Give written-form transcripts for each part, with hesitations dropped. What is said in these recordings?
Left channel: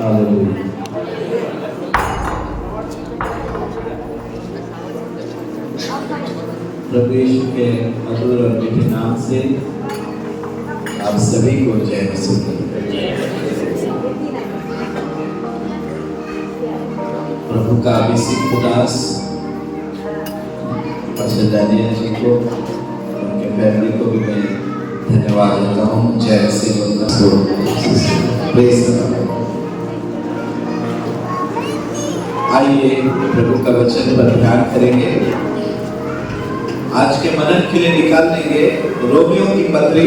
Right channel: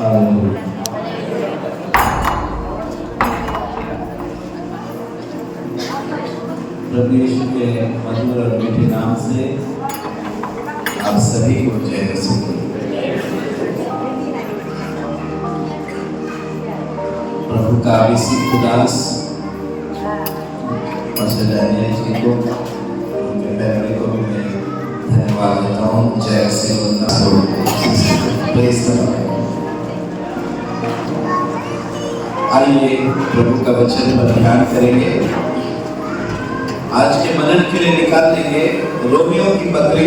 प्रभु यीशु के मधुर और मीठे नाम से आप सभी को जय मसीह। प्रभु का अभिषेक उदास प्रोफेसर डैनियल जी को उनके फैमिली को भी मैं धन्यवाद देता हूँ। जय श्री आइए प्रभु का वचन पर ध्यान करेंगे। आज के मनन के लिए निकाल लेंगे रोमियो की पत्री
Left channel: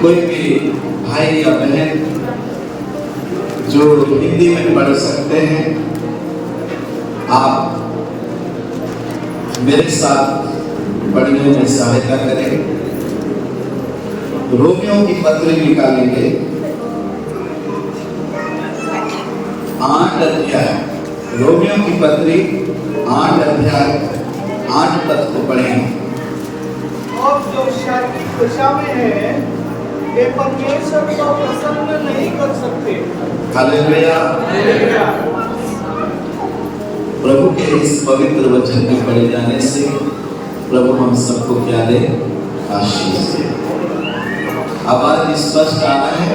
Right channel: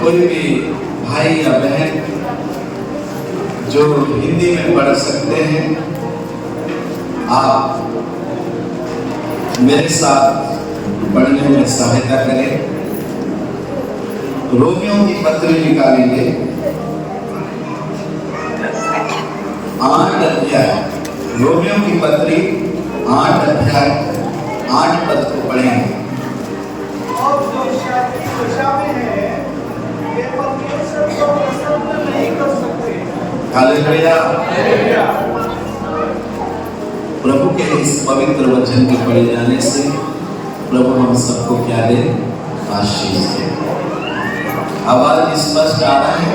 कोई भी भाई या बहन जो हिंदी में पढ़ सकते हैं आप मेरे साथ पढ़ने में सहायता करें। रोमियो की पत्री निकालेंगे 8 अध्याय। रोमियो की पत्री 8 अध्याय 8 पद को पढ़ेंगे। और जो शारीरिक दशा में है वे परमेश्वर को प्रसन्न नहीं कर सकते। हालेलुया। प्रभु के इस पवित्र वचन के पढ़े जाने से प्रभु हम सबको क्या दे? आशीष दे। आवाज स्पष्ट आ रहा है?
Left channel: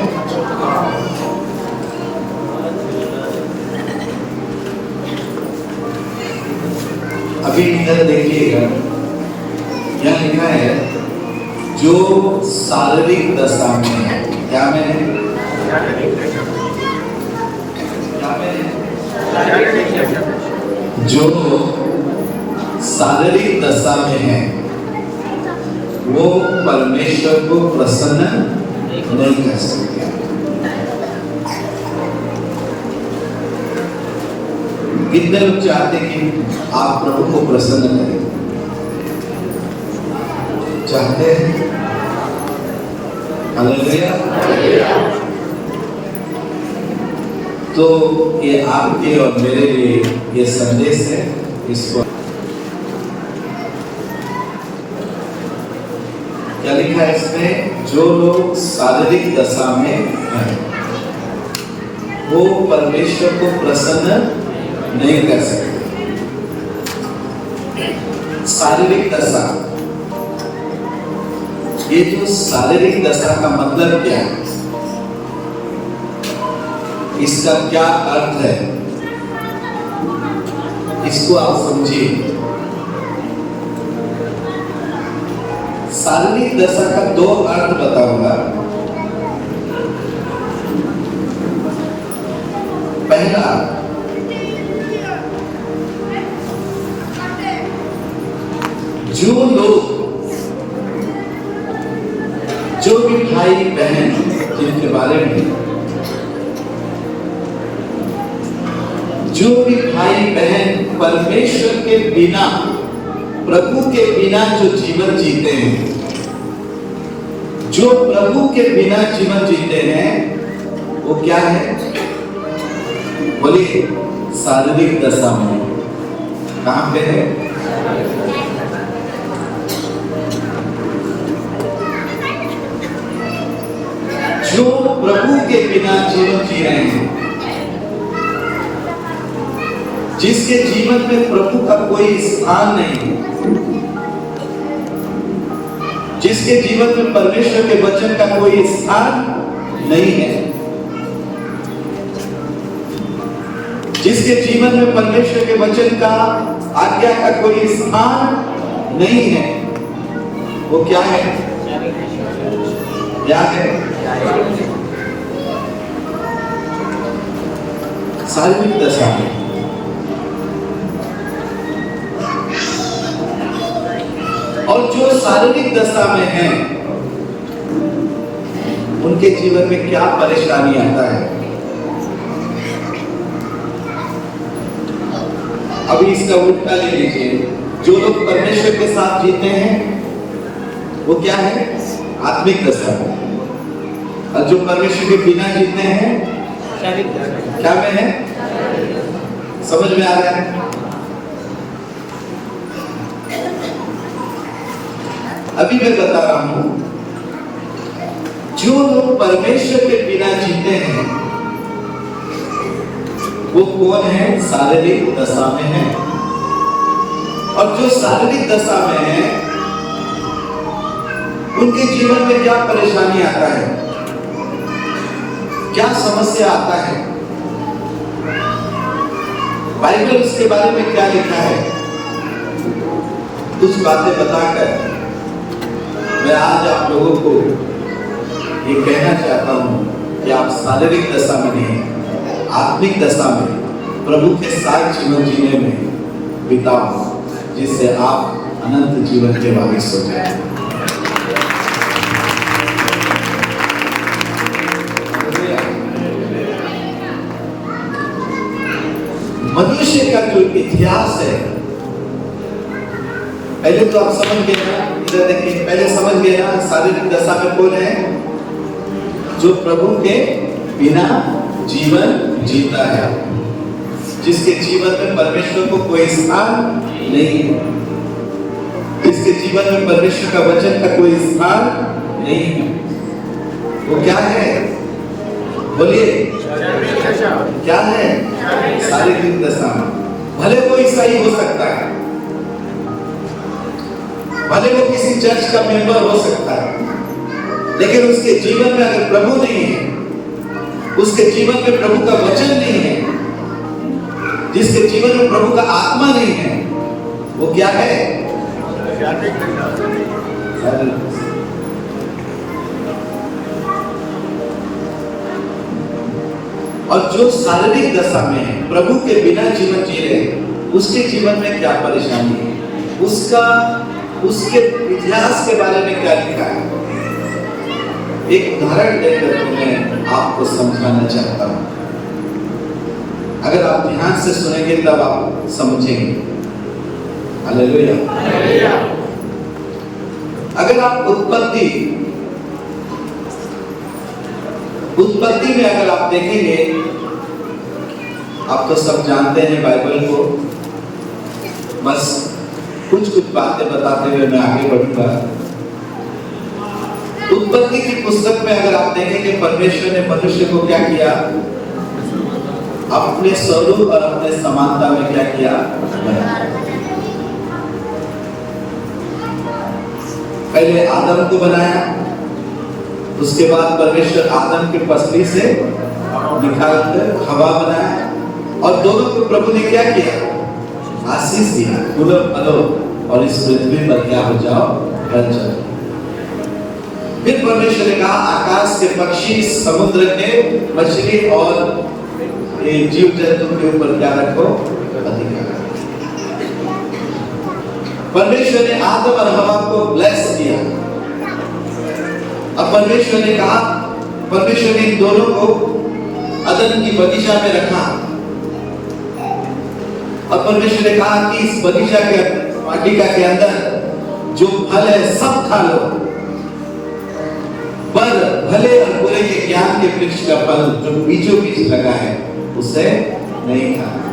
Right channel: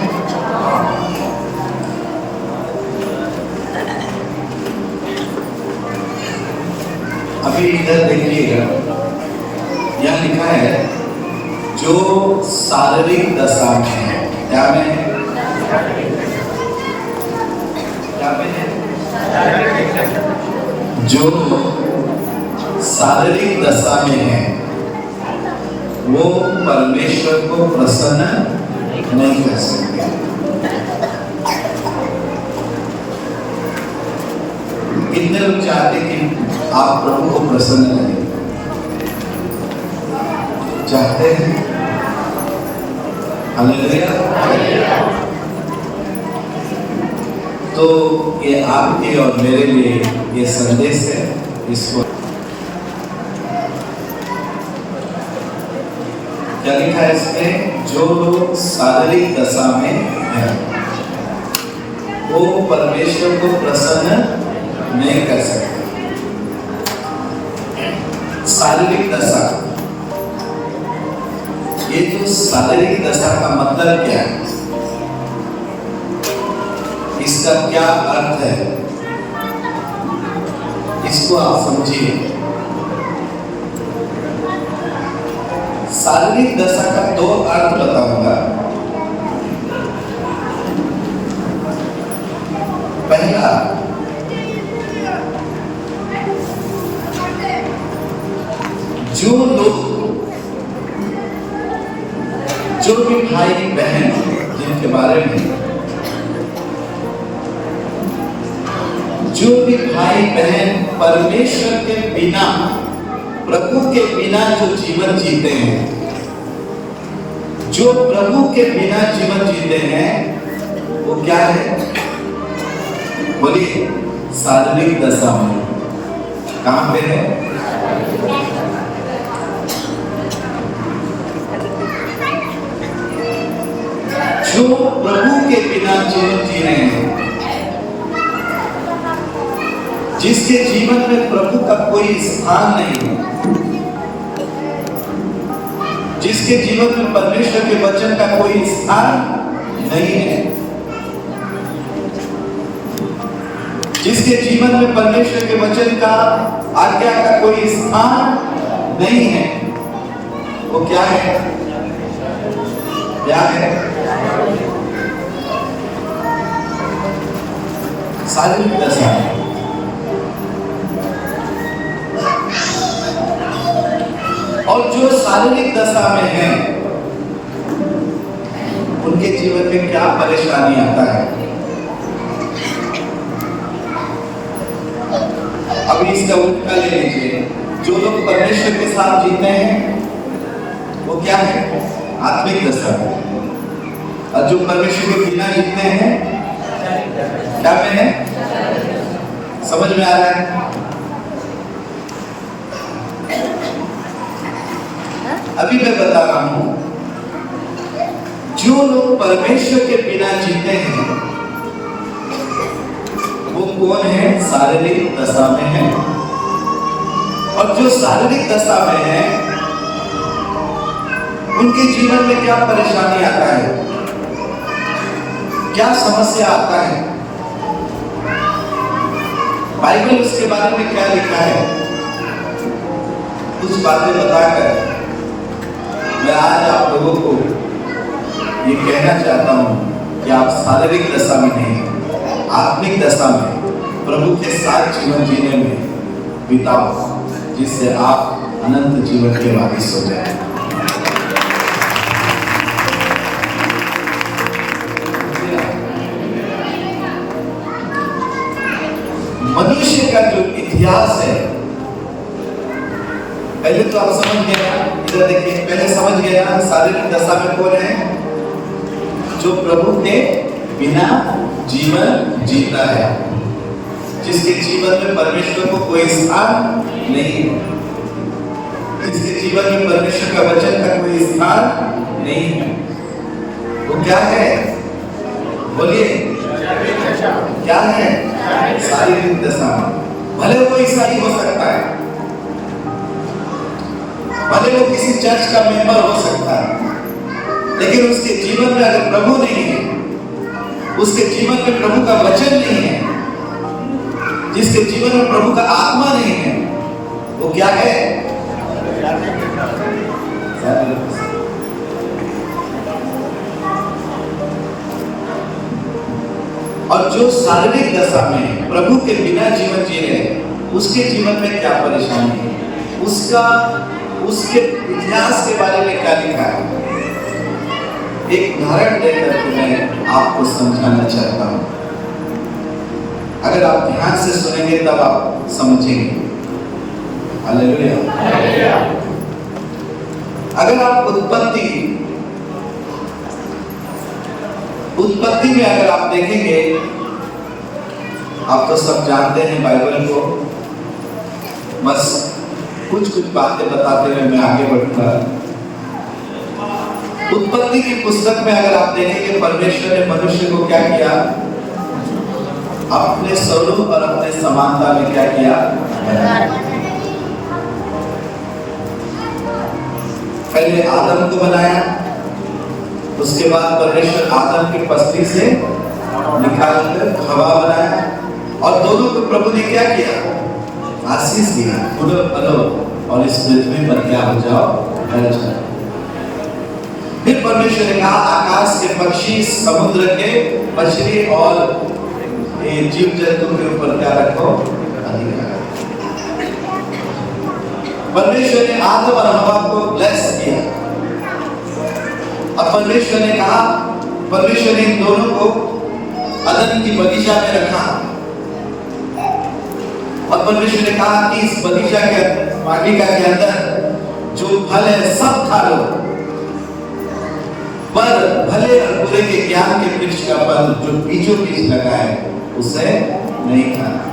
अभी इधर देखिएगा, यह लिखा है जो शारीरिक दशा में है। क्या में है? क्या में है? जो शारीरिक दशा में है वो परमेश्वर को प्रसन्न नहीं कर सकते। कितने लोग चाहते कि आप प्रभु को प्रसन्न करें? चाहते हैं? हालेलुया। तो ये आपके और मेरे लिए ये संदेश है। इसको क्या लिखा है इसमें? जो लोग शारीरिक दशा में हैं वो परमेश्वर को प्रसन्न नहीं कर सकते। शारीरिक दशा, ये जो शारीरिक दशा का मतलब क्या है, इसका क्या अर्थ है, इसको आप समझिए। शारीरिक दशा का 2 अर्थ बताऊंगा। पहला, जो लोग, जो भी भाई बहन जिनके बारे में, जो भी भाई बहन परमेश्वर के बिना, प्रभु के बिना जो जीवन जीते हैं, जो प्रभु के बिना जीवन जीते हैं वो क्या है? बोलिए, शारीरिक दशा में। कहां पे है? जो प्रभु के बिना जीवन जी रहे हैं, जिसके जीवन में प्रभु का कोई स्थान नहीं है, जिसके जीवन में परमेश्वर के वचन का कोई स्थान नहीं है, जिसके जीवन में परमेश्वर के वचन का, आज्ञा का कोई स्थान नहीं है, वो क्या है? क्या है? शारीरिक दशा। और जो शारीरिक दशा में हैं उनके जीवन में क्या परेशानी आता है? अभी इसका उल्टा ले लीजिए। जो लोग परमेश्वर के साथ जीते हैं वो क्या है? आत्मिक दशा। और जो परमेश्वर के बिना जीते हैं क्या में है? समझ में आ रहा है? अभी मैं बता रहा हूं, जो लोग परमेश्वर के बिना जीते हैं वो कौन है? शारीरिक दशा में है। और जो शारीरिक दशा में है उनके जीवन में क्या परेशानी आता है, क्या समस्या आता है, बाइबल उसके बारे में क्या लिखा है, कुछ बातें बताकर मैं आज आप लोगों को ये कहना चाहता हूं कि आप शारीरिक दशा में नहीं, आत्मिक दशा में प्रभु के साथ जीवन जीने में बिताओ, जिससे आप अनंत जीवन के वारिस हो जाए। मनुष्य का जो इतिहास है, पहले तो आप समझ गए ना, इधर देखिए, पहले समझ गए ना शारीरिक दशा में कौन है? जो प्रभु के बिना जीवन जीता है, जिसके जीवन में परमेश्वर को कोई स्थान नहीं है, जिसके जीवन में परमेश्वर का वचन का कोई स्थान नहीं है। वो क्या है? बोलिए, क्या है? शारीरिक दशा। भले वो ईसाई हो सकता है, भले वो किसी चर्च का मेंबर हो सकता है, लेकिन उसके जीवन में अगर प्रभु नहीं है, उसके जीवन में प्रभु का वचन नहीं है, जिसके जीवन में प्रभु का आत्मा नहीं है, वो क्या है? और जो शारीरिक दशा में है, प्रभु के बिना जीवन जी रहे, उसके जीवन में क्या परेशानी है, उसके इतिहास के बारे में क्या लिखा है, एक उदाहरण देकर मैं आपको समझाना चाहता हूं। अगर आप ध्यान से सुनेंगे तब आप समझेंगे। हालेलुया। अगर आप उत्पत्ति में अगर आप देखेंगे, आप तो सब जानते हैं बाइबल को, बस कुछ बातें बताते हुए मैं आगे बढ़ूंगा। उत्पत्ति की पुस्तक में अगर आप देखेंगे, परमेश्वर ने मनुष्य को क्या किया? अपने स्वरूप और अपने समानता में क्या किया? पहले आदम को बनाया, उसके बाद परमेश्वर आदम की पसली से निकालकर हवा बनाया, और दोनों को प्रभु ने क्या किया? आशीष दिया, फलो और इस पृथ्वी पर क्या हो जाओ, फैल जाओ। फिर परमेश्वर ने कहा, आकाश के पक्षी, समुद्र के मछली और जीव जंतु के ऊपर क्या रखो? अधिकार। परमेश्वर ने आदम और हवा को ब्लेस किया, और परमेश्वर ने कहा, परमेश्वर ने इन दोनों को अदन की बगीचा में रखा, और परमेश्वर ने कहा कि इस बगीचा के वाटिका के अंदर जो फल है सब खा लो, पर भले और बुरे के ज्ञान के वृक्ष का फल जो बीचों बीच लगा है उसे नहीं खाना।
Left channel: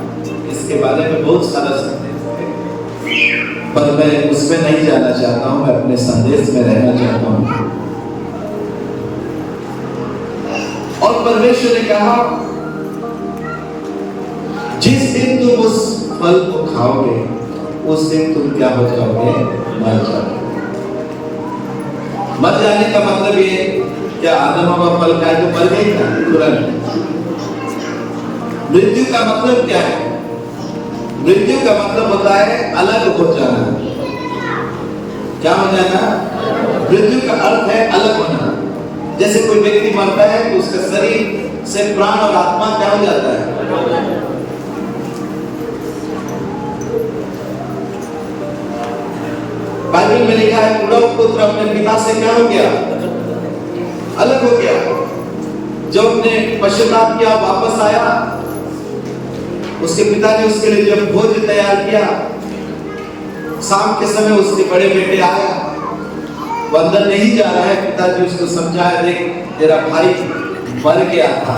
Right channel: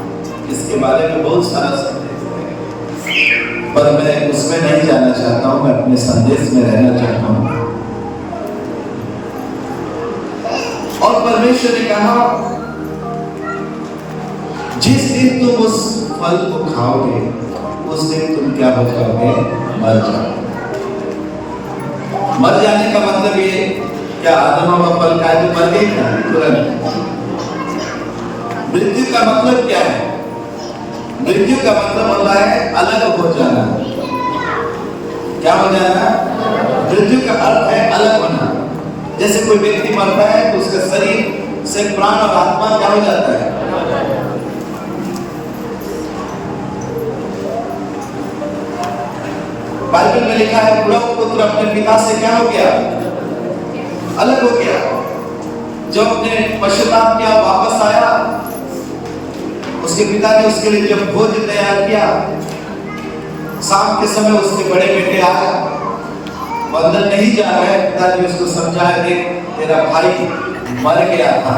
इसके बारे में बहुत सारा संदेश है, पर मैं उसमें नहीं जाना चाहता हूं, मैं अपने संदेश में रहना चाहता हूं। और परमेश्वर ने कहा, जिस दिन तुम उस फल को खाओगे उस दिन तुम क्या हो जाओगे? मर जाओगे। मर जाने का मतलब ये, क्या आदम और फल खाए तो मर गए क्या? तुरंत। मृत्यु का मतलब क्या है? मृत्यु का मतलब होता है अलग हो जाना। क्या हो जाना? मृत्यु का अर्थ है अलग होना। जैसे कोई व्यक्ति मरता है तो उसका शरीर से प्राण और आत्मा क्या हो जाता है? बाइबल में लिखा है, बुढ़ा पुत्र अपने पिता से क्या हो गया? अलग हो गया। जब अपने पश्चाताप किया, वापस आया, उसके पिता ने उसके लिए जब भोज तैयार किया, शाम के समय उसके बड़े बेटे आया, वो अंदर नहीं जा रहा है, पिताजी उसको समझाया, देख तेरा भाई मर गया था,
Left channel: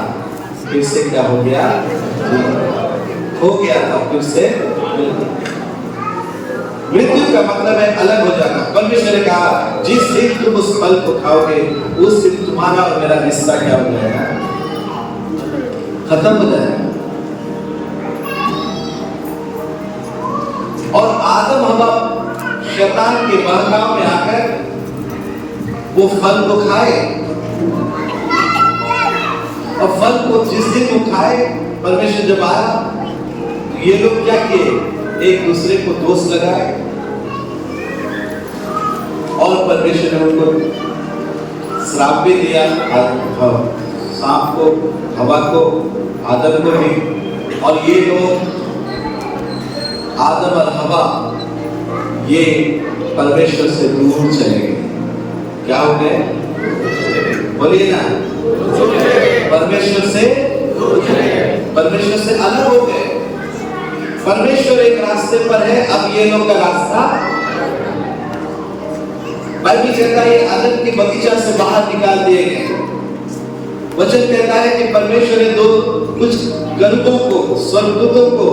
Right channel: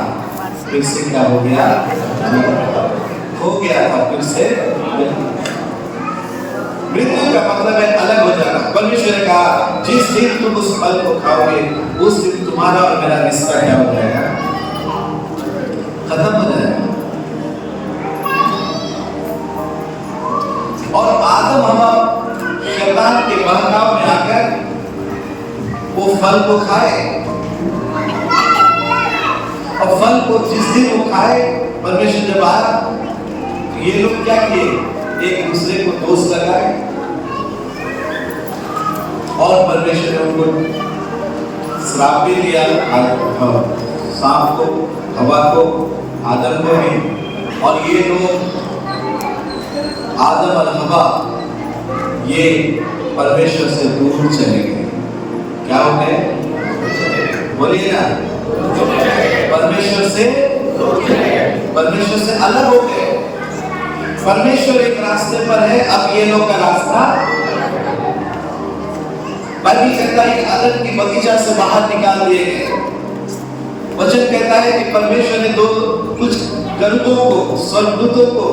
फिर से क्या हो गया? हो गया था, फिर से। मृत्यु का मतलब है अलग हो जाना। परमेश्वर ने कहा जिस दिन तुम उस फल को खाओगे उस दिन तुम्हारा और मेरा रिश्ता क्या हो जाएगा, खत्म हो जाएगा। और आदम हवा शैतान के बहकाव में आकर वो फल को खाए, और फल को जिस दिन वो खाए परमेश्वर जब आया तो ये लोग क्या किए, एक दूसरे को दोष लगाए और परमेश्वर ने उनको श्राप भी दिया, सांप को, हवा को, आदम को भी। और ये लोग आदम और हवा ये परमेश्वर से दूर चले गए। क्या हो गए, बोलिए ना, परमेश्वर से अलग हो गए। परमेश्वर एक रास्ते पर है, अब ये लोग का रास्ता, बाइबल कहता है आदम की बगीचा से बाहर निकाल दिए गए। वचन कहता है कि परमेश्वर ने कुछ गरुड़ों को, स्वर्गदूतों को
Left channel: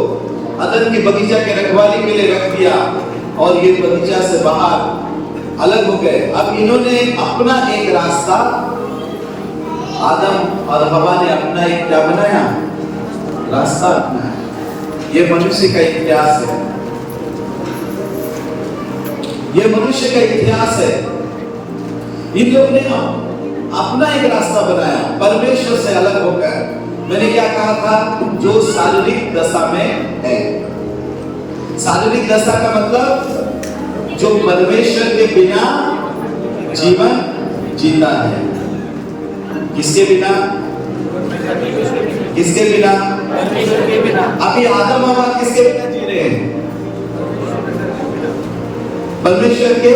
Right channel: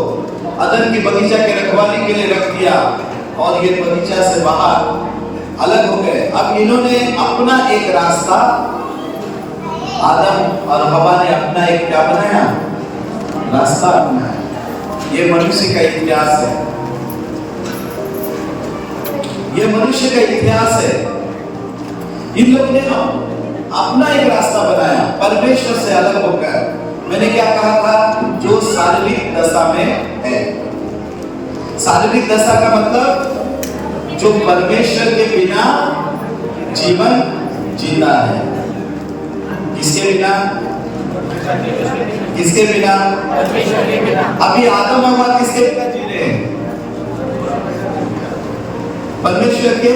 आदम की बगीचा की रखवाली के लिए रख दिया और ये बगीचा से बाहर अलग हो गए। अब इन्होंने अपना एक रास्ता, आदम और हवा ने अपना एक क्या बनाया, रास्ता अपनाया। ये मनुष्य का इतिहास है, ये मनुष्य का इतिहास है। इन लोगों ने अपना एक रास्ता बनाया, परमेश्वर से अलग होकर। मैंने क्या कहा था, जो शारीरिक दशा में है। शारीरिक दशा का मतलब जो परमेश्वर के बिना जीवन जीता है। किसके बिना, किसके बिना, अभी आदम हवा किसके बिना जी रहे हैं, परमेश्वर के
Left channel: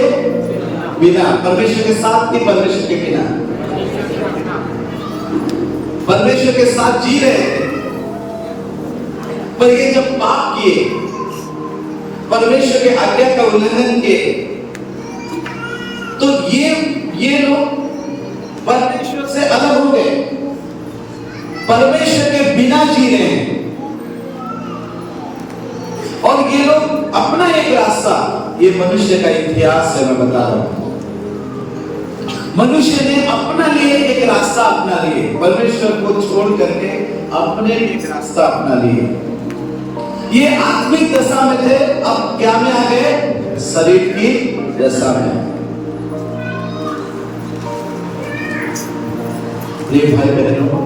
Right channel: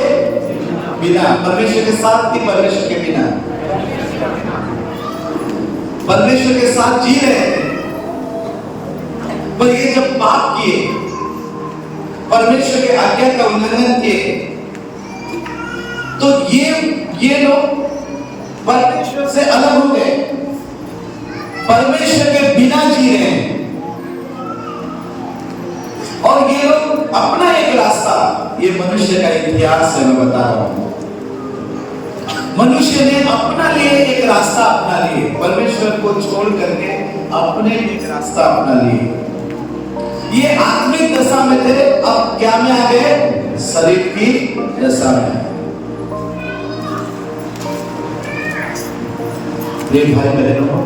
बिना, परमेश्वर के साथ ही परमेश्वर के बिना, परमेश्वर के साथ जी रहे थे। पर ये जब पाप किए, परमेश्वर के आज्ञा का उल्लंघन किए, तो ये लोग परमेश्वर से अलग हो गए, परमेश्वर के बिना जी रहे हैं। और ये लोग अपना एक रास्ता, ये मनुष्य का इतिहास है, मैं बता रहा हूं। मनुष्य ने अपना लिए एक रास्ता अपना लिए, परमेश्वर को छोड़ करके अपने एक रास्ता अपना लिए। ये आत्मिक दशा में थे, अब क्या में आ गए, शरीर की दशा में। प्रिय भाई बहनों,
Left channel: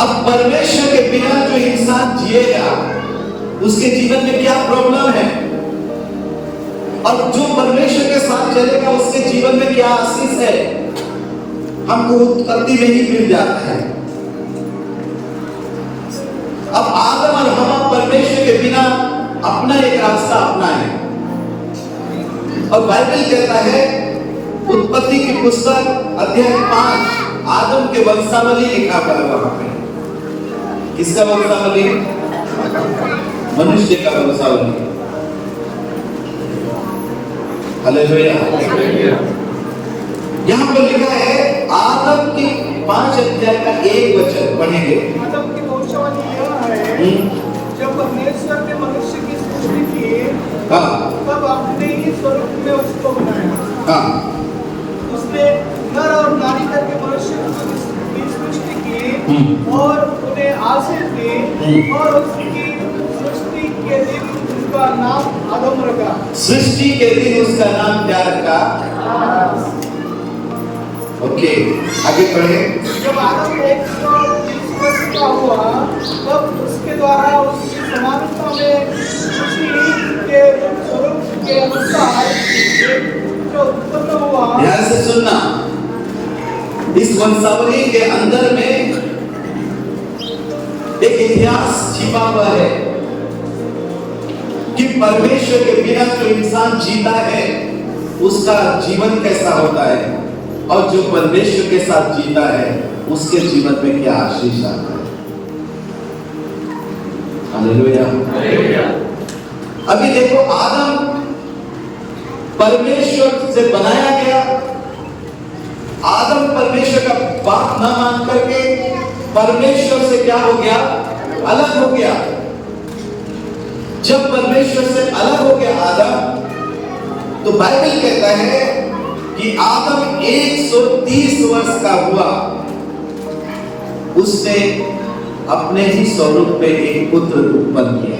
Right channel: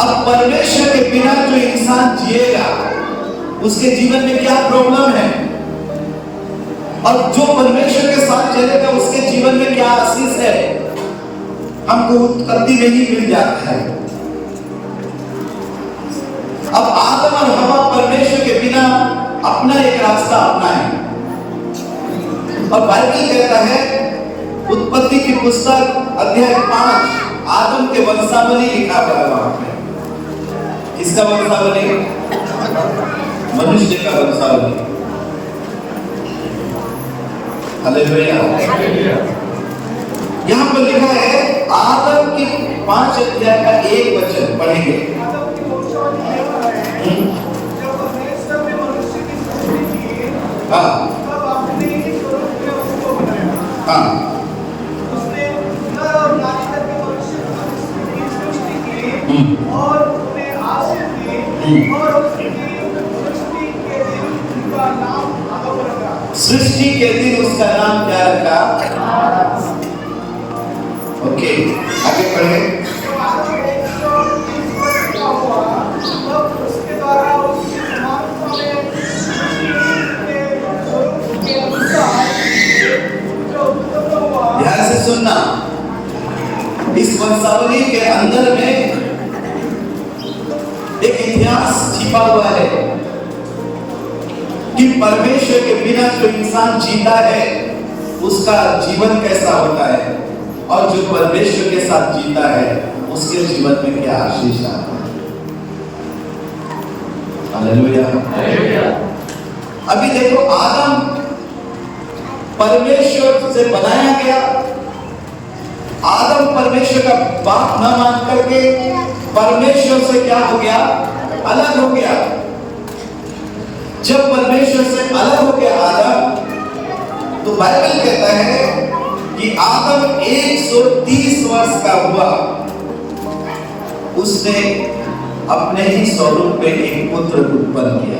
अब परमेश्वर के बिना जो इंसान जिएगा उसके जीवन में क्या प्रॉब्लम है, और जो परमेश्वर के साथ चलेगा उसके जीवन में क्या आशीष है, हमको उत्पत्ति में ही मिल जाता है। अब आदम और हवा परमेश्वर के बिना अपना एक रास्ता अपनाए, और बाइबल कहता है उत्पत्ति की पुस्तक अध्याय 5 आदम के वंशावली लिखा हुआ है। वहां पे किसका वंशावली, मनुष्य का वंशावली। हालेलुया। यहाँ पर लिखा है आदम की 5 अध्याय का 1 वचन पढ़ेंगे। आदम की वंशावली है, जब परमेश्वर ने मनुष्य की सृष्टि की, तब अपने ही स्वरूप में उसको बनाया। उसने नर और नारी करके मनुष्य की सृष्टि की और उन्हें आशीष दी, और उसकी सृष्टि के दिन उनका नाम आदम रखा। सृष्टि के दिन उसका नाम क्या रखा, ओके, आगे पढ़े। जब आदम 130 वर्ष का हुआ, तब उसके द्वारा उसकी समानता में सृष्टि के स्वरूप के अनुसार जो उत्पन्न हुआ। ध्यान से सुनना, इस वंशावली के अंदर में एक इतिहास छिपा हुआ है कि परमेश्वर के बिना जो इंसान जीता है उसका जीवन कैसा होता है, और जो परमेश्वर के साथ जीता है उसके जीवन में क्या आशीष आता है। हालेलुया। अभी देखो, आदम परमेश्वर से बनाया गया, आदम परमेश्वर का बाप न मान करके परमेश्वर से क्या हो गया, अलग हो गया। जब परमेश्वर से अलग हो गया आदम, तो बाइबल का हुआ, उसने अपने ही स्वरूप में एक पुत्र उत्पन्न किया।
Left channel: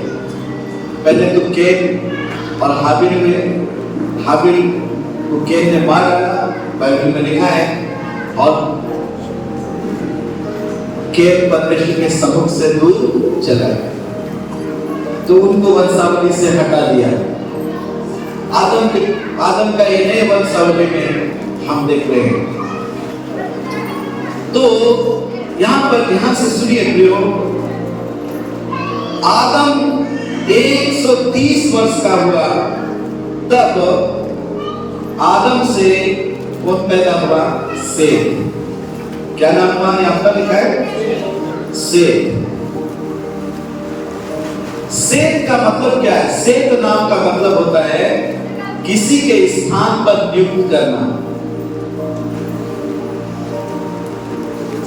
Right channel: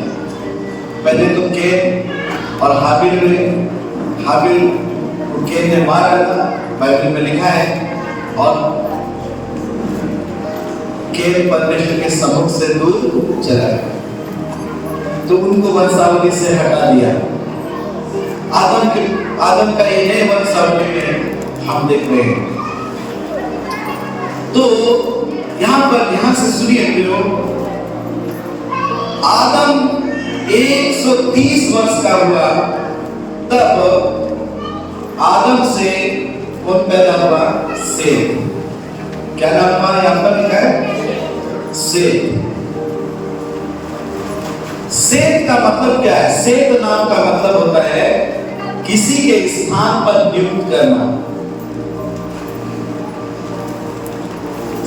पहले तो कैन और हाबिल हुए। हाबिल को कैन ने मारा था, बाइबल में लिखा है, और कैन परमेश्वर के सम्मुख से दूर चला गया, तो उनको वंशावली से हटा दिया। आदम का ये नए वंशावली में हम देख रहे हैं। तो यहां से सुनिए प्रियो, आदम 130 वर्ष का हुआ तब आदम से वो पैदा हुआ सेत। क्या नाम हुआ यहां पर लिखा है? सेत। सेत का मतलब क्या है? सेत नाम का मतलब होता है किसी के स्थान पर नियुक्त करना।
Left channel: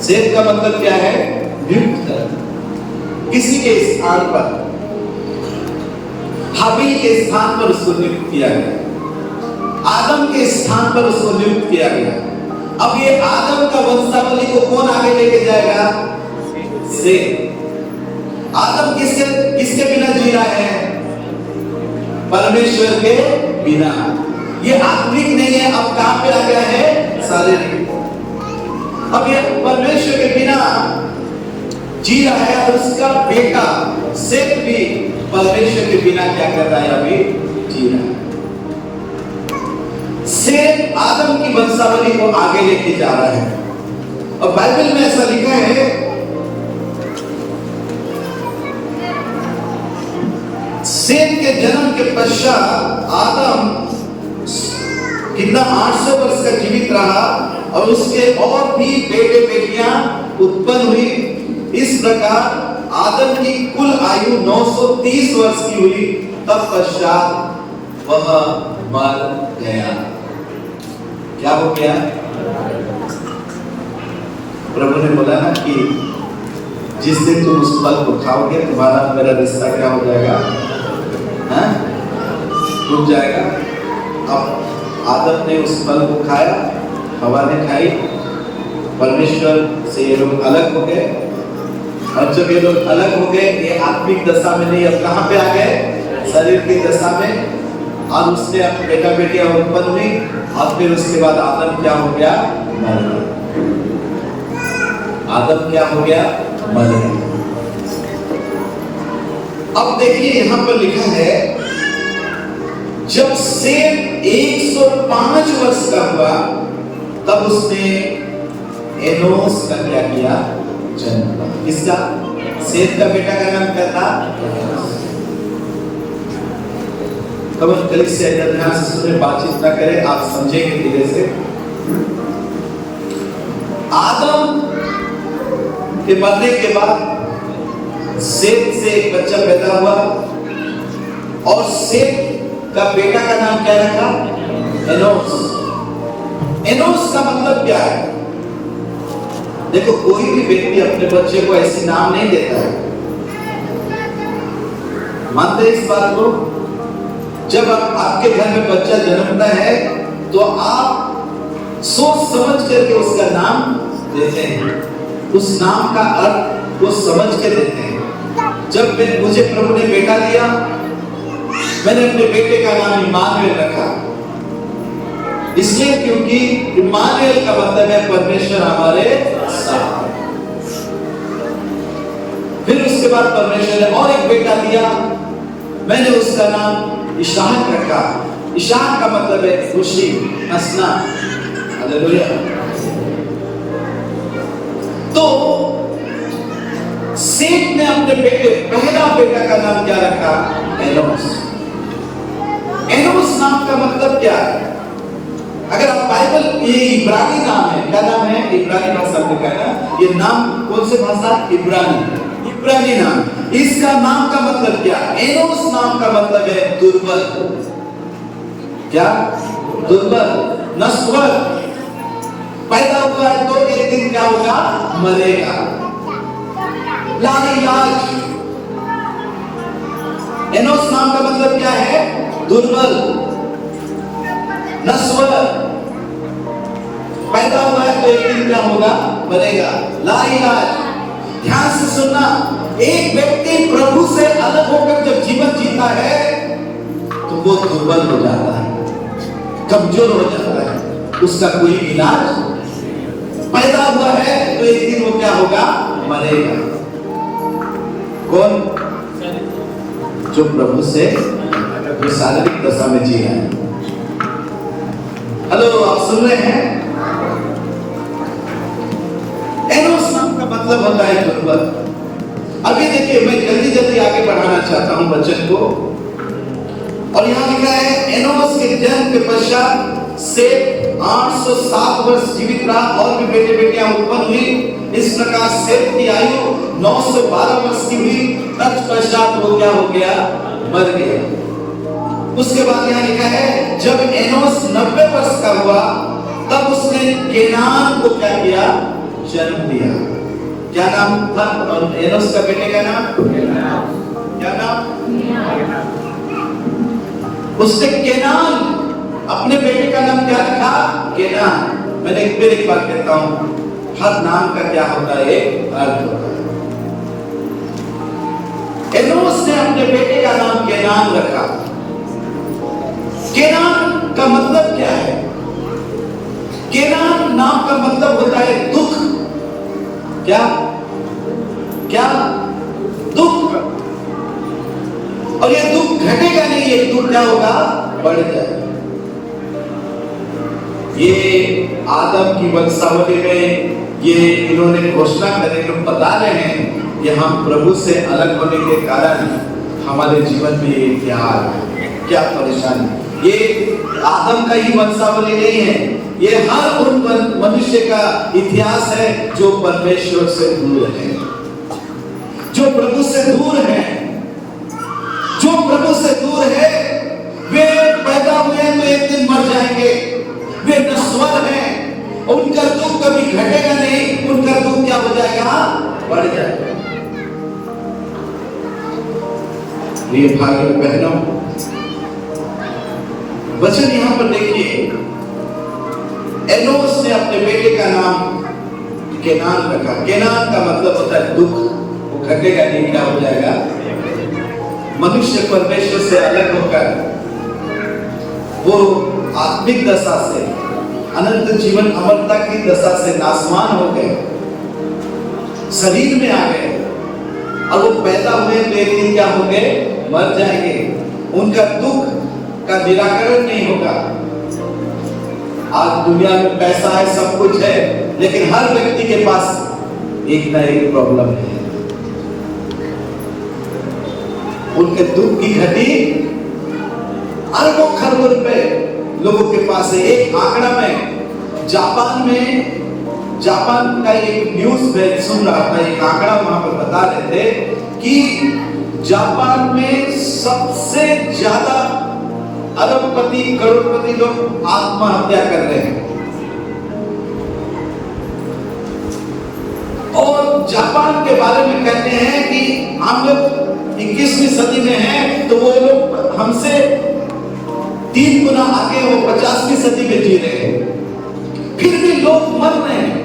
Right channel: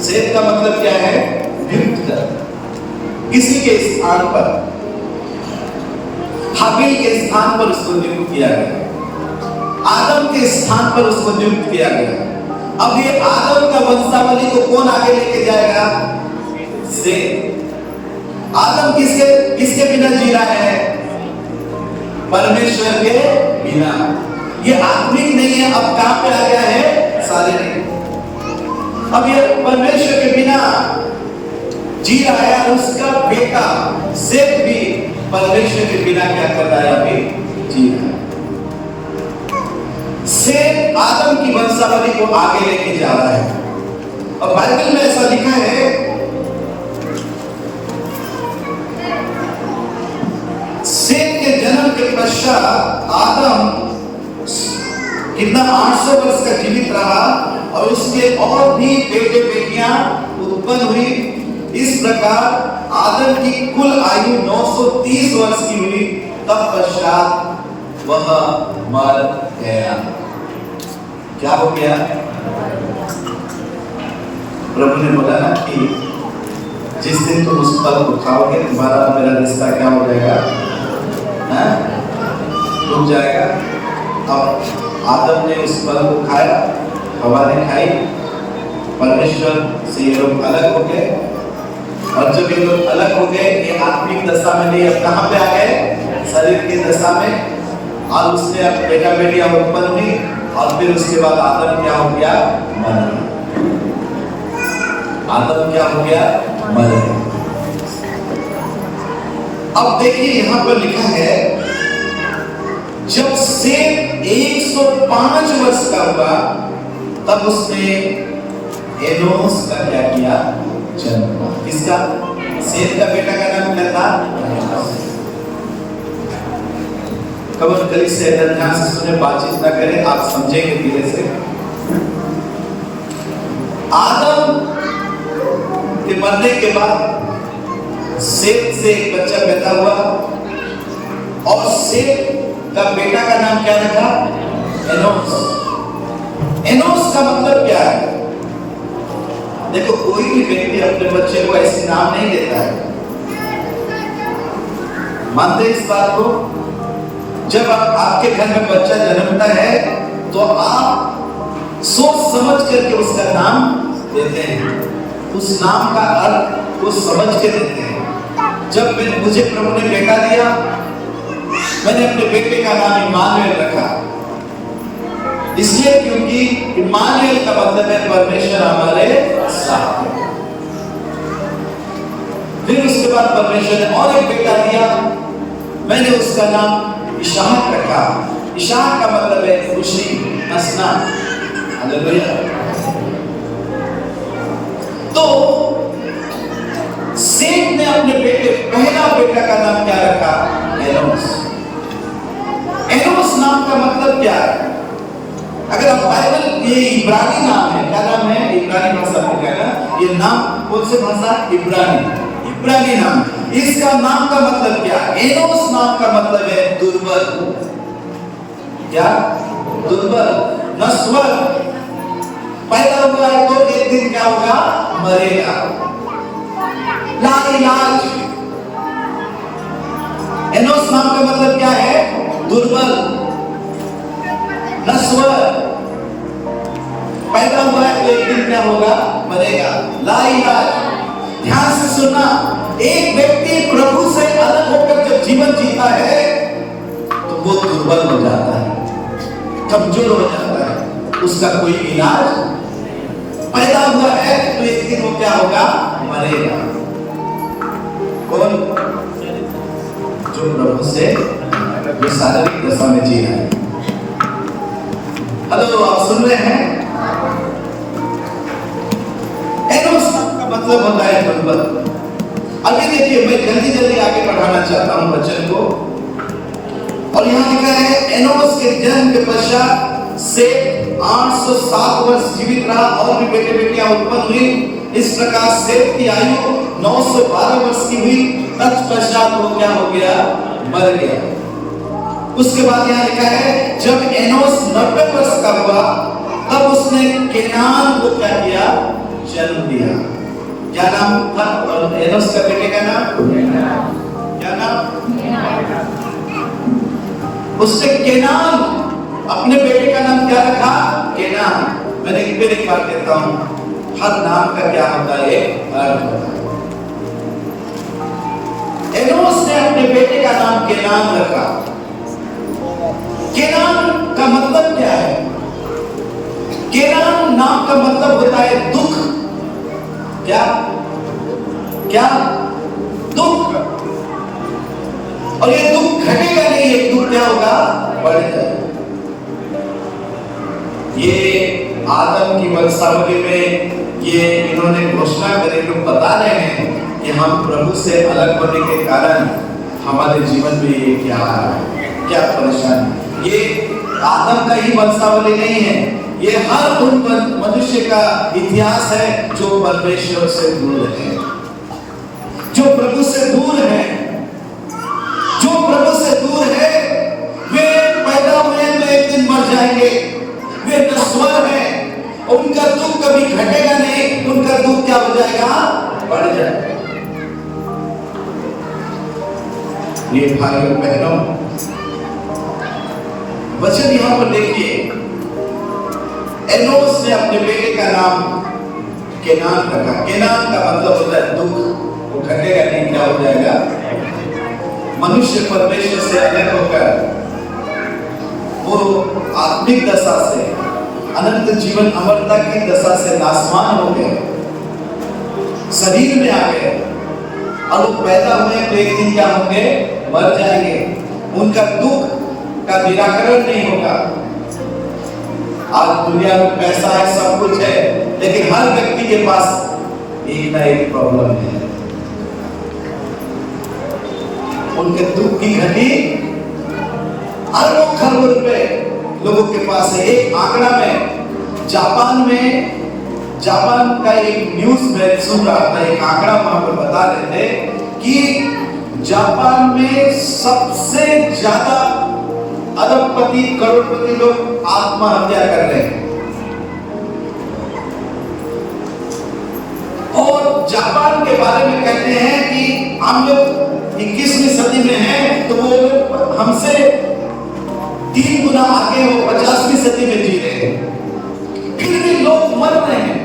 सेत का मतलब क्या है? नियुक्त करना, किसी के स्थान पर। हाबिल के स्थान पर उसको नियुक्त किया गया, आदम के स्थान पर उसको नियुक्त किया गया। अब ये आदम का वंशावली को कौन आगे लेके जाएगा? सेत। आदम किसके बिना जी रहा है? परमेश्वर के बिना। ये आत्मिक नहीं है, अब कहां पे आ गया है? शारीरिक। अब ये परमेश्वर के बिना जी रहा है, और उसका बेटा सेत भी परमेश्वर के बिना क्या कर रहा है? अभी जी रहा है। सेत आदम की वंशावली को आगे लेके जा रहा है। और बाइबल में ऐसा लिखा है, सेत के जन्म के पश्चात आदम कितना 800 वर्ष का जीवित रहा, और उसके और भी बेटे बेटियां उत्पन्न हुई। इस प्रकार आदम की कुल आयु 930 वर्ष की हुई। तब पश्चात वह मर गया। क्या हो गया? प्रभु ने बोला ना कि जिस दिन तुम उस फल को खाओगे, तुम्हारा मेरा रिश्ता क्या हो जाएगा? टूट जाएगा। अब आदम ने उस फल को खाया, हवा ने खाई, परमेश्वर से ये लोग अलग हो गए। और जब ये लोग अलग हो गए, ये आत्मिक दशा में नहीं, अब कहां पे आ गए? शरीर की दशा में। और उसने अपने बेटा बेटियां उत्पन्न हुई, और फिर उसके बाद आदम क्या हो गया? मर गया। आदम क्या हो गया? मर गया। अब देखिए यहां पर लिखा है, जब सेत 105 वर्ष का हुआ, तब उसने एनोस का क्या किया? जन्म हुआ। किसका? सेत का बेटा का नाम क्या था? कब कल से ध्यान से सुने, बातचीत ना करें, आप समझेंगे धीरे से। आदम के मरने के बाद सेत से एक बच्चा पैदा हुआ, और सेत का बेटा का नाम क्या रखा? एनोस। एनोस का मतलब क्या है? देखो, कोई भी व्यक्ति अपने बच्चे को ऐसे नाम नहीं देता है। मानते इस बात को? जब आपके घर में बच्चा जन्मता है, तो आप सोच समझ करके उसका नाम देते हैं, उस नाम का अर्थ को समझ के देते हैं। जब मुझे प्रभु ने बेटा दिया, मैंने अपने बेटे का नाम इम्मानुएल रखा, इसलिए क्योंकि इम्मानुएल का मतलब है परमेश्वर हमारे साथ है। फिर उसके बाद परमेश्वर ने और एक बेटा दिया, मैंने उसका नाम इसहाक रखा। इसहाक का मतलब है खुशी, हंसना। हालेलुया। तो सेत ने अपने पहला बेटा का नाम क्या रखा? एनोस। एनोस नाम का मतलब क्या है? अगर आप बाइबल, ये इब्रानी नाम है, क्या नाम है? इब्रानी भाषा में लिखा है। ये नाम कौन सी भाषा? इब्रानी नाम। इसका नाम का मतलब क्या? एनोस नाम का मतलब है दुर्बल। क्या? दुर्बल, नश्वर। पैदा हुआ है तो एक दिन क्या होगा? मरेगा। लाइलाज। एनोस नाम का मतलब क्या है? दुर्बल, नश्वर। पैदा हुआ है तो एक दिन क्या होगा? लाइलाज। ध्यान से सुनना, एक व्यक्ति प्रभु से अलग होकर जब जीवन जीता है तो वो दुर्बल हो जाता है, कमजोर हो जाता है, उसका कोई इलाज पैदा हुआ है तो एक दिन वो क्या होगा, मरेगा। कौन? जो प्रभु से जो शारीरिक दशा में जी रहे हैं। हेलो, आप सुन रहे हैं? एनोस नाम का मतलब होता है दुर्बल। अभी देखिए, मैं जल्दी जल्दी आगे बढ़ाना चाहता हूं वचन को। और यहां लिखा है, एनोस के जन्म के पश्चात सेत 807 वर्ष जीवित रहा और भी बेटे बेटियां उत्पन्न हुई। इस प्रकार सेत की आयु 912 वर्ष की हुई। तत्पश्चात वो क्या हो गया, मर गया। उसके बाद यहाँ लिखा है, जब एनोस 90 वर्ष का हुआ तब उसने केनान को क्या किया, जन्म दिया। क्या नाम था एनोस का बेटे का नाम? क्या नाम? उसने केनान, अपने बेटे का नाम क्या रखा? केनान। मैंने एक बार कहता हूं, हर नाम का क्या होता है, एक अर्थ होता है। एनोस ने अपने बेटे का नाम केनान रखा। केनान का मतलब क्या है? केनान नाम का मतलब होता है दुख। क्या? क्या? दुख। और ये दुख घटेगा नहीं, ये दुख क्या होगा, बढ़ जाएगा। ये आदम की वंशावली में ये इन्होंने घोषणा करी, लोग बता रहे हैं कि हम प्रभु से अलग होने के कारण हमारे जीवन में ये क्या आ रहा है, क्या परेशानी। ये आदम का ही वंशावली नहीं है, ये हर उन मनुष्य का इतिहास है जो परमेश्वर से दूर है, जो प्रभु से दूर है। जो प्रभु से दूर है वे पैदा हुए तो एक दिन मर जाएंगे, वे नश्वर हैं, उनका दुख कभी घटेगा नहीं, उनका दुख क्या हो जाएगा, बढ़ जाएगा। प्रिय भाइयों बहनों, वचन यहां पर देखिए, एनोस ने अपने बेटे का नाम केनान रखा। केनान का मतलब होता है दुख, वो घटेगा नहीं, क्या हो जाएगा। मनुष्य परमेश्वर से अलग होकर वो आत्मिक दशा से, अनंत जीवन अमरता की दशा से नासमान हो गए, शरीर में आ गए, और वो पैदा हुए तो एक दिन क्या होंगे, मर जाएंगे। उनका दुख का निराकरण नहीं होगा। आज दुनिया में पैसा है, सब कुछ है, लेकिन हर व्यक्ति के पास एक ना एक प्रॉब्लम है। उनके दुख की घटी अरबों खरबों रुपए लोगों के पास है। एक आंकड़ा में जापान का एक न्यूज में सुन रहा था, एक आंकड़ा वहां पर बता रहे थे कि जापान में सबसे ज्यादा अरबपति करोड़पति लोग आत्महत्या कर रहे हैं। और जापान के बारे में कहते हैं कि हम लोग 21वीं सदी में हैं, तो वो लोग हमसे 3 गुना आगे, वो 50वीं सदी में जी रहे हैं, फिर भी लोग मर रहे हैं।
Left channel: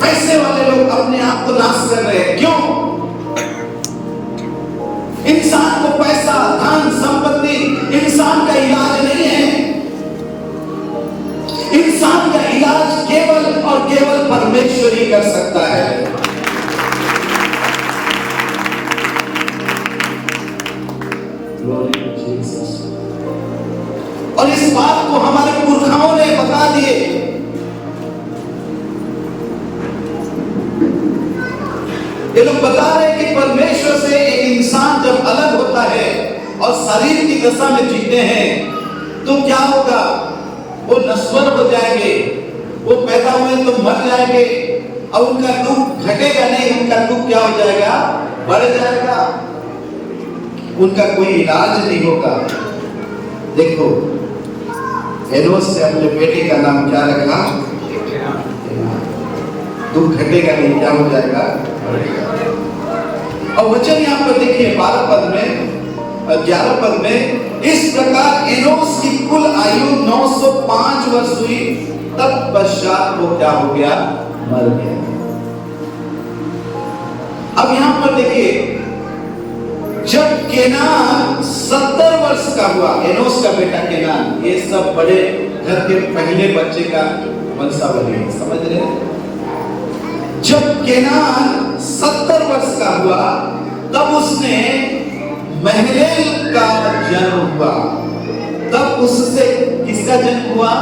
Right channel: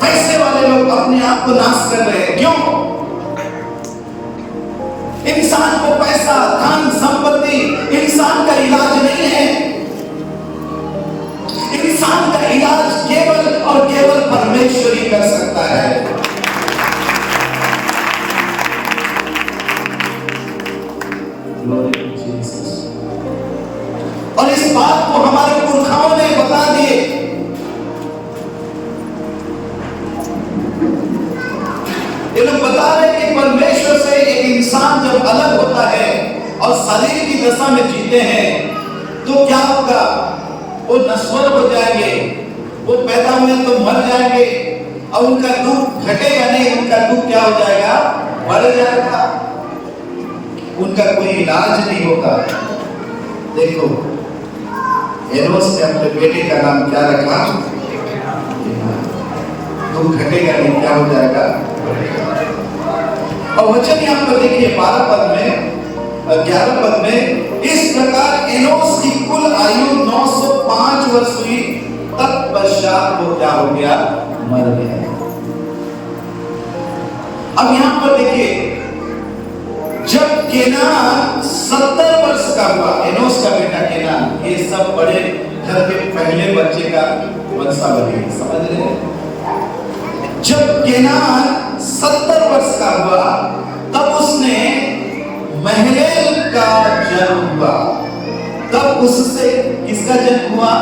पैसे वाले लोग अपने आप को नाश कर रहे हैं। क्यों? इंसान को पैसा, धन, संपत्ति इंसान का इलाज नहीं है। इंसान का इलाज केवल और केवल परमेश्वर ही कर सकता है। और इस बात को हमारे पुरखाओं ने बता दिए। ये लोग बता रहे कि परमेश्वर से एक इंसान जब अलग होता है और शरीर की दशा में जीते हैं तो क्या होगा, वो नश्वर हो जाएंगे, वो पैदा हुए तो मर जाएंगे, और उनका दुख घटेगा नहीं, उनका दुख क्या हो जाएगा, बढ़ जाएगा, उनका कोई इलाज नहीं होगा। देखो, एनोस ने अपने बेटे का नाम क्या रखा, दुख घटेगा नहीं, क्या हो जाएगा। और वचन यहाँ पर देखिए 12 पद में, 11 पद में, इस प्रकार एनोस की कुल आयु 905 वर्ष हुई, तब पश्चात वो क्या हो गया, मर गया। अब यहां पर देखिए, जब केनान 70 वर्ष का हुआ, एनोस का बेटा केनान, ये सब बड़े घर के पहले बच्चे का वंशावली, समझ रहे हैं? जब केनान 70 वर्ष का हुआ तब उसने महलेल का जन्म हुआ। तब उससे किसका जन्म हुआ?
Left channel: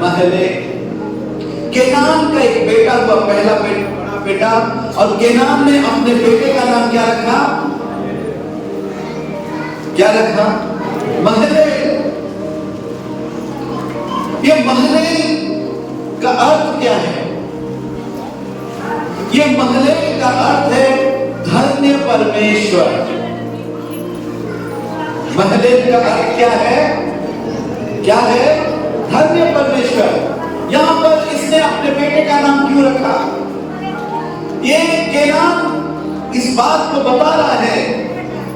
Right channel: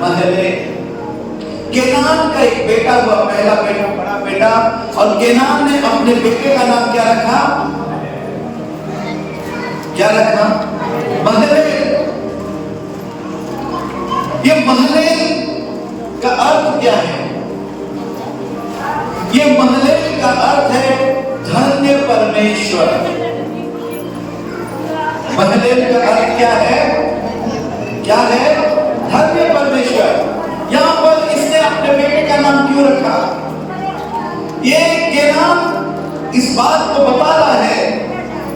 महलेल। केनान का एक बेटा हुआ, पहला बेटा, बड़ा बेटा, और केनान ने अपने बेटे का नाम क्या रखा? क्या रखा? महलेल। ये महलेल का अर्थ क्या है? ये महलेल का अर्थ है धन्य परमेश्वर। महलेल का अर्थ क्या है? क्या है? धन्य परमेश्वर। यहां पर इसने अपने बेटे का नाम क्यों रखा? ये केनान इस बात को बता रहा है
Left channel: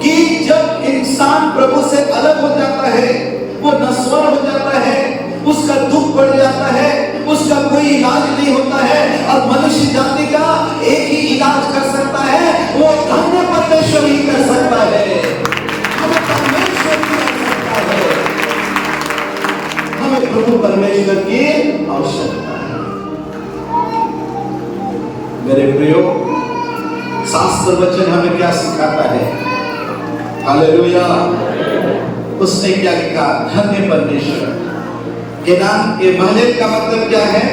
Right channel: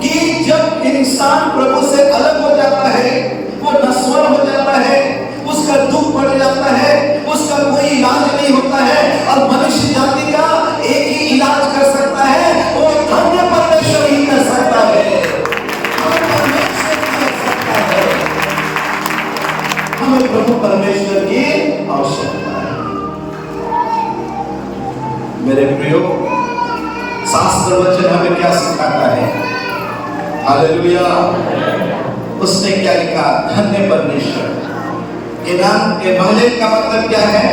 कि जब इंसान प्रभु से अलग हो जाता है, वो नश्वर हो जाता है, उसका दुख बढ़ जाता है, उसका कोई इलाज नहीं होता है, और मनुष्य जाति का एक ही इलाज कर सकता है, वो धन्य परमेश्वर ही कर सकता है। हमें परमेश्वर ही कर सकता है। हमें प्रभु परमेश्वर की आवश्यकता है। मेरे प्रियो, शास्त्र वचन हमें क्या सिखाता है? हालेलुया। उसने क्या लिखा? धन्य परमेश्वर। केनान के महलेल का मतलब क्या है?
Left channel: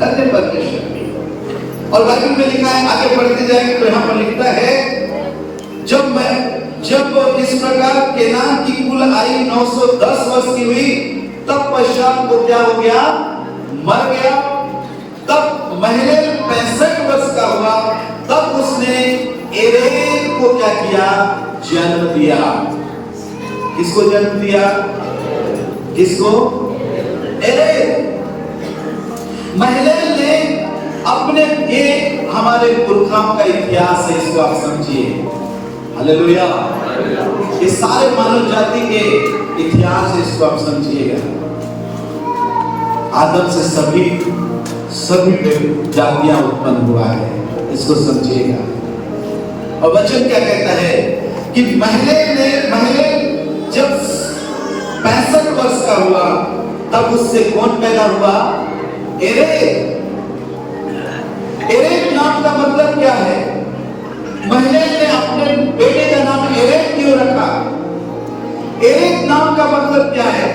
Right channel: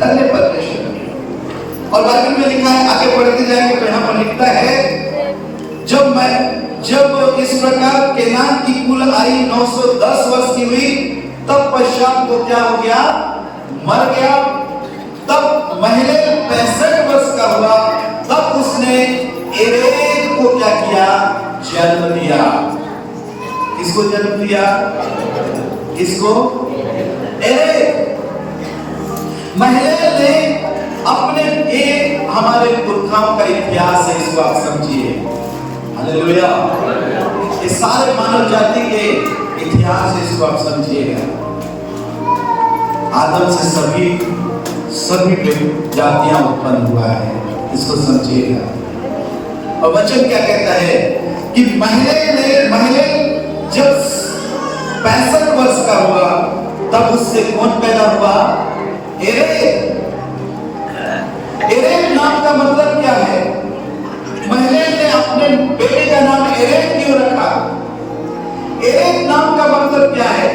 धन्य परमेश्वर। और बाइबल में लिखा है, आगे पढ़ते जाएंगे तो यहाँ पर लिखता है, जब इस प्रकार केनान की कुल आयु 910 वर्ष की हुई, तब पश्चात वो क्या हो गया? मर गया। तब महलेल 65 वर्ष का हुआ, तब उसने एरेद को क्या किया? जन्म दिया। किसको जन्म दिया? किसको? एरेद। महलेल ने अपने, ये हमारे पुरखाओं का इतिहास है, इसको आप समझिए। हालेलुया। ये सारे मानव जाति के इतिहास है, इसको आप समझिएगा। आदम से सभी जातियां उत्पन्न हुआ है, इसको समझिएगा। और वचन क्या कहता है कि महलेल जब 65 वर्ष का हुआ, तब उससे कौन पैदा हुआ? एरेद। एरेद नाम का मतलब क्या है? महलेल ने अपने बेटे का नाम एरेद क्यों रखा? एरेद नाम का मतलब क्या है?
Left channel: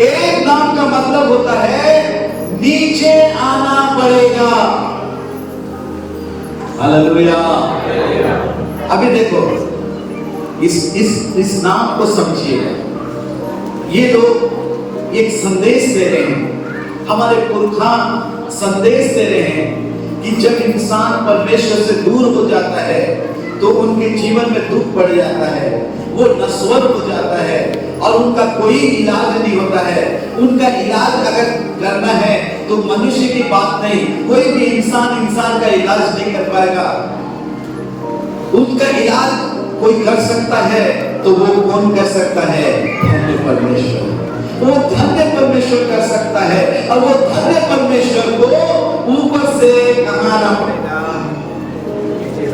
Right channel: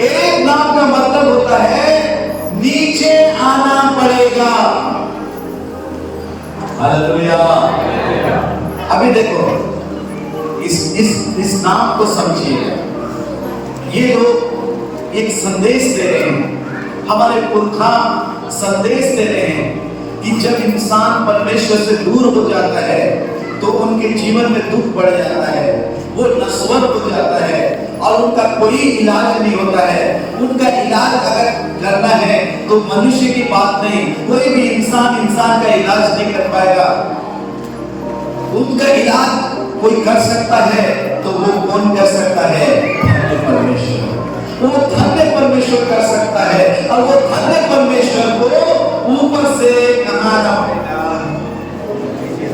एरेद नाम का मतलब होता है नीचे आना पड़ेगा। हालेलुया। अभी देखो, इस नाम को समझिएगा। ये लोग एक संदेश दे रहे हैं, हमारे पुरखा संदेश दे रहे हैं कि जब इंसान परमेश्वर से दूर हो जाता है तो उनके जीवन में दुख बढ़ जाता है, वो नश्वर हो जाता है, और उनका कोई इलाज नहीं होता है। उनका इलाज अगर करना है तो मनुष्य की बात नहीं, कोई भी इंसान का इलाज नहीं कर पाएगा। उनका इलाज कोई कर सकता है तो वो कौन कर सकता है? धन्य परमेश्वर। वो धन्य परमेश्वर कर सकता है, और वो धन्य परमेश्वर को ऊपर से कहाँ ना पड़ेगा?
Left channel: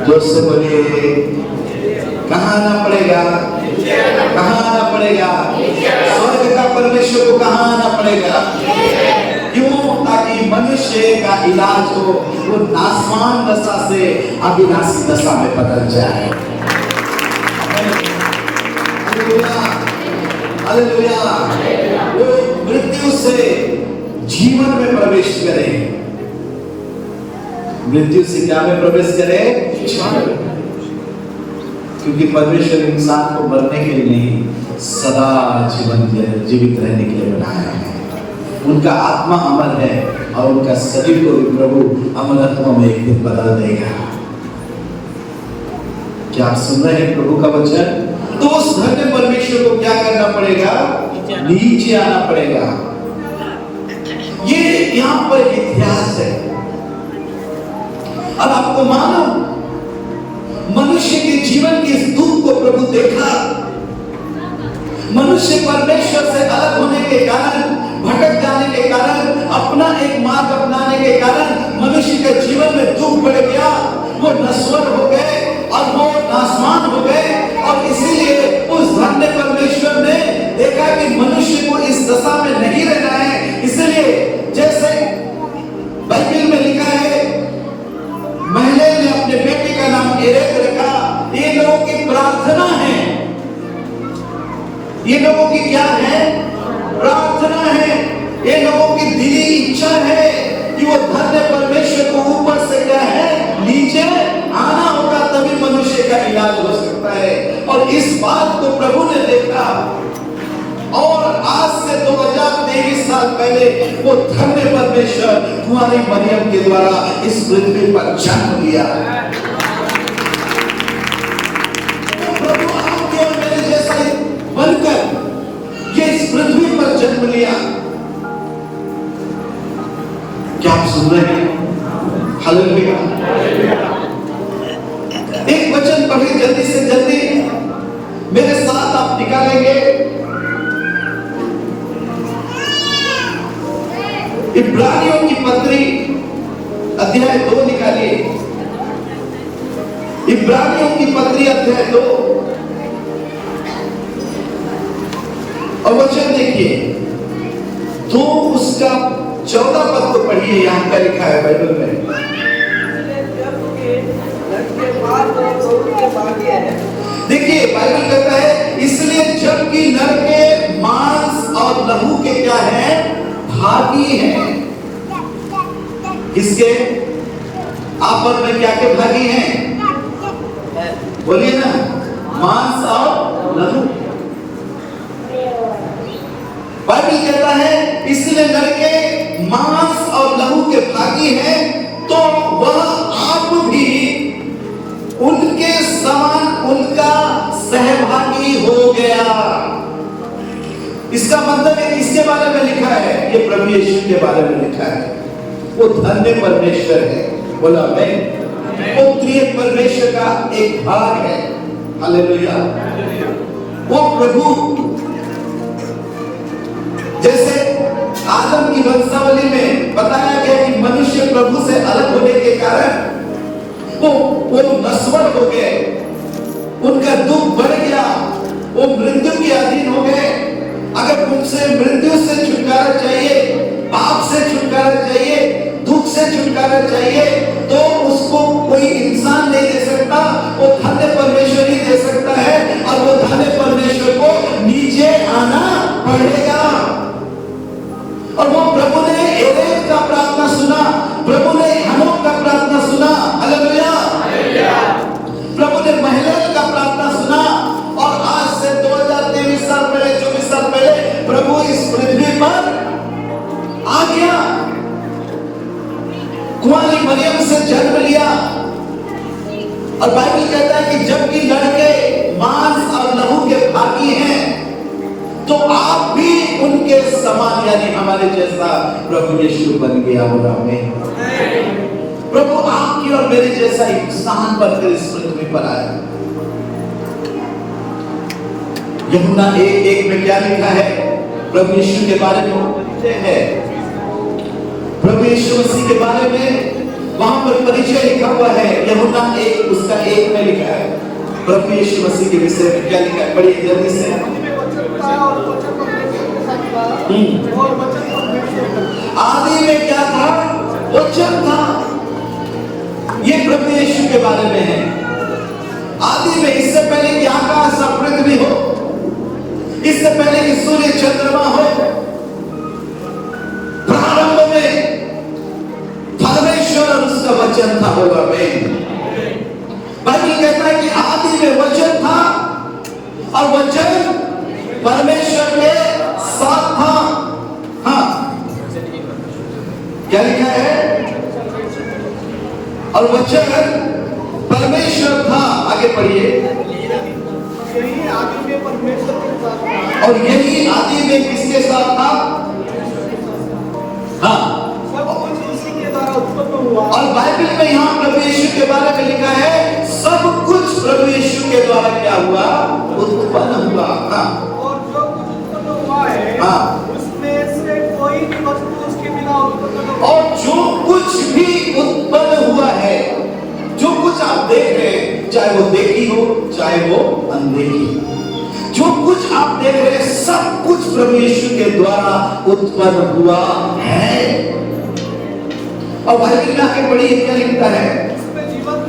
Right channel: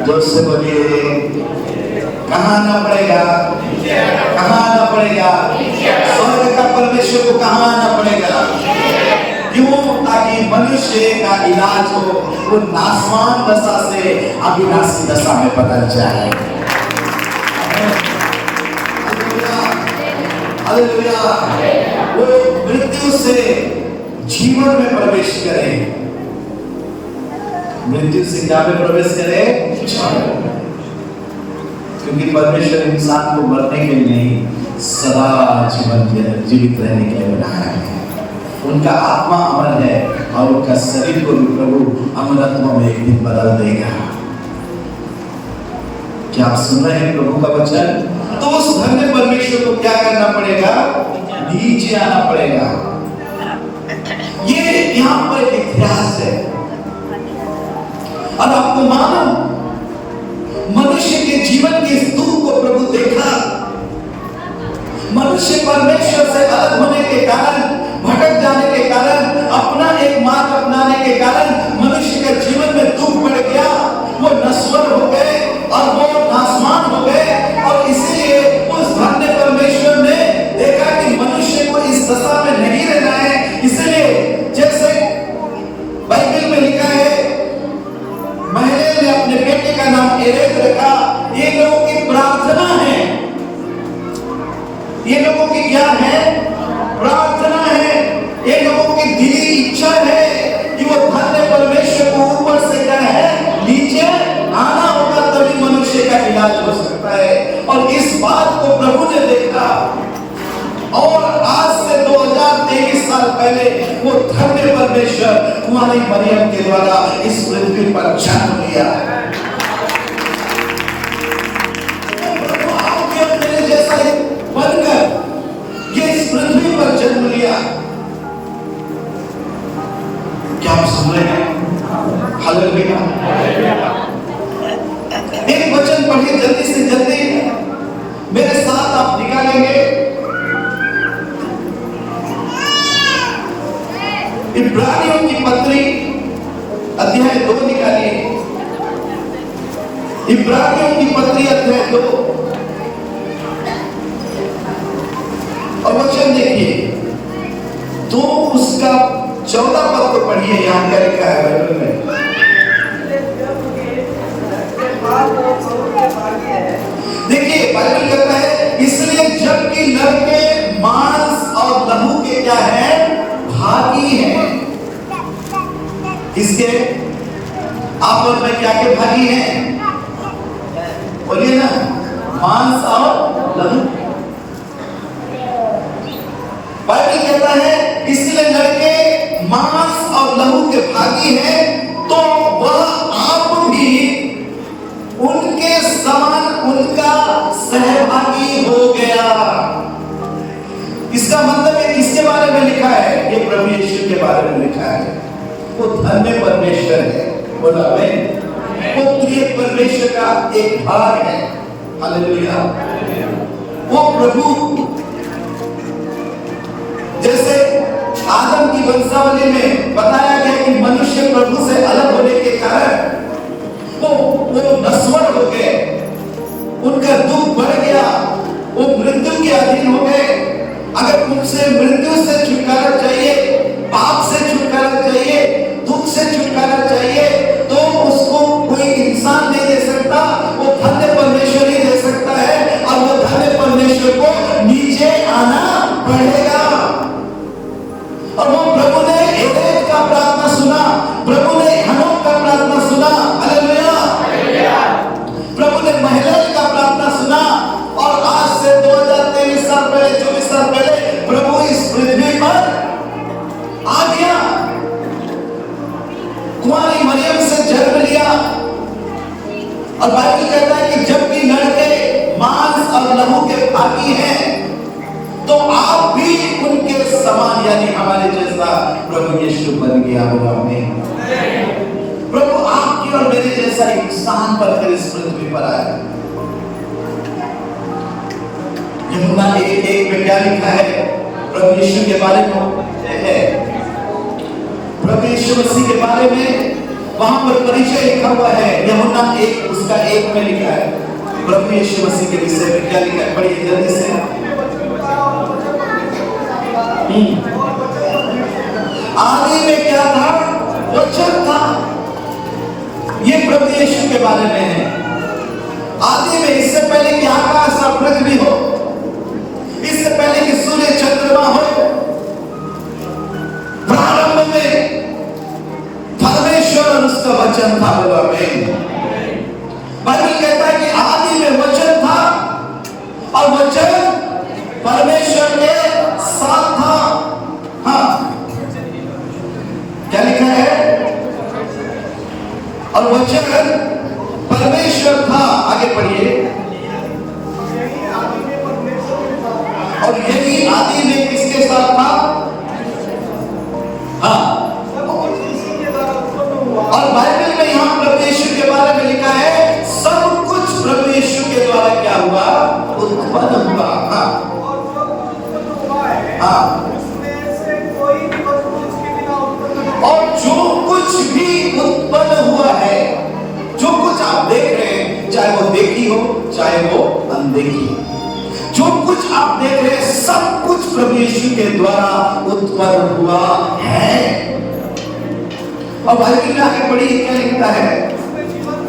जोर से बोलिए, कहाँ ना पड़ेगा? कहाँ ना पड़ेगा? स्वर्ग का परमेश्वर को कहाँ ना पड़ेगा? क्यों? ताकि मनुष्य का इलाज हो, वो नासवान दशा से अविनाशी दशा में बदल जाए। हालेलुया। वो मृत्यु से जीवन में प्रवेश करे। मृत्यु से क्या में प्रवेश करे? क्योंकि परमेश्वर इंसान को मरने के लिए नहीं, सदा जीवित रहने के लिए बनाया है। उनका आत्मा अमर है, और उनका शरीर को भी प्रभु अमरत्व में एक दिन बदल देगा। क्या आप सुन रहे हैं प्रभु का वचन? तो उस धन्य परमेश्वर को क्या करना पड़ेगा? नीचे आना पड़ेगा। ये यहाँ पर एक इतिहास है। और आपको मालूम, मनुष्य के जीवन के इस दुख को प्रभु देखा। मनुष्य परमेश्वर से अलग होने के कारण, भटक जाने के कारण, अपना एक मार्ग अपनाने के कारण मनुष्य के जीवन ने अपने बेटे का नाम एरेक रखा। ये लोगों की प्रार्थना है, ये लोगों की क्या है? प्रार्थना है। ये लोगों की दिली इच्छा है कि वो धन्य परमेश्वर को ऊपर से क्या है, नीचे आना होगा, तभी मनुष्य का इलाज हो सकता है। और इस बात को प्रभु ने देखा और आज से 2023 साल पहले वो धन्य परमेश्वर कुंवारी मरियम के द्वारा इस पृथ्वी पर जन्म लिया। प्रभु आपके और मेरे जैसा बनकर ये इस पृथ्वी पर जन्म लिया। क्या आप सुन रहे हैं? हालेलुया। एक वचन पढ़िए जल्दी से जल्दी, मेरे साथ आप निकालेंगे इब्रानियों की पत्री अध्याय 2 निकालिए। इब्रानियों की पत्री अध्याय 2 और वचन देखिए, तो उसका 14 पद को पढ़िए। यहां क्या लिखा है बाइबल में? देखिए बाइबल कहता है, इसलिए जबकि नर के मांस और लहू के क्या है, भागी हैं। किसके? आप और मैं क्या के भागी हैं? बोलिए ना, मांस और लहू। बाइबल कहता है इसलिए नर के मांस और लहू के भागी हैं, तो वह आप भी उनके समान उनका सहभागी हो गया। इसका मतलब है किसके बारे में लिखा है? ये प्रभु यीशु के बारे में लिखा है। वो धन्य परमेश्वर है, बोला आमीन। वो त्रिएक परमेश्वर का एक भाग है। हालेलुया। वो प्रभु जैसे आदम की वंशावली में बताया गया कि मनुष्य प्रभु से अलग होने के कारण वो नश्वर हो गए, उनका दुख बढ़ गया, वो मृत्यु के अधीन हो गए। अगर उनसे मृत्यु से छुटकारा चाहिए, पाप से छुटकारा चाहिए, दुख से छुटकारा चाहिए, तो उसको कोई इंसान नहीं दे सकता, वो धन्य परमेश्वर ही दे सकता है। और वो धन्य परमेश्वर को नीचे आना पड़ेगा। और वो प्रभु ने एरेक का प्रार्थना सुना, प्रभु ने हनोक का प्रार्थना सुना। हालेलुया। प्रभु ने महलल का प्रार्थना सुना। और आज से 2023 साल पहले, 24 साल पहले प्रभु इस पृथ्वी पर आ गया, कुंवारी मरियम से जन्म लिया। और बाइबल कहता है कि जबकि नर के मांस और लहू के भागी हैं, तो आप भी उनके समान यानी हमारे जैसा प्रभु यीशु बन गया। आमीन। प्रभु आपके और मेरे जैसा इंसान बनकर इस पृथ्वी पर आया। यूहन्ना 1:1 में क्या लिखा है प्रभु यीशु के बारे में? है प्रभु यीशु मसीह के बारे में वहां पर परिचय लिखा हुआ है। यूहन्ना 1 उसका 1 में लिखा है प्रभु यीशु मसीह के विषय में क्या लिखा है, पढ़िए जल्दी से। आदि में क्या था? वचन था। ये प्रभु यीशु के बारे में है। आदि में, इससे पहले कि आकाश और पृथ्वी हो, इससे पहले कि सूर्य चंद्रमा हो, प्रारंभ में परमेश्वर और उसका वचन था। बोला आमीन। बाइबल कहता है कि आदि में वचन था और वचन परमेश्वर के साथ था। हाँ, क्या लिखा है? और वचन परमेश्वर था। आगे पढ़िए। यही आदि में परमेश्वर के साथ था। और यही आदि में किसके साथ था? हाँ, सब कुछ उसी के द्वारा उत्पन्न हुआ। और बाइबल में यहाँ प्रभु यीशु के बारे में लिखा है, सब कुछ प्रभु यीशु के द्वारा क्या हुआ? उत्पन्न हुआ। हाँ, और जो उत्पन्न हुआ है, हाँ, उसमें से कोई भी वस्तु उसके बिना उत्पन्न नहीं। और जो कुछ भी उत्पन्न हुआ है, जो कुछ आप देख रहे हैं, चाहे वो देखी हो चाहे वो अनदेखी, जो कुछ आप देख रहे हैं, सब कुछ प्रभु यीशु के द्वारा उत्पन्न हुआ है। और बाइबल में आगे पढ़िए क्या लिखता है? उसमें जीवन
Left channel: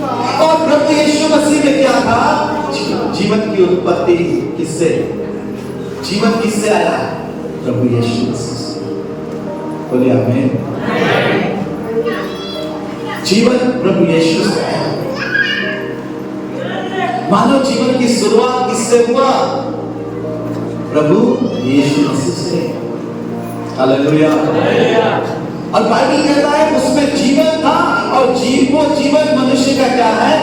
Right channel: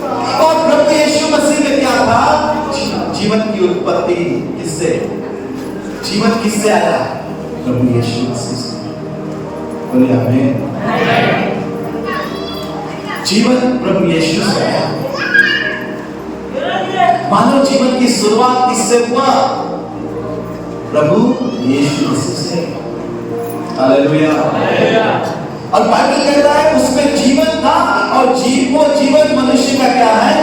उत्पत्ति किससे, जीवन किससे आया? प्रभु यीशु मसीह से। बोलिए आमीन। जीवन प्रभु यीशु से आया। मानव जीवन की शुरुआत किससे हुआ? प्रभु यीशु मसीह से। हालेलुया। और बाइबल कहता है उसमें जीवन था और वो जीवन मनुष्य का क्या है?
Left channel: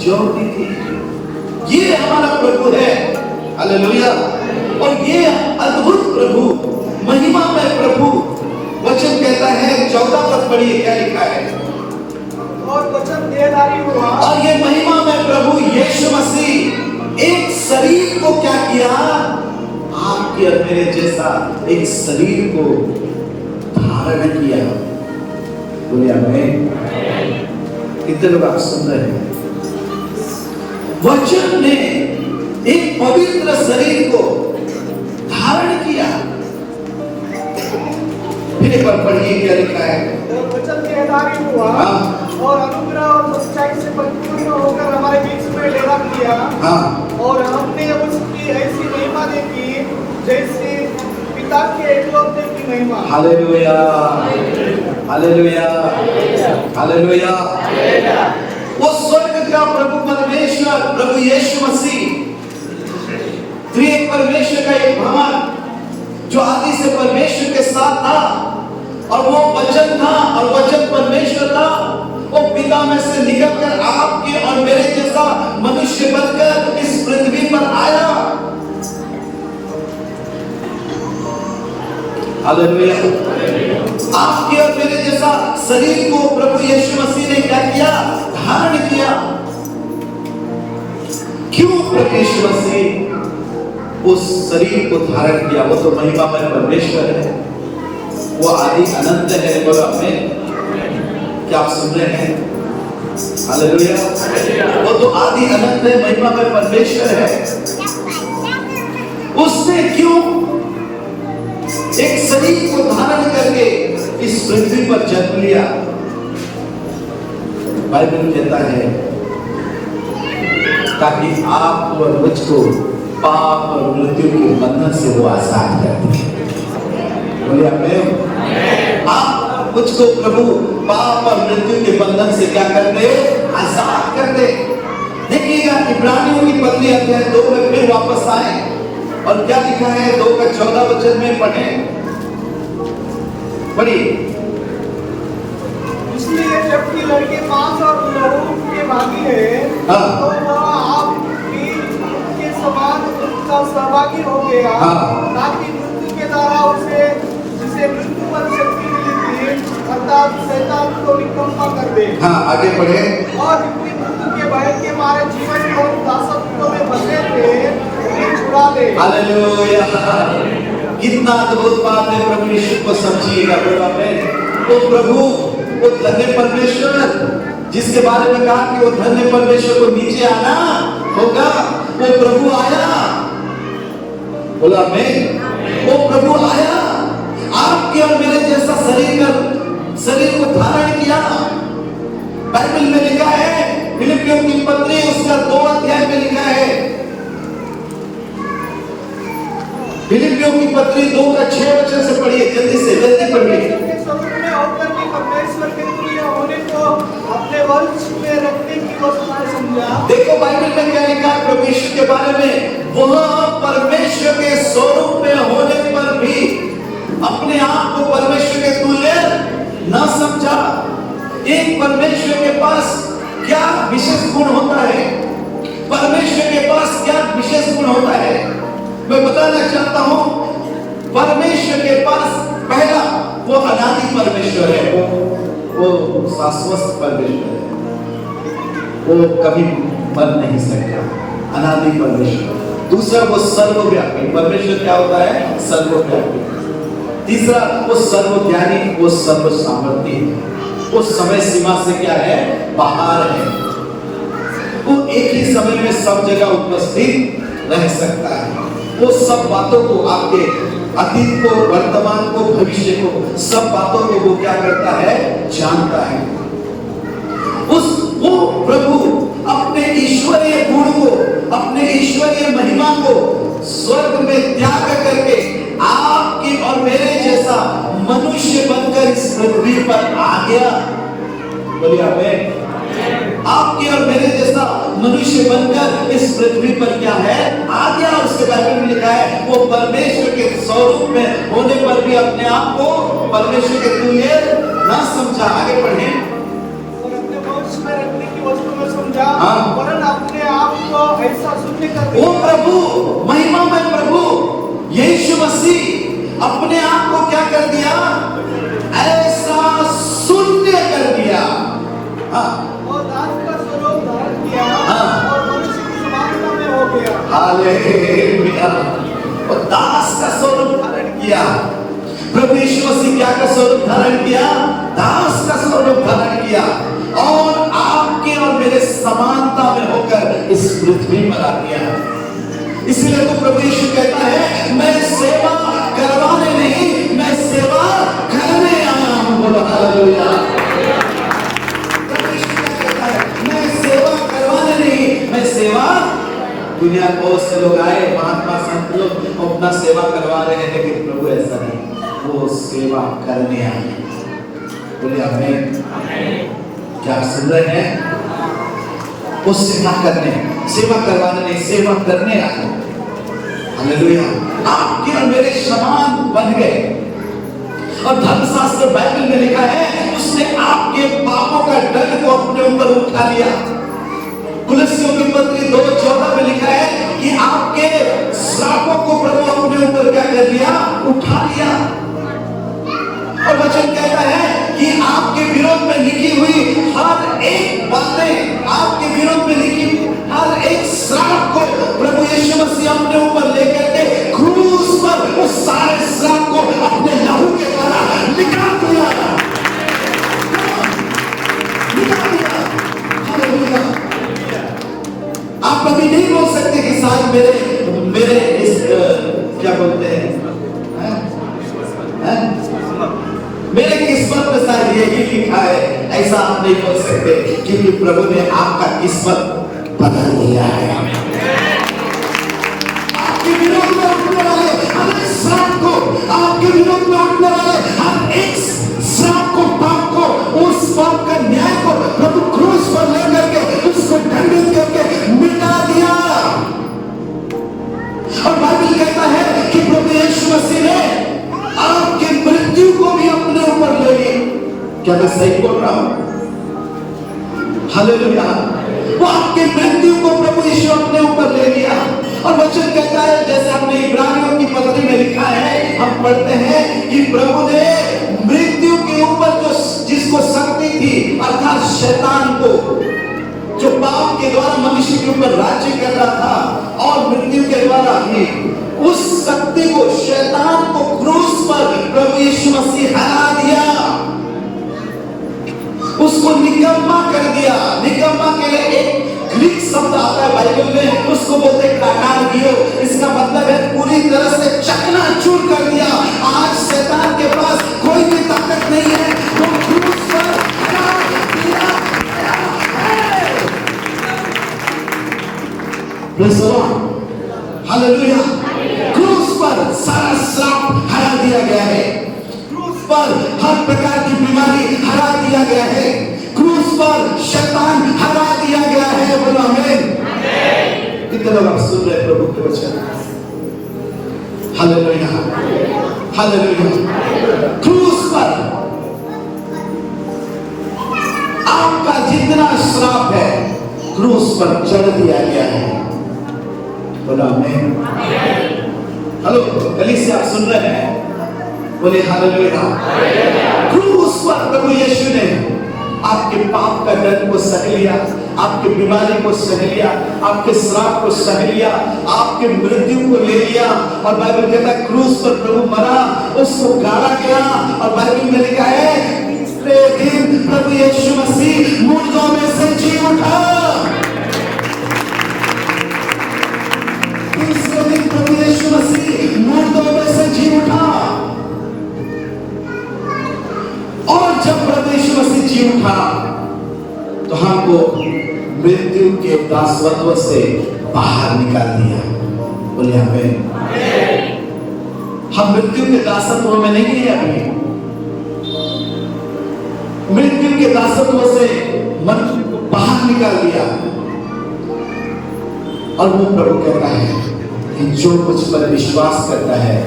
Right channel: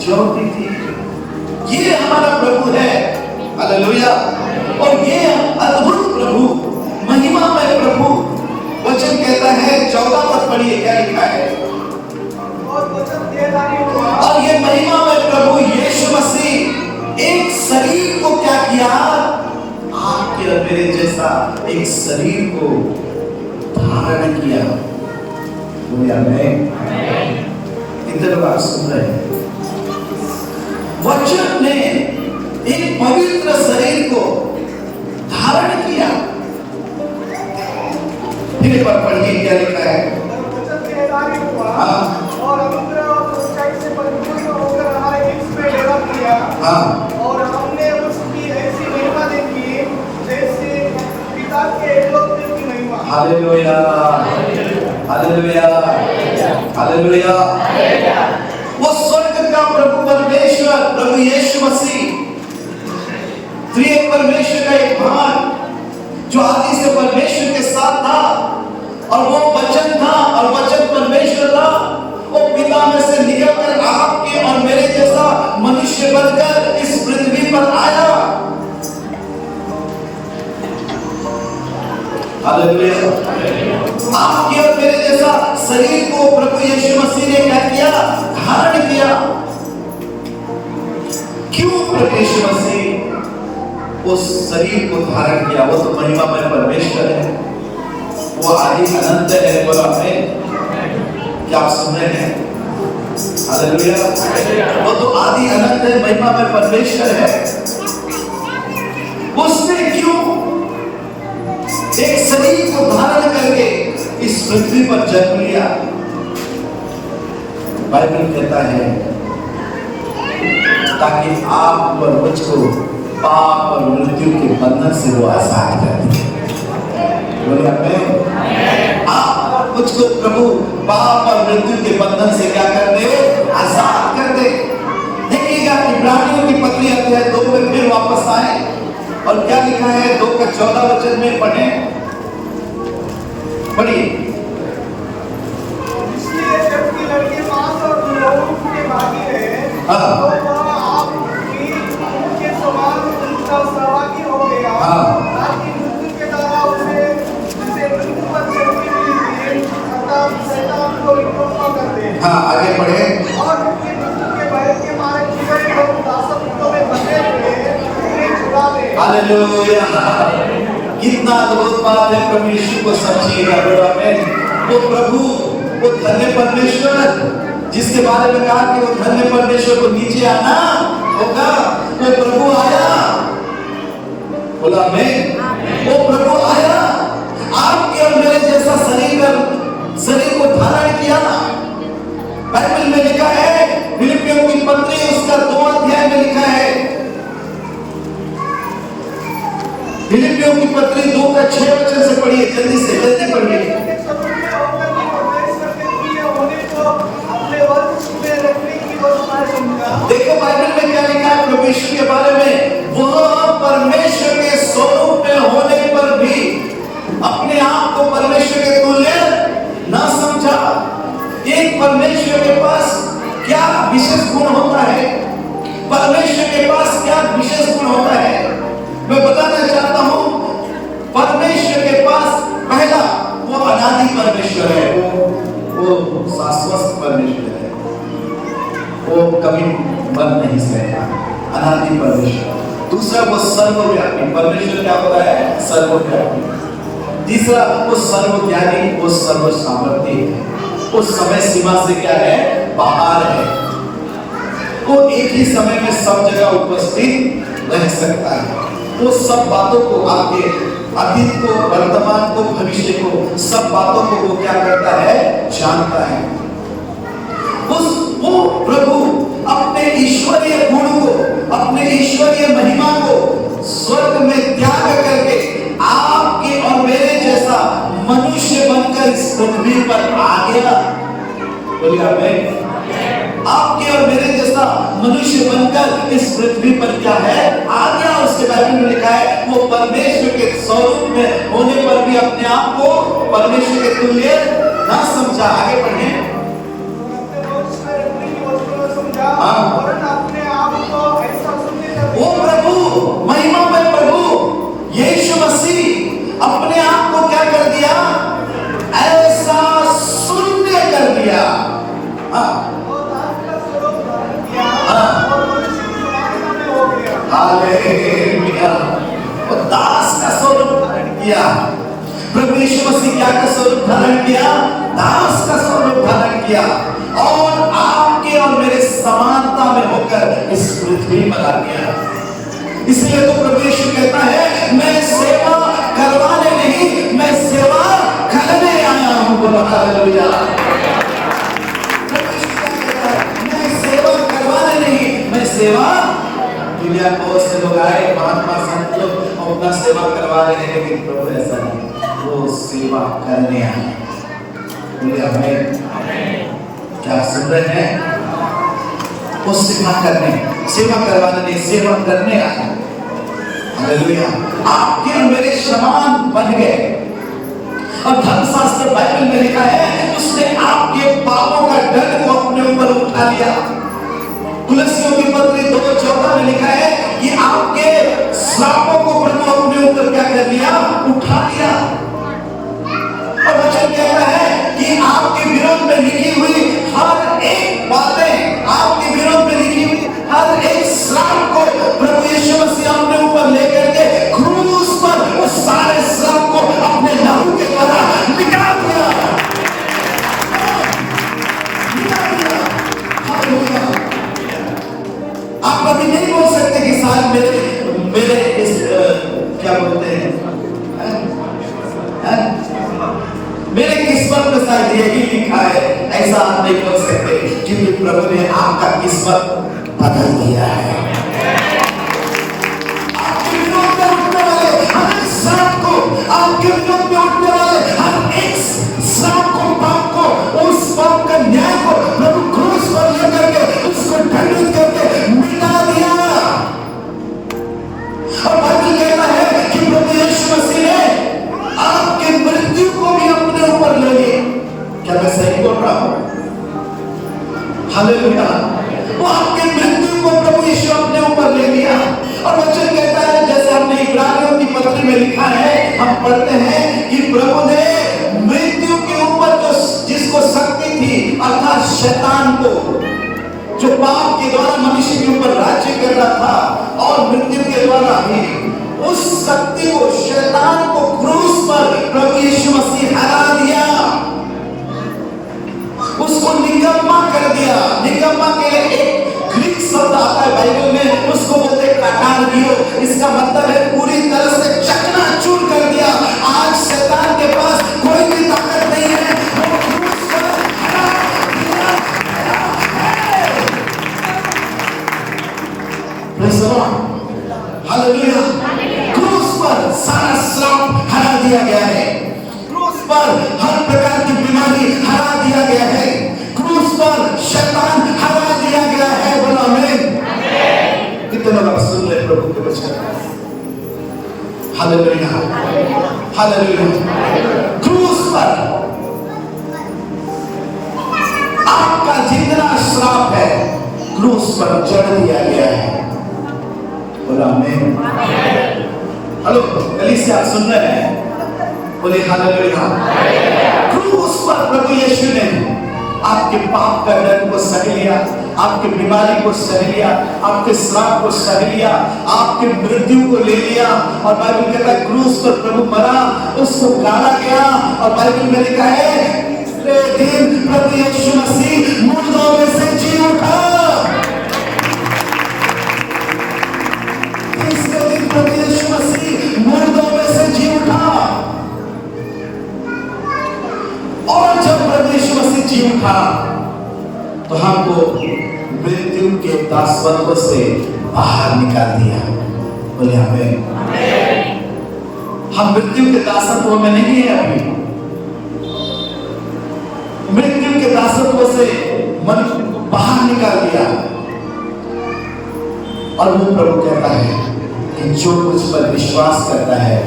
ज्योति थी। ये हमारा प्रभु है। हालेलुया। और ये अद्भुत प्रभु, महिमा में प्रभु, वचन कहता है 14 पद पढ़िए क्या लिखा है? और वचन देहधारी हुआ। और ये महिमा में प्रभु यीशु मसीह एक शरीर को क्या किया? आपके और मेरे जैसा एक शरीर को धारण किया। दुनिया में कितने लोग आप सुन रहे हैं? वचन ने एक पवित्र शरीर को धारण किया। फिर एक बार पढ़िए क्या लिखा है? वचन देहधारी हुआ और अनुग्रह और सच्चाई से परिपूर्ण होकर हमारे बीच में डेरा किया। और हमने उसकी ऐसी महिमा देखी जैसे पिता के एकलौते की महिमा। Hallelujah, hallelujah, hallelujah. वो स्वर्ग का प्रभु परमेश्वर, प्रभु यीशु मसीह, त्रिएक परमेश्वर का एक भाग जो आदि से परमेश्वर के साथ था, और वो वचन था और वचन परमेश्वर था। वो पिता में से निकलकर आपके और मेरे जैसा मनुष्य बनकर इस पृथ्वी पर आया। हालेलुया। आपके और मेरे जैसा शरीर को प्रभु यीशु मसीह ने क्या किया? धारण किया। क्यों प्रभु यीशु मसीह उस शरीर को धारण किया? वो तो महिमा में परमेश्वर है, वो आदि अनंत है। बोला आमीन। क्या आप सुन रहे हैं? हालेलुया। वो तो आदि अनंत है, महिमा में परमेश्वर है। उसने क्यों एक शरीर को धारण करके इस पृथ्वी पर जन्म लिया? बाइबल कहता है ताकि आप और मुझको पाप और मृत्यु के बंधन से वो आजाद कर दे। बोलिए आमीन। आप मुझको प्रभु पाप और मृत्यु के बंधन से क्या कर दे? आजाद कर दे। देखिएगा इब्रानियों की पत्री अध्याय 2 में फिर वापस आए और क्या लिखा है? 2 का 14 वचन में पढ़ें, पढ़िए। इसलिए जबकि लड़के मांस और लहू के भागी है, तो वह आपकी के समान उसका सहभागी हो गया, ताकि मृत्यु के द्वारा उसे जिसे मृत्यु पर शक्ति मिली थी अर्थात शैतान को निकम्मा कर दे। आगे पढ़े। और जितने मृत्यु के भय के मारे जीवन और दासत्व में फंसे थे उन्हें छुड़ा दे। हालेलुया। कितना अद्भुत बात है। प्रभु यीशु को समझिएगा। वो प्रभु, वो धन्य परमेश्वर जिसके बारे में कहा कि वो धन्य परमेश्वर को नीचे आना होगा, वो प्रभु आया। बोला आमीन। वो प्रभु आया, आपके और मेरे जैसा शरीर को धारण किया। बाइबल में लिखा है, फिलिपियों की पत्री उसका 2 अध्याय में लिखा है, फिलिपियों की पत्री 2 का 6 वचन से पढ़िए, जल्दी से जल्दी पढ़िए। देखो बाइबल में क्या लिखा है प्रभु यीशु के बारे में? वह परमेश्वर के स्वरूप में होने पर भी अपने आप को परमेश्वर के तुल्य ना समझा। एक परमेश्वर के पास क्या विशेष गुण होता है? परमेश्वर के पास क्या विशेष गुण होता है? मैं बताना चाहता हूं। परमेश्वर के पास पहला वो अनादि परमेश्वर है, वो शाश्वत परमेश्वर है, वो कभी मर नहीं सकता, अनादि परमेश्वर। दूसरा वो सर्वव्यापी परमेश्वर क्या होता है? सर्वव्यापी। तीसरा वो सर्वज्ञानी, वो सर्व सामर्थ्य है, वो समय सीमा से क्या है? बाहर है। वो एक ही समय में सब जगह उपस्थित रह सकता है। वो सब बातों को, आपके अतीत को, वर्तमान को, भविष्य को, सब बातों को वो क्या करता है? जानता है। वो प्रभु अपने ईश्वरीय गुण को, अपने ईश्वरीय महिमा को मनुष्य बनकर इस पृथ्वी पर क्या है आ गया। उसके बारे में लिखा है वो परमेश्वर के स्वरूप में होने पर भी अपने आप को परमेश्वर के तुल्य ना समझा। आगे पढ़े। अपने वंश में रखने की वस्तु में समझा, हाँ। वरन अपने आप को ऐसा शून्य कर दिया। वो प्रभु महिमा में प्रभु यीशु मसीह अपने आप को क्या कर दिया, ऐसा शून्य कर दिया। हाँ। और दास का स्वरूप धारण किया, हाँ। और मनुष्य की समानता में हो गया। हालेलुया। वो दास का स्वरूप धारण किया। प्रभु यीशु मसीह क्या का स्वरूप धारण किया, दास का स्वरूप धारण किया और आपके और मेरे समानता में होकर इस पृथ्वी पर आ गया। इसलिए तो प्रभु यीशु कहता है मैं सेवा करवाने नहीं, मैं सेवा करने आया हूं। बोलो हालेलुया। प्रभु यीशु कहता है मैं सेवा करवाने नहीं, मैं सेवा। दुनिया में बहुत से लोग आए, महात्मा संत लोग अपना सेवा करवा रहे हैं, लेकिन प्रभु ऐसा नहीं, वो सेवा करने आए। बोले हमें क्या सुन रहे हैं, वो सेवा करने, सेवा करवाने नहीं, सेवा करने आए। हालेलुया। आपके और मेरे समान बन गए। और धर्मशास्त्र बाइबल में लिखा है उसने आपके पापों का दंड को अपने ऊपर उठा लिया। कुलसियों की पत्री 2:14 में लिखा है कि आपके श्रापों को प्रभु अपने ऊपर क्या कर लिया, उठा लिया। और वचन कहता है कि आपके विरोध में लिखी हुई हर एक बातें, आपके विरोध में लिखी हुई हर एक श्राप को प्रभु यीशु मसीह अपने ऊपर लेकर के क्रूस पर उस सारे श्राप को अपने लहू के द्वारा निकाल दिया, निकाल दिया। हालेलुया। आप कभी नहीं बोल सकते कि साहब मेरे इस क्या बोलते हैं, मेरे किस्मत में शायद यही लिखा है, ऐसा आप नहीं बोल सकते क्योंकि प्रभु ने आपका किस्मत बदल दिया है। आपके विरोध में उठने वाले हर एक श्राप को, आपके विरोध में उठने वाले हर एक श्राप को, पाप को, उस पाप का न्याय को प्रभु क्रूस पर लेकर के उसको दंडित करके मिटा दिया। और बाइबल कहता है कि प्रभु यीशु मसीह ने आपके मृत्यु को भी अपने ऊपर ले ली। क्या मैं सही बोल रहा हूं? हालेलुया। वो आपके मृत्यु को प्रभु यीशु अपने ऊपर ले लिया। और वचन कहता है जैसे हमने इब्रानियों की पत्री में लिखा है, हम पढ़ते हैं कि प्रभु ने मृत्यु के ऊपर जो जिसको शक्ति थी अर्थात शैतान को, जो पाप के द्वारा मनुष्य के ऊपर राज्य कर रहा था और मृत्यु के द्वारा भी, उस शक्ति को, शैतान को क्रूस पर प्रभु यीशु मसीह हरा दिया, उसको निकम्मा कर दिया। निकम्मा के लिए एक ग्रीक शब्द आता है बाइबल में, उसको बोलते हैं काटानगियो। इसका मतलब है पूरी तरह से चकनाचूर कर दिया। आज शैतान के पास कोई भी ताकत नहीं है, वो क्रूस पर हरा दिया। Praise the Lord. हालेलुया। क्रूस पर सारा श्राप हरा दिया गया है। क्रूस पर हर प्रकार की बीमारी हरा दिया गया है। क्रूस पर शैतान हरा दिया गया है। बोलो आमीन। कितने लोग सुन रहे प्रभु के वचन? Hallelujah, hallelujah. क्रूस पर आपका जितना श्राप है क्रूस पर चढ़ दिया गया है। बोलो आमीन। हेलो कलीसिया, आप सुन रहे हैं? बोले हालेलुया। क्रूस पर प्रभु यीशु ने आपके पाप का दर्द को सह लिया, आपके बीमारी को सह लिया, आपके श्राप को सह लिया, आपके मृत्यु को ले लिया। और बाइबल कहता है क्रूस पर प्रभु मरा, उसको गाड़ा गया। और बाइबल में लिखा है तीसरे दिन प्रभु यीशु मसीह मुर्दों में से जी उठा। तीसरे दिन प्रभु यीशु मसीह मुर्दों में से जी उठा। और जब प्रभु यीशु मसीह जी उठा तो हमको मृत्यु के दासत्व से बाहर निकाल दिया। बोले आमीन। हम मृत्यु के दासत्व में नहीं है अभी। मृत्यु के दासत्व से मन को बाहर निकाल दिया। और वो प्रभु कहता है कि जो मुझ पर विश्वास करता है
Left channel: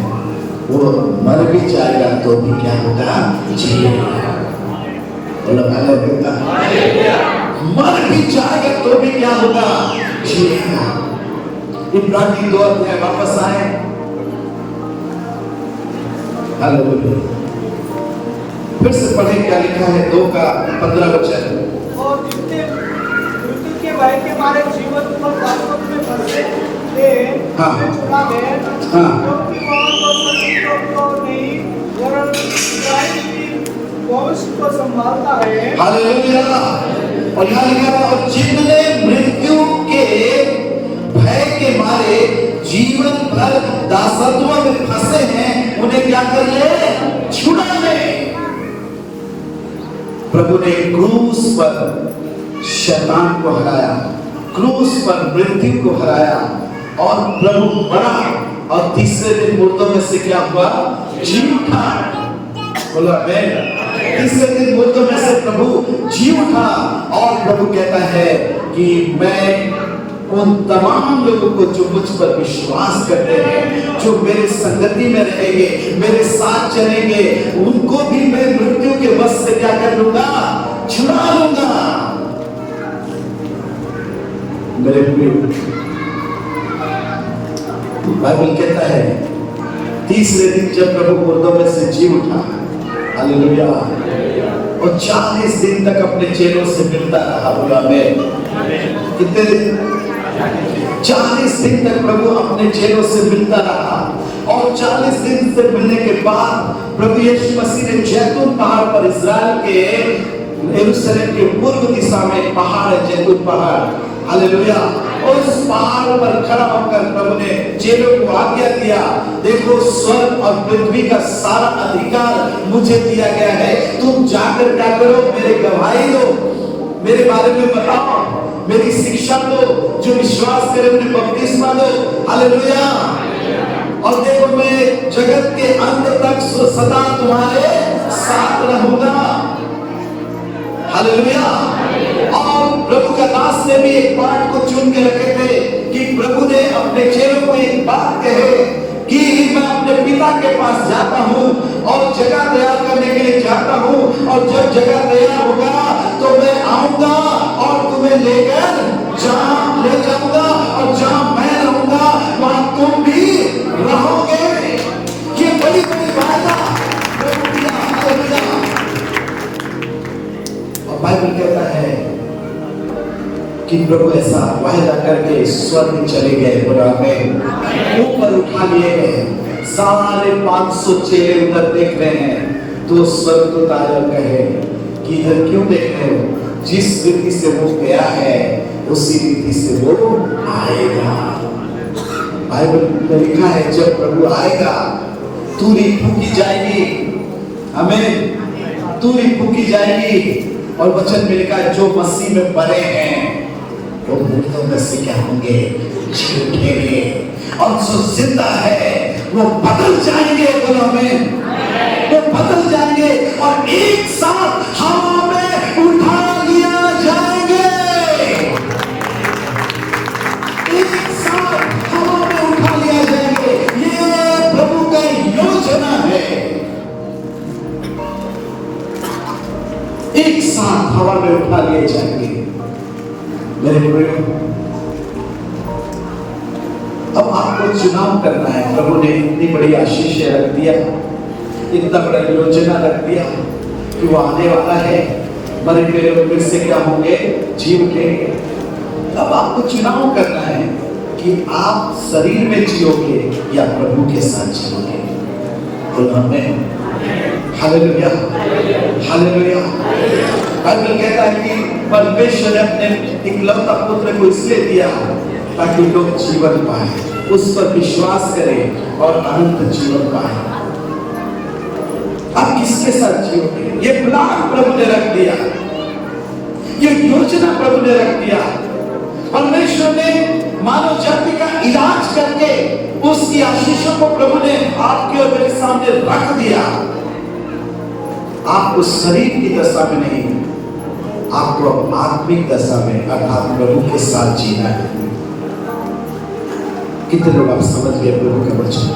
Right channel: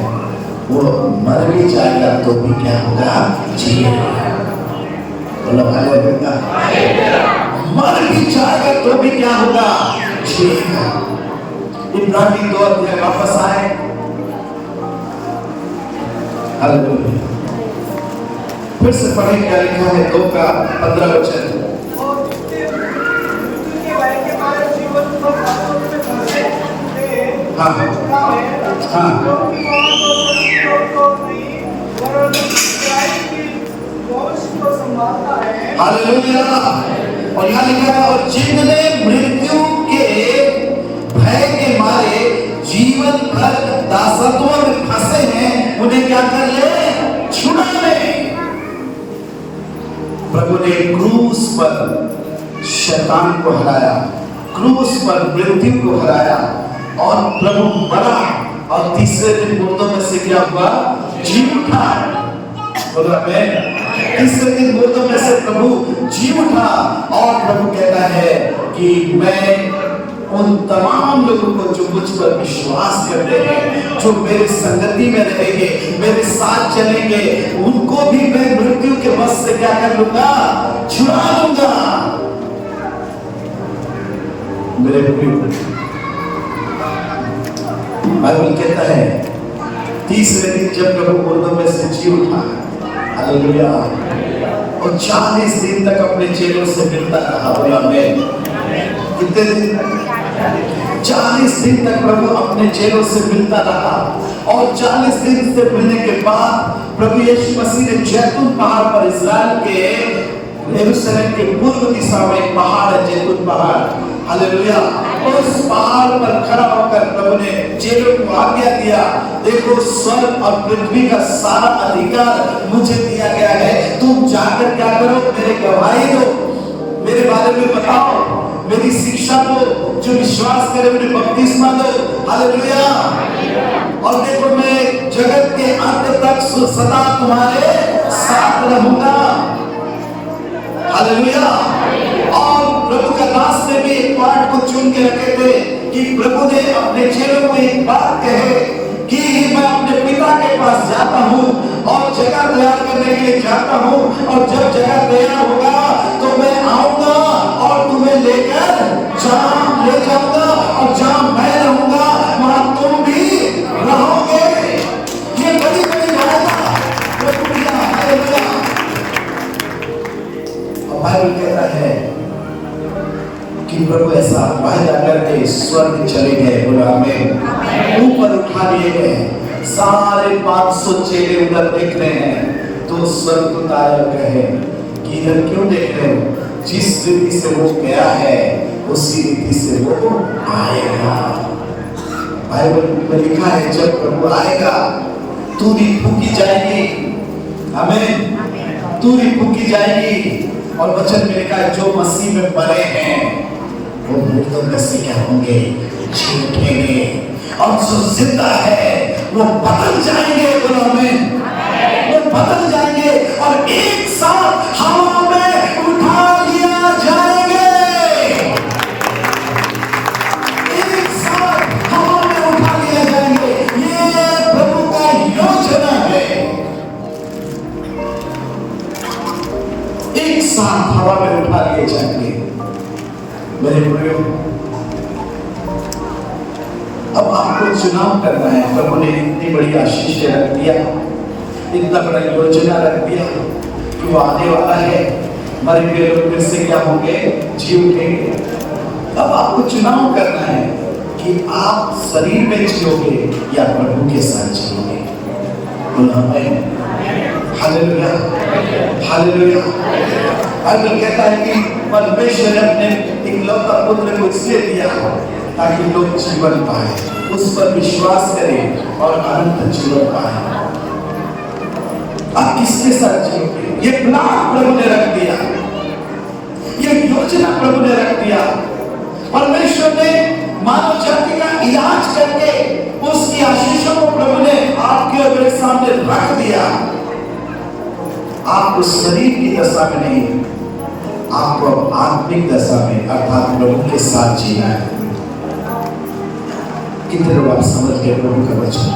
वो मर भी जाएगा तो भी क्या होगा, जिएगा। बोलो हालेलुया। मर भी जाएगा तो भी क्या होगा, जिएगा। इब्रानी 2 अध्याय वापस आए। हालेलुया। फिर से पढ़े क्या लिखा है, 2 का 15 वचन। और मृत्यु के भय के मारे जीवन को पापों में फंसे थे, हाँ। हमें छुड़ा है, हाँ। क्योंकि वहाँ तो सच्ची को नहीं वरन इस्राएल की वंश को संभालता है। हालेलुया। और यहाँ लिखा है, और जिनने मृत्यु के भय के मारे जीवन भर दासत्व में फंसे हैं, उन्हें क्या कर ले, छुड़ा ले। प्रभु ने क्रूस पर शैतान को हराया, क्रूस पर मृत्यु को हराया, और प्रभु बढ़ा और तीसरे दिन मुर्दों में से क्या हुआ, जी उठा। बोला आमीन। तीसरे दिन मुर्दों में से प्रभु जी उठा। और प्रभु कहता है कि मैं उन तमाम लोगों को जो मुझ पर विश्वास करते हैं, जो मेरी संगति में रहेंगे, मेरे साथ चलेंगे, उनको भी मैं मृत्यु के वश से क्या कर लूंगा, छुड़ा लूंगा। मेरे प्रिय, बाइबल कहता है तीसरे दिन जब प्रभु मुर्दों में से जी उठा, हालेलुया, और 40 दिन तक अपने चेलों से मिलता रहा। आमीन। कितने दिन? 40 दिन तक प्रभु अपने चेलों से मिलता रहा। और 40 दिन से मिलने के बाद प्रभु यीशु मसीह ने जैतून पहाड़ पर, इस्राएल के यरूशलेम के पूर्व दिशा में पहाड़ है, जैतून पहाड़, हालेलुया, उस पहाड़ पर खड़ा होकर प्रभु ने चेलों को आज्ञा दिया, देखो स्वर्ग और पृथ्वी का सारा अधिकार मुझे दिया गया है, तुम जाकर क्या करो, मेरे गवाही दो, मेरे बारे में बताओ, मेरी शिक्षा को, जो विश्वास करे उन्हें बपतिस्मा दो। हालेलुया। और देखो मैं जगत के अंत तक सदा तुम्हारे साथ रहूंगा। हालेलुया। और प्रभु का दास ने भी एक पाठ को चुन के रखे थे कि प्रभु ने अपने चेलों को एक बात कहे कि मैं अपने पिता के पास जाता हूँ और जगह तैयार करने के लिए जाता हूँ, और जब जगह तैयार होगा तो मैं आऊंगा और तुम्हें लेकर ले जाऊंगा, और जहां मैं रहूंगा वहां तुम भी रहोगे। ये बड़ी बड़ी वादा प्रभु की है। और बाइबल कहता है कि प्रभु ऐसा वादा करके स्वर्ग चले गए, आमीन, ऊपर उठा लिए गए। सारे 500 चेले ऊपर देख रहे हैं, तो स्वर्ग को तारा कहे कि इधर क्यों देख रहे हो, जिस रीति से वो गया है उसी रीति से वो आएगा। बाइबल में लिखा है जब प्रभु आएगा तूरी फूकी जाएगी, आमीन, तूरी फूकी जाएगी। और वचन में लिखा है जो मसीह में मरे हैं वो मुर्दों में से क्या होंगे, जी उठेंगे, और जो जिंदा है वो बदल जाएंगे, आमीन, वो बदल जाएंगे और एक साथ हवा में उठा लिया जाएंगे। एक साथ हवा में उठा लिया जाएंगे। ये प्रभु का योजना है। एक साथ हवा में उठा लिए जाएंगे। मेरे प्रियो, अब आपको चुनाव करना है। प्रभु ने इतनी बड़ी आशीष रख दिया, इतना बड़ा योजना रख दिया कि वो आने वाला है, मरे हुए लोग फिर से क्या होंगे, जी उठेंगे। अब आपको चुनाव करना है कि आप शरीर में जियोगे या प्रभु के साथ जियोगे। आमीन, हालेलुया, हालेलुया। बाइबल कहता है कि परमेश्वर ने अपने इकलौता पुत्र को इसलिए दिया ताकि लोग जीवन पाए, उस पर विश्वास करें और अनंत जीवन पाए। आप किसके साथ जियोगे, ये प्लान प्रभु ने रख दिया, ये योजना प्रभु ने रख दिया। परमेश्वर ने मानव जाति का इलाज करके उसकी आशीषों को प्रभु ने आपके और मेरे सामने रख दिया। आप उस शरीर की दशा में नहीं, आपको आत्मिक दशा में अर्थात प्रभु के साथ जीना है। कितने लोग आप समझ गए प्रभु का वचन?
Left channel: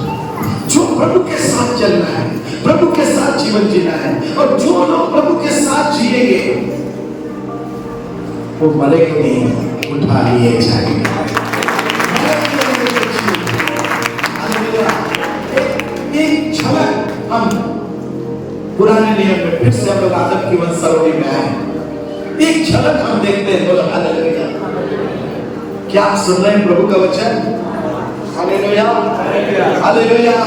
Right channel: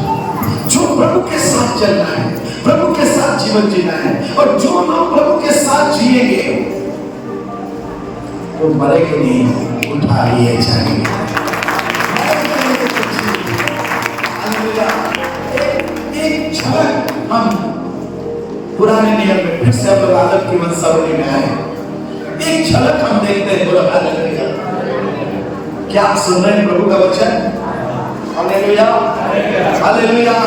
जो प्रभु के साथ चलना है, प्रभु के साथ जीवन जीना है, और जो लोग प्रभु के साथ जिएंगे वो मरेंगे नहीं, उठा लिए जाएंगे। एक झलक हम पुराने नियम में फिर से हम आदम की वंशावली में हैं, एक झलक हम देखते हैं। बोलो हालेलुया। क्या आप सुन रहे हैं प्रभु का वचन? Hallelujah, hallelujah.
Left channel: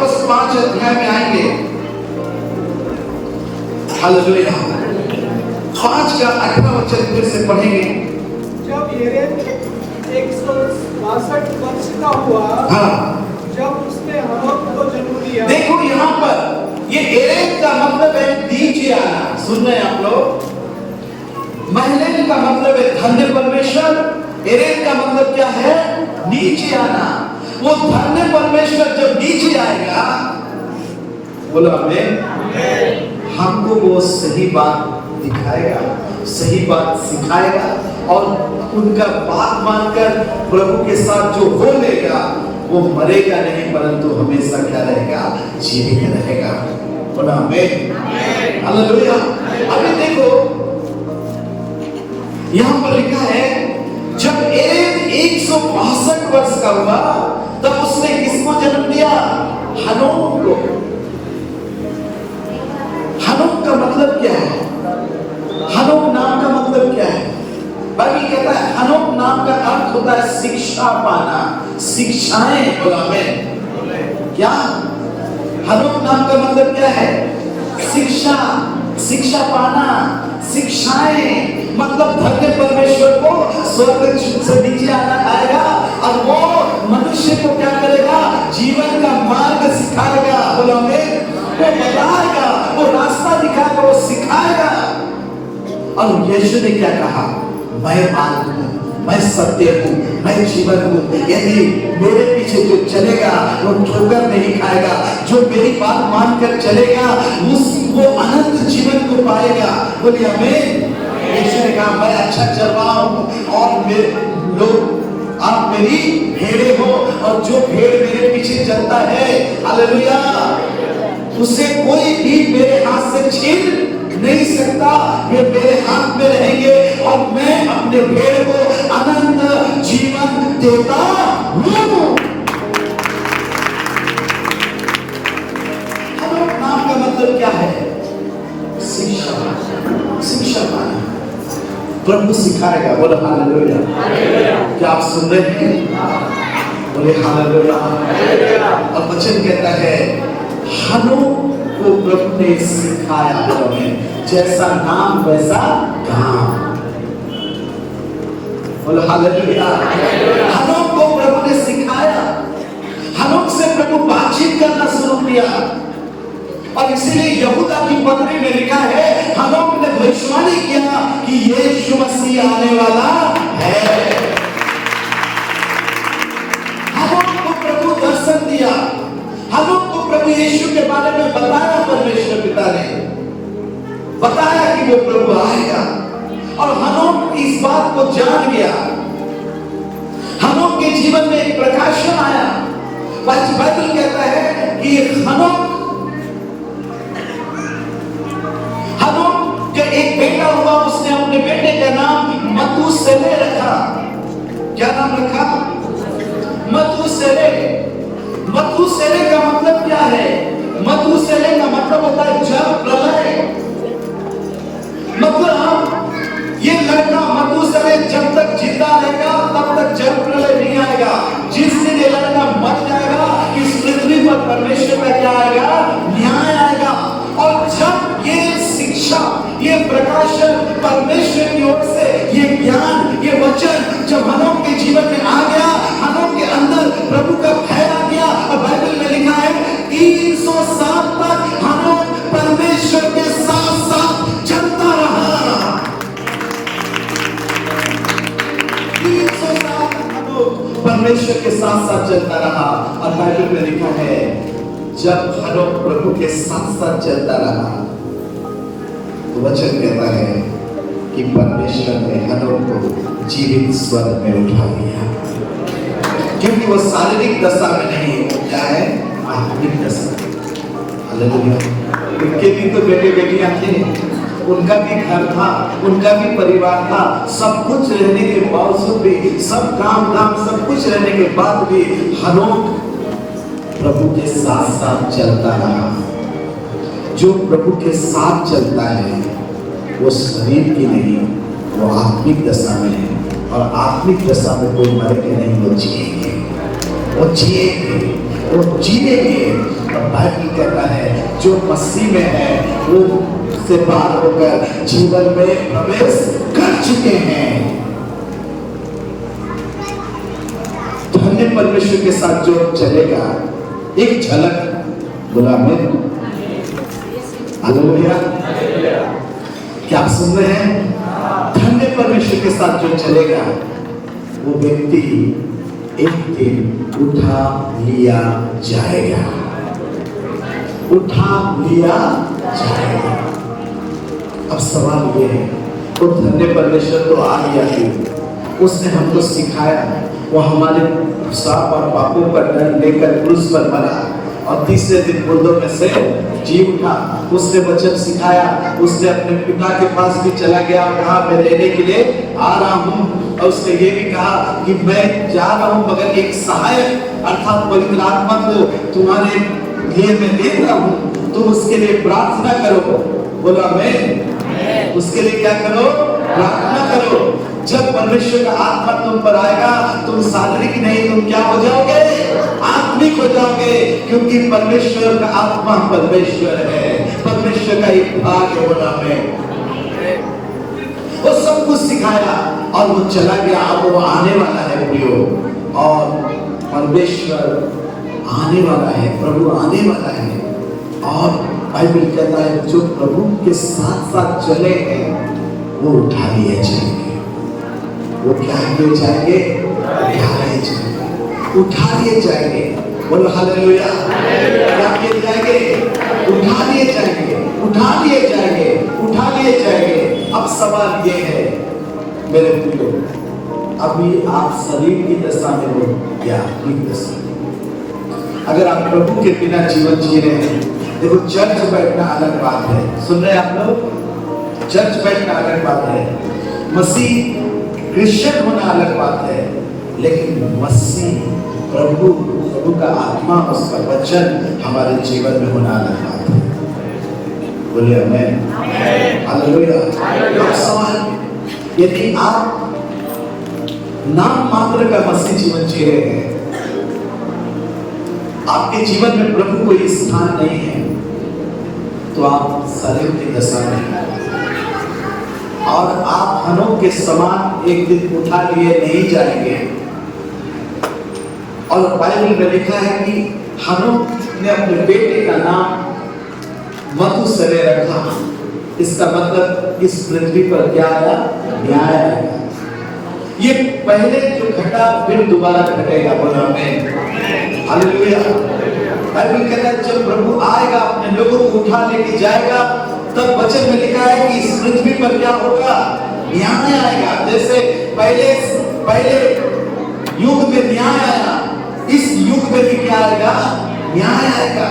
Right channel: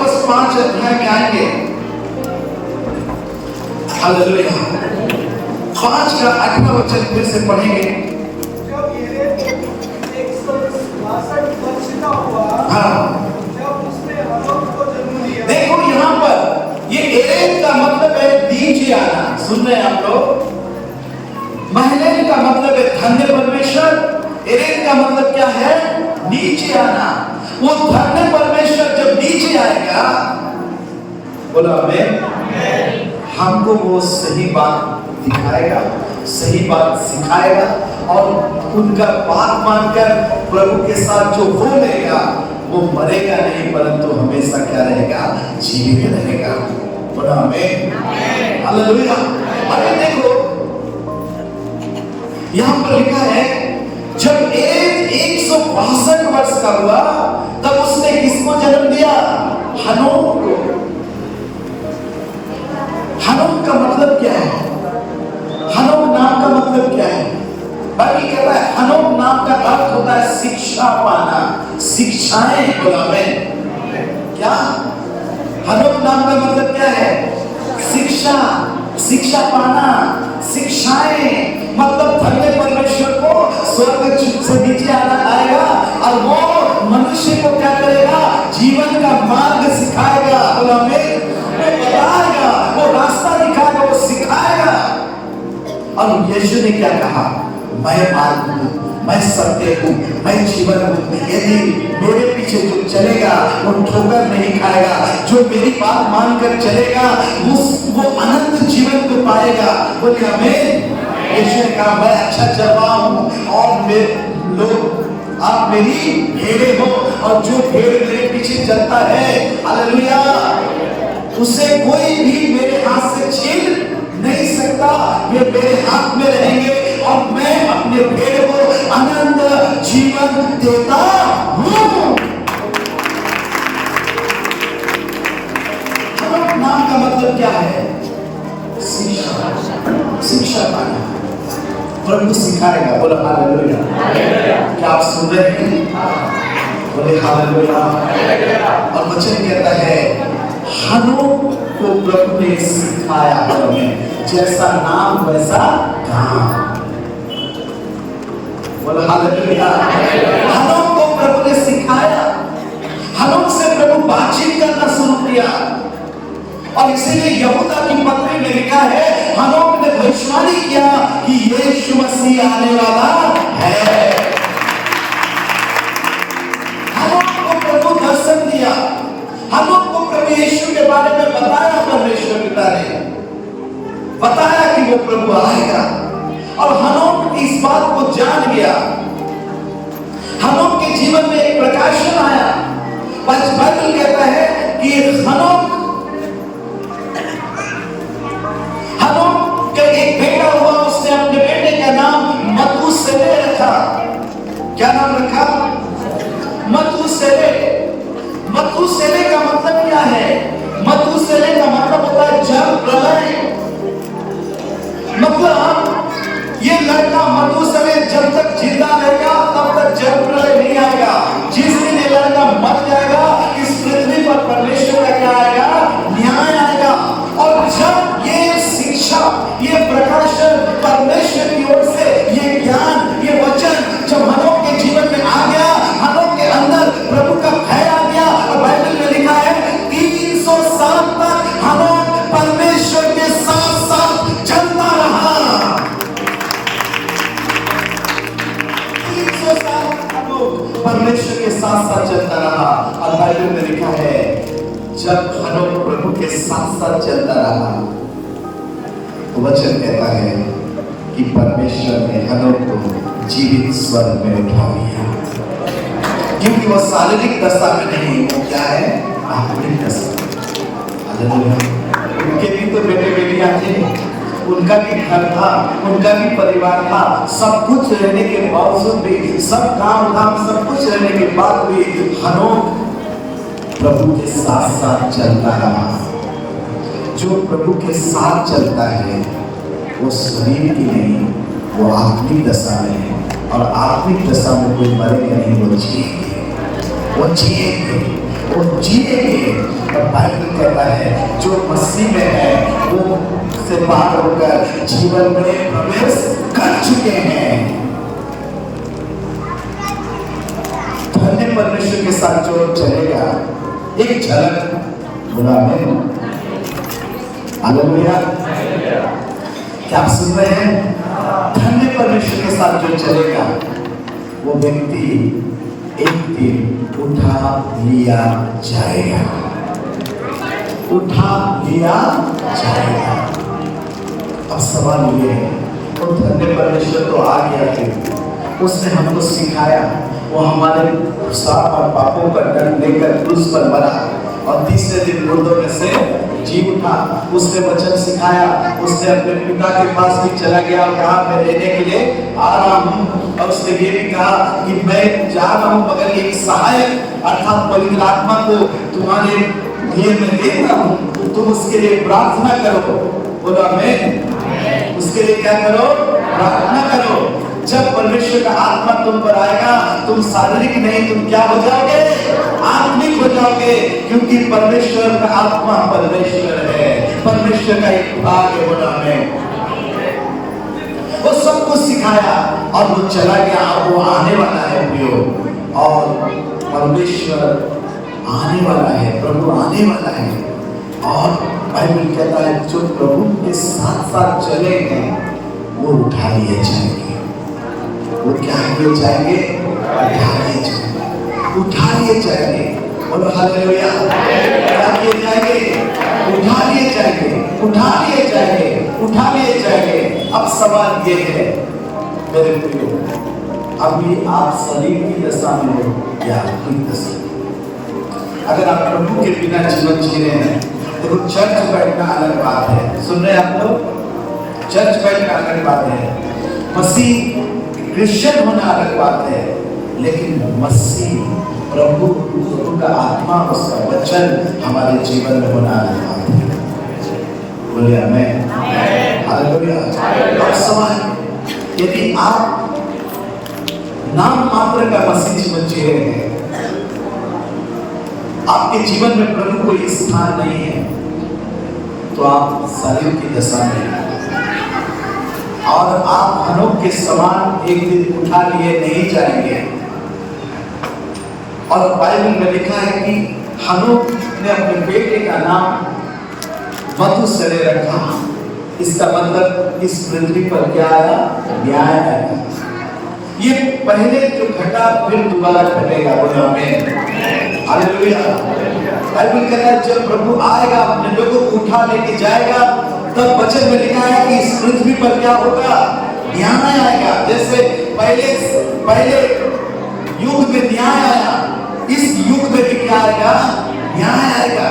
बस 5 अध्याय में आएंगे। हालेलुया। 5 का 18 वचन फिर से पढ़ेंगे। जब येरेद 162 वर्ष का हुआ, हाँ, जब उसने हनोक को जन्म दिया। देखो यहाँ पर ये येरेद का मतलब है नीचे आना। सुन रहे हैं आप लोग? महलेल का मतलब है धन्य परमेश्वर, येरेद का मतलब क्या है? नीचे आना। वो धन्य परमेश्वर जब नीचे आएगा, बोलो आमीन, हमको वो सही बात दिखाएगा, सही बात सिखाएगा, और उनका बात मानकर प्रभु के साथ जो हो लेगा वो मरेगा नहीं, परंतु हमेशा क्या रहेगा? जीवित रहेगा। बोलो आमीन, हालेलुया। अभी देखो यहाँ पर लिखा है जब येरेद 162 वर्ष का हुआ तब उसने किसको जन्म दिया? हनोक को। हनोक का मतलब क्या है? हनोक नाम का मतलब क्या है? बाइबल कहता है हनोक नाम का अर्थ होता है शिक्षा पाना, शिक्षाएं। बोलो आमीन। क्या हनोक नाम का मतलब क्या है? शिक्षा, शिक्षा पाना, शिक्षाएं। मतलब धन्य परमेश्वर को स्वर्ग से नीचे आएगा और वो मनुष्य को क्या करेगा? जीवन का मार्ग सिखाएगा। बोलो आमीन। वो बताएगा, वो रास्ता दिखाएगा, वो सिखाएगा। और यीशु ने क्या कहा? मैं मार्ग हूँ, मैं सत्य हूँ, मैं जीवन हूँ। यदि मेरे पीछे जो चलेगा वो ठोकर नहीं खाएगा, जो मेरी बात मानकर चलेगा वो अनंत जीवन को पाएगा। बोलिए आमीन। यीशु ने कहा मैं अच्छा चल रहा हूँ और लोग आप मेरी भेड़ें हो, और जो भेड़ मेरे पीछे चलता है, हालेलुया, उसे कोई भी मेरे हाथ से छीन नहीं सकता। वे मेरे हाथ में रहेंगे और मैं अपने भेड़ को अनंत जीवन देता हूँ। हनोक नाम का मतलब क्या है? शिक्षा, शिक्षा पाना। प्रभु सिखाएगा। बोलो हालेलुया। क्या आप सुन रहे हैं? बोले हालेलुया। और वचन कहता है हनोक को प्रभु ने सिखाया, जैसा नाम वैसा काम। बोलो हालेलुया। हनोक को प्रभु ने सिखाया, हनोक से प्रभु बातचीत करना शुरू किया, और इसीलिए यहूदा की पत्री में लिखा है हनोक ने भविष्यवाणी किया कि यीशु मसीह आने वाला है। हनोक को प्रभु दर्शन दिया, हनोक को प्रभु यीशु के बारे में बताया। परमेश्वर पिता ने बताया कि वो प्रभु आएगा, और हनोक इस बात को जान गया। हनोक के जीवन में एक प्रकाशन आया। बाइबल कहता है कि हनोक का एक बेटा हुआ, उसने अपने बेटे का नाम मतूशेलह रखा। क्या नाम रखा? मतूशेलह। मतूशेलह का मतलब क्या है? मतूशेलह का मतलब होता है जल प्रलय। मतलब ये लड़का मतूशेलह जब तक जिंदा रहेगा तब तक जल प्रलय नहीं आएगा। जिस दिन ये लड़का मर जाएगा इस पृथ्वी पर परमेश्वर का क्या आएगा? न्याय आएगा। और जब ये शिक्षा, ये प्रकाशन परमेश्वर की ओर से, ये ज्ञान, ये वचन जब हनोक के जीवन में आ गया, हनोक के अंदर प्रभु का भय आ गया। और बाइबल में लिखा है 300 साल तक हनोक परमेश्वर के साथ साथ चलता रहा। 300 साल हनोक परमेश्वर के साथ साथ चलता रहा। और बाइबल में लिखा है जब हनोक प्रभु के साथ साथ चलता रहा, वचन कहता है कि परमेश्वर ने हनोक को जीवित स्वर्ग में उठा लिया। क्योंकि वो शारीरिक दशा में नहीं, वो क्या है, आत्मिक दशा। हालेलुया। उनके भी तो बेटे बेटियां थे, उनका भी घर था, उनका भी परिवार था, सब कुछ रहने के बावजूद भी, सब काम धाम सब कुछ रहने के बाद भी हनोक प्रभु के साथ साथ चलता रहा। जो प्रभु के साथ चलता है वो शरीर की नहीं, वो आत्मिक दशा में है, और आत्मिक दशा में कोई मरेंगे नहीं, वो जिएंगे, वो जिएंगे, वो जिएंगे। और बाइबल कहता है जो मसीह में है वो से बात होकर जीवन में प्रवेश कर चुके हैं। धन्य परमेश्वर के साथ जो चलेगा, एक झलक बोला मैं, हालेलुया, क्या आप सुन रहे हैं? धन्य परमेश्वर के साथ जो चलेगा वो व्यक्ति एक दिन उठा लिया जाएगा, उठा लिया जाएगा। अब सवाल ये है, तो धन्य परमेश्वर तो आ गया कि उसने हमको सिखाया, वो हमारे साथ और पापों पर दंड लेकर क्रूस पर मरा और तीसरे दिन मुर्दों में से जी उठा। उसने वचन सिखाया, उसने अपने पिता के पास भी चला गया, कहा मैं लेने के लिए आ रहा हूँ, और उसने ये भी कहा कि मैं जा रहा हूँ मगर एक सहायक अर्थात पवित्र आत्मा को तुम्हारे लिए मैं दे रहा हूँ, तुम उसके लिए प्रार्थना करो। बोला मैं, उसके लिए क्या करो? प्रार्थना करो। जब परमेश्वर का आत्मा तुम पर आएगा, तुम शारीरिक नहीं, तुम क्या हो जाओगे? आत्मिक हो जाओगे, क्योंकि परमेश्वर का आत्मा परमेश्वर है, परमेश्वर का एक भाग है। बोला मैं, वो सब कुछ सिखाया और वो चला गया, वो आने वाला है प्रियो, और परमेश्वर आने वाला है, प्रभु आने वाला है। और बाइबल कहता है जो प्रभु के साथ साथ चले हैं वो उठा लिए जाएंगे। वो क्या किए जाएंगे? उठा लिए जाएंगे, उठा लिए जाएंगे। बोलो हालेलुया। उठा लिए जाएंगे, उठा लिए जाएंगे, उठा लिए जाएंगे, उठा लिए जाएंगे। अब सवाल ये है मेरे प्रियो, अभी आप शरीर की दशा में हो या आत्मिक दशा? अगर आप प्रभु के बिना जीवन जी रहे हैं, देखो चर्च बैठना अलग बात है, सुन रहे हैं आप लोग? चर्च बैठना अलग बात है, मसीह क्रिश्चियन होना अलग बात है, लेकिन मसीह प्रभु का आत्मा, उसका वचन हमारे जीवन में होना अलग बात है। बोलिए आमीन, हालेलुया। सवाल, यदि आप नाम मात्र का मसीह जीवन जी रहे हैं, आपके जीवन में प्रभु कोई स्थान नहीं है, तो आप शरीर की दशा में हैं, और आप हनोक के समान एक दिन उठा लिए नहीं जाएंगे। और बाइबल में लिखा है कि हनोक ने अपने बेटे का नाम मथुसेलह रखा। इसका मतलब इस पृथ्वी पर क्या आया? न्याय आया। ये पहले जो घटा फिर दोबारा घटेगा। बोला आमीन, हालेलुया। बाइबल कहता है जब प्रभु आएगा, अपने लोगों को उठा लेके जाएगा, तब वचन में लिखा है कि इस पृथ्वी पर क्या होगा? न्याय आएगा। जैसे पहले युग में न्याय आया, इस युग में भी क्या आएगा? न्याय आएगा।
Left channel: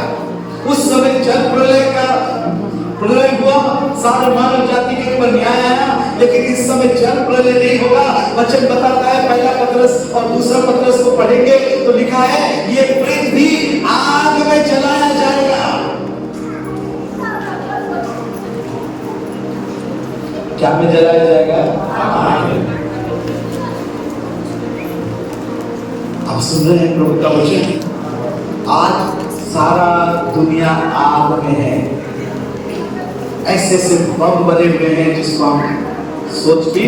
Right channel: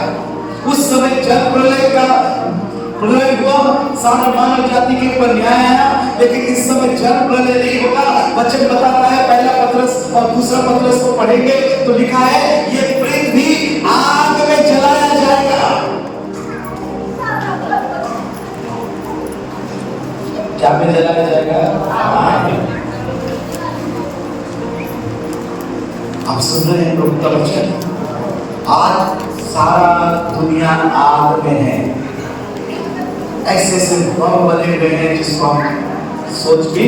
उस समय जल प्रलय हुआ, सारी मानव जाति के ऊपर न्याय आया, लेकिन इस समय जल प्रलय नहीं होगा। वचन बताता है, पहला पत्रस और दूसरा पत्रस को पढ़ेंगे तो लिखा है ये पृथ्वी आग में जलाया जाएगा। क्या में जलाया जाएगा? आग में। आप सुन रहे हैं प्रभु का वचन? आज सारा दुनिया आग में है। ऐसे ऐसे बम बने हुए हैं जिसको हम सोच भी।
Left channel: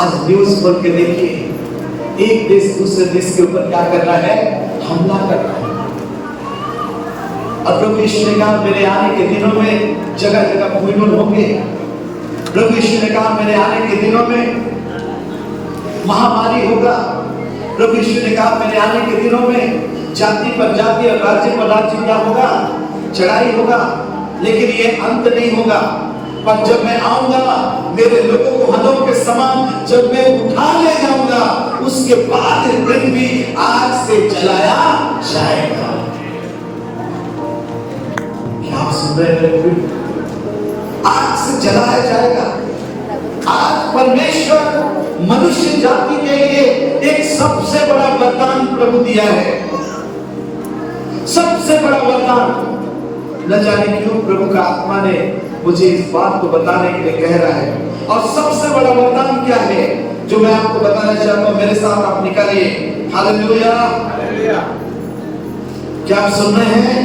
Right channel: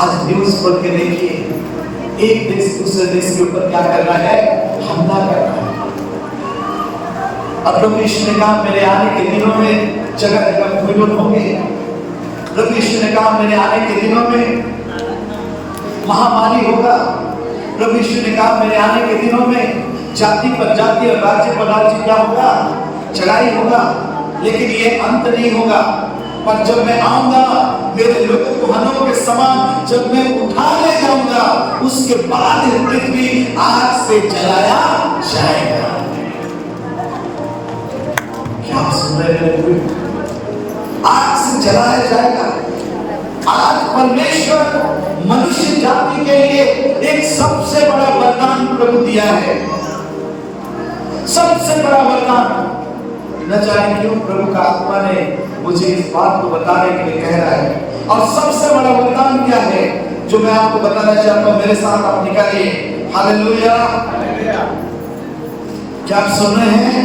आज न्यूज खोल के देखिए, एक देश दूसरे देश के ऊपर क्या कर रहा है? हमला कर रहा है। और प्रभु यीशु ने कहा मेरे आने के दिनों में जगह जगह भूकंप होंगे। प्रभु यीशु ने कहा मेरे आने के दिनों में महामारी होगा। प्रभु यीशु ने कहा मेरे आने के दिनों में जाति पर जाति और राज्य पर राज्य क्या होगा? चढ़ाई होगा। लेकिन ये अंत नहीं होगा। पर जब मैं आऊंगा, मेरे लोगों को हनोक के समान जब मैं उठा ले जाऊंगा, उसके बाद पृथ्वी आग से जलाया जाएगा। क्या सुन रहे हैं? आग से जलाया जाएगा। आज परमेश्वर मनुष्य जाति के लिए एक सबसे बड़ा वरदान प्रभु दिया है, सबसे बड़ा वरदान। न जाने क्यों प्रभु का आत्मा ने मुझे इस बात को बताने के लिए कह रहा है। और सबसे बड़ा वरदान क्या है जो मैं आपको बताना चाहता हूं? मेरे साथ आप निकालिए। हालेलुया, क्या आप सुन रहे हैं?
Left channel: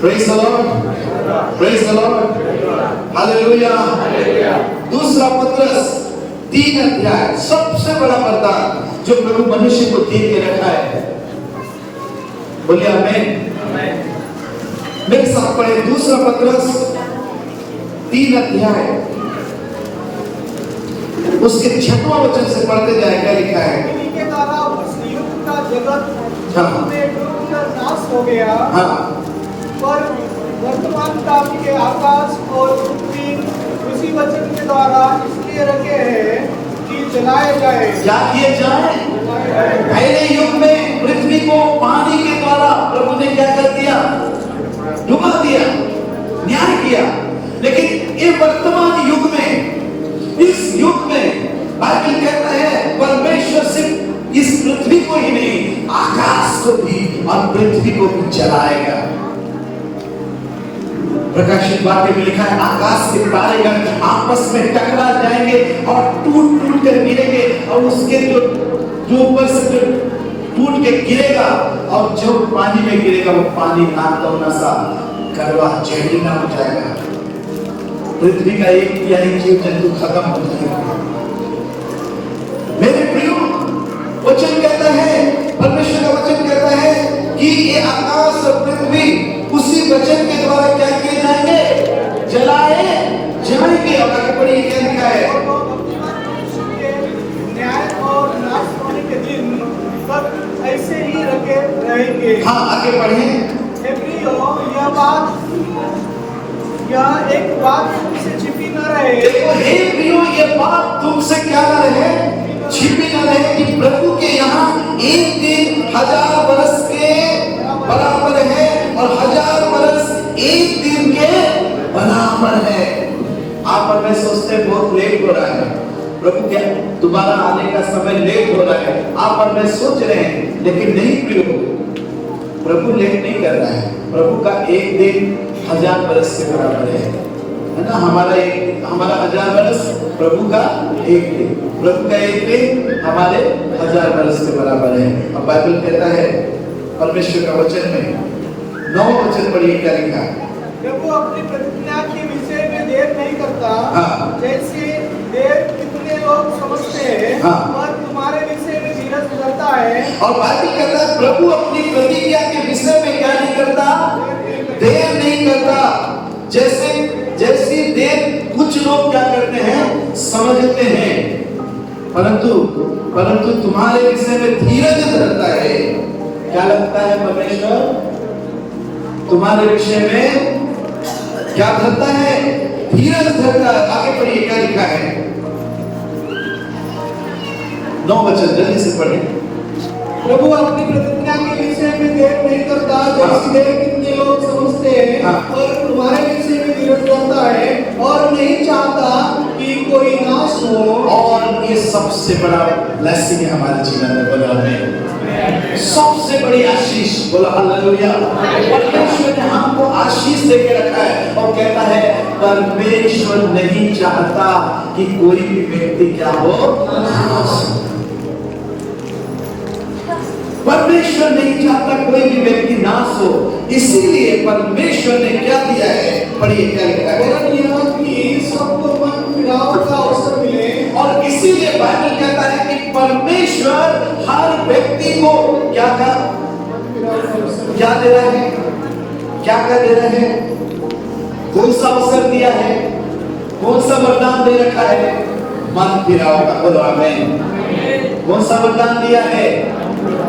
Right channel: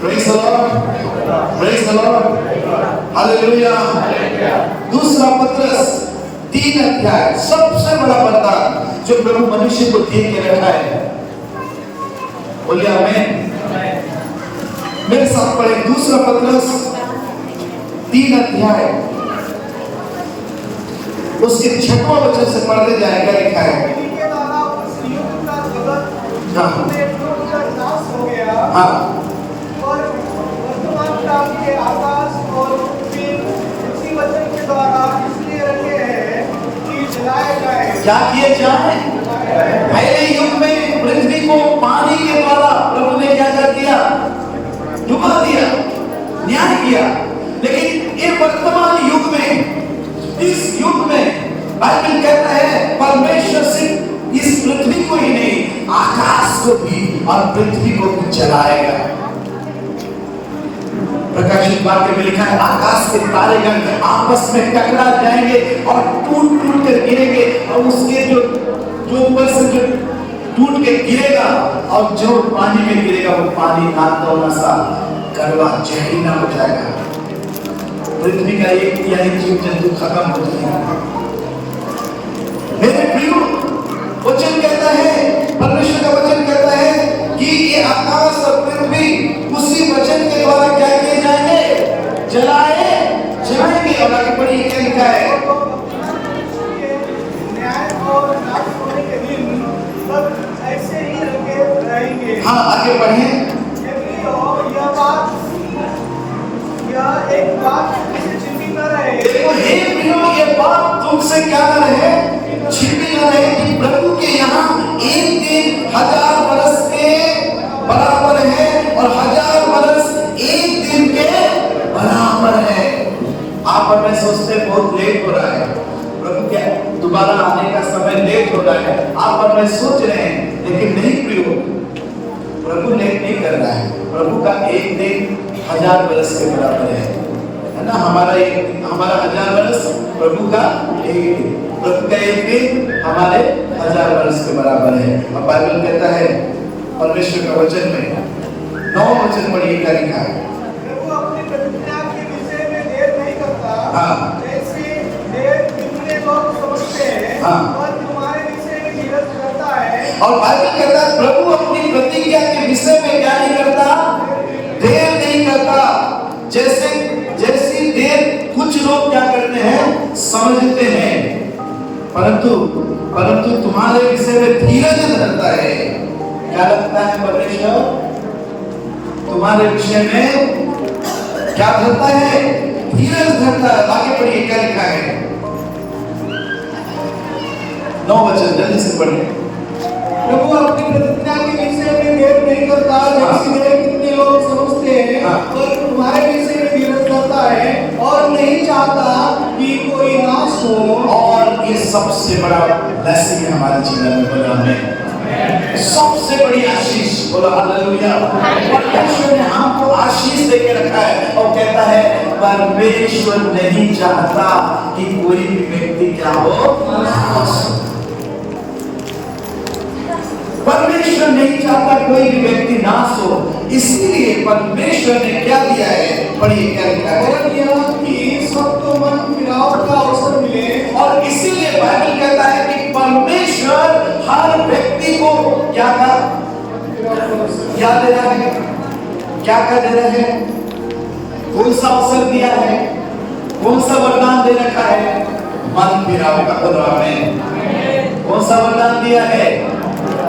Praise the Lord, praise the Lord, hallelujah. दूसरा पत्रस 3 अध्याय, सबसे बड़ा वरदान जो प्रभु मनुष्य को दे के रखा है। बोलिए आमीन। मेरे साथ पढ़े दूसरा पत्रस 3 अध्याय, उसके 6वां वचन से पढ़ते जाए। क्या लिखा है? इन्हीं के द्वारा उस युग का जगत हाँ। में डूबकर नाश हो गया। हाँ। और वर्तमान काल के आकाश और पृथ्वी उसी वचन के द्वारा इसलिए रखे हैं कि जलाए जाए। क्या किए जाए? पहले युग में पृथ्वी को पानी के द्वारा प्रभु ने क्या कर दिया? डुबा दिया, न्याय किया। लेकिन ये वर्तमान युग में, इस युग में बाइबल कहता है परमेश्वर सिर्फ इस पृथ्वी को ही नहीं, आकाश को भी और पृथ्वी को भी जलाएगा। प्रकाशित वाक्य में लिखा है आकाश के तारेगण आपस में टकरा जाएंगे और टूट टूट कर गिरेंगे, और उसके जो ऊपर से जो टूट के गिरेगा और जो पानी में गिरेगा वो पानी नाकदौना सा कड़वा जहरीला हो जाएगा। पृथ्वी का एक तिहाई जीव जंतु खत्म हो जाएगा। मेरे प्रियो, वचन कहता है, परमेश्वर का वचन कहता है कि ये आकाश और पृथ्वी उसी वचन के द्वारा क्या किए जाएंगे? जलाए जाएंगे। और आगे पढ़िए क्या लिखा है? न्याय और नाश होने के दिन सब ऐसे ही रखे रहेंगे। हाँ, आगे बढ़े। यह एक बात तुमसे छिपी न रहे। हे प्रियो, ये बात तुमसे क्या न रहे? छिपी न रहे कि प्रभु के यहाँ एक दिन 1000 बरस के बराबर है और 1000 बरस एक दिन के बराबर है। आप और मैं सोचते हैं बहुत लेट हो रहा है, प्रभु के दोबारा आने का समय लेट हो रहा है, आप और मैं सोच रहे हैं। लेकिन नहीं प्रियो, प्रभु लेट नहीं कर रहा है। प्रभु का एक दिन 1000 बरस के बराबर है ना? हमारा 1000 बरस, प्रभु का एक दिन, प्रभु का एक दिन हमारे 1000 बरस के बराबर है। और बाइबल कहता है परमेश्वर का वचन में 9वां वचन पढ़िए क्या लिखा है? प्रभु अपनी प्रतिज्ञा के विषय में देर नहीं करता। हाँ। जैसे देर कितने लोग समझते हैं। हाँ। और तुम्हारे विषय में धीरज करता है। और बाइबल कहता है प्रभु अपनी प्रतिज्ञा के विषय में क्या नहीं करता? देर नहीं करता। जैसी देर कुछ लोग क्या करते हैं? समझते हैं, परंतु तुम्हारे विषय में धीरज धरता है। क्या लगता है परमेश्वर? तुम्हारे विषय में क्या धरता है? धीरज धरता है। आगे पढ़िए क्या लिखा है? 9 वचन जल्दी से पढ़िए। प्रभु अपनी प्रतिज्ञा के विषय में देर नहीं करता। जैसी देर कितने लोग समझते हैं। और तुम्हारे विषय में धीरज करता है और नहीं चाहता कि कोई नाश हो। और ये सबसे बड़ा ब्लेसिंग है हमारे जीवन में, सबसे बड़ी आशीष। बोलो हालेलुया। परमेश्वर ने हमको आशीष देके रखा है और कहता है परमेश्वर नहीं चाहता कि कोई भी व्यक्ति क्या हो? नाश हो। परमेश्वर नहीं चाहता कोई भी व्यक्ति नाश हो, इसीलिए परमेश्वर ने क्या दिया है? पढ़िए क्या लिखा है? कि सबको मन फिराव का अवसर मिले। और इसीलिए बाइबल कहता है कि परमेश्वर हर व्यक्ति को क्या दे रहा है? क्या दे रहा है? कौन सा अवसर दिया है? कौन सा वरदान दे रखा है? मन फिराव का। बोलो आमीन। कौन सा वरदान दिया है?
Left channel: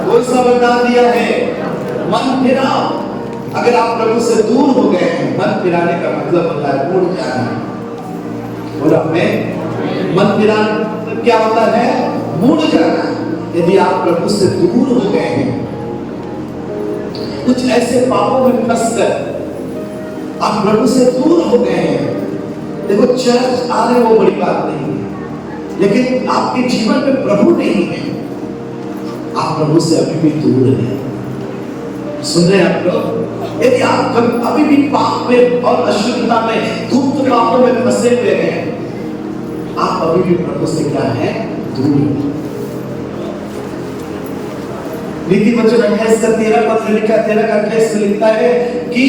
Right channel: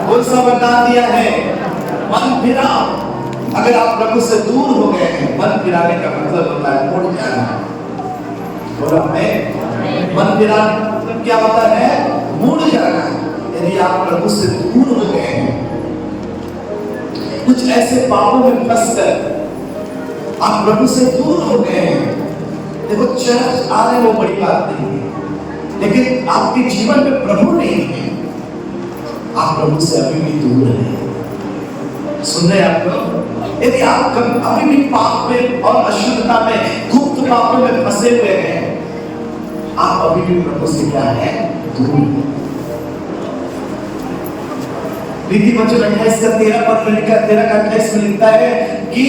कौन सा वरदान दिया है? मन फिराव। अगर आप प्रभु से दूर हो गए हैं, मन फिराने का मतलब होता है मुड़ जाना। बोलो आमीन। मन फिराने का मतलब क्या होता है? मुड़ जाना। यदि आप प्रभु से दूर हो गए हैं, कुछ ऐसे पापों में फंसकर आप प्रभु से दूर हो गए हैं, देखो चर्च आने वो बड़ी बात नहीं है, लेकिन आपके जीवन में प्रभु नहीं है, आप प्रभु से अभी भी दूर हैं। सुन रहे आप लोग? यदि आप अभी भी पाप में और अशुद्धता में, गुप्त पापों में फंसे हुए हैं, आप अभी भी प्रभु से क्या है? दूर। नीति वचन 28:13 में लिखता है कि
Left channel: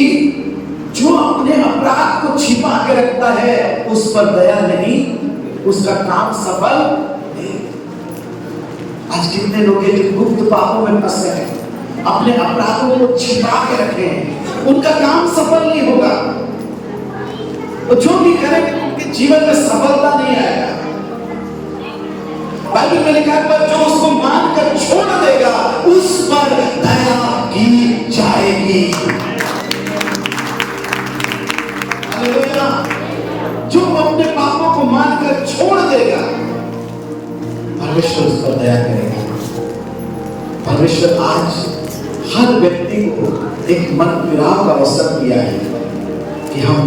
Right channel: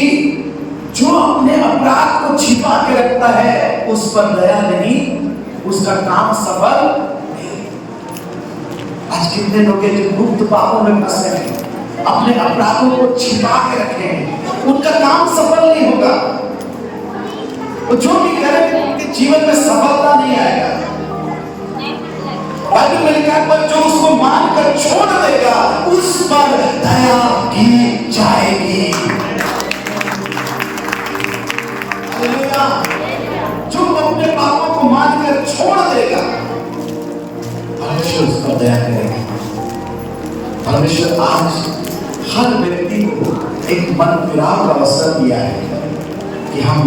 जो अपने अपराध को छिपा के रखता है उस पर दया नहीं, उसका काम सफल नहीं। आज कितने लोग हैं जो गुप्त पापों में फंसे हैं, अपने अपराधों को छिपा के रखे हैं, उनका काम सफल नहीं होगा। वो जो भी करेंगे उनके जीवन में सफलता नहीं आएगा। बाइबल में लिखा है पर जो उसको मानकर छोड़ देगा उस पर दया की जाएगी। हालेलुया। जो अपने पापों को मानकर छोड़ देगा, परमेश्वर उस पर दया करेगा। परमेश्वर आज हर व्यक्ति को एक मन फिराव का अवसर दिया है कि हम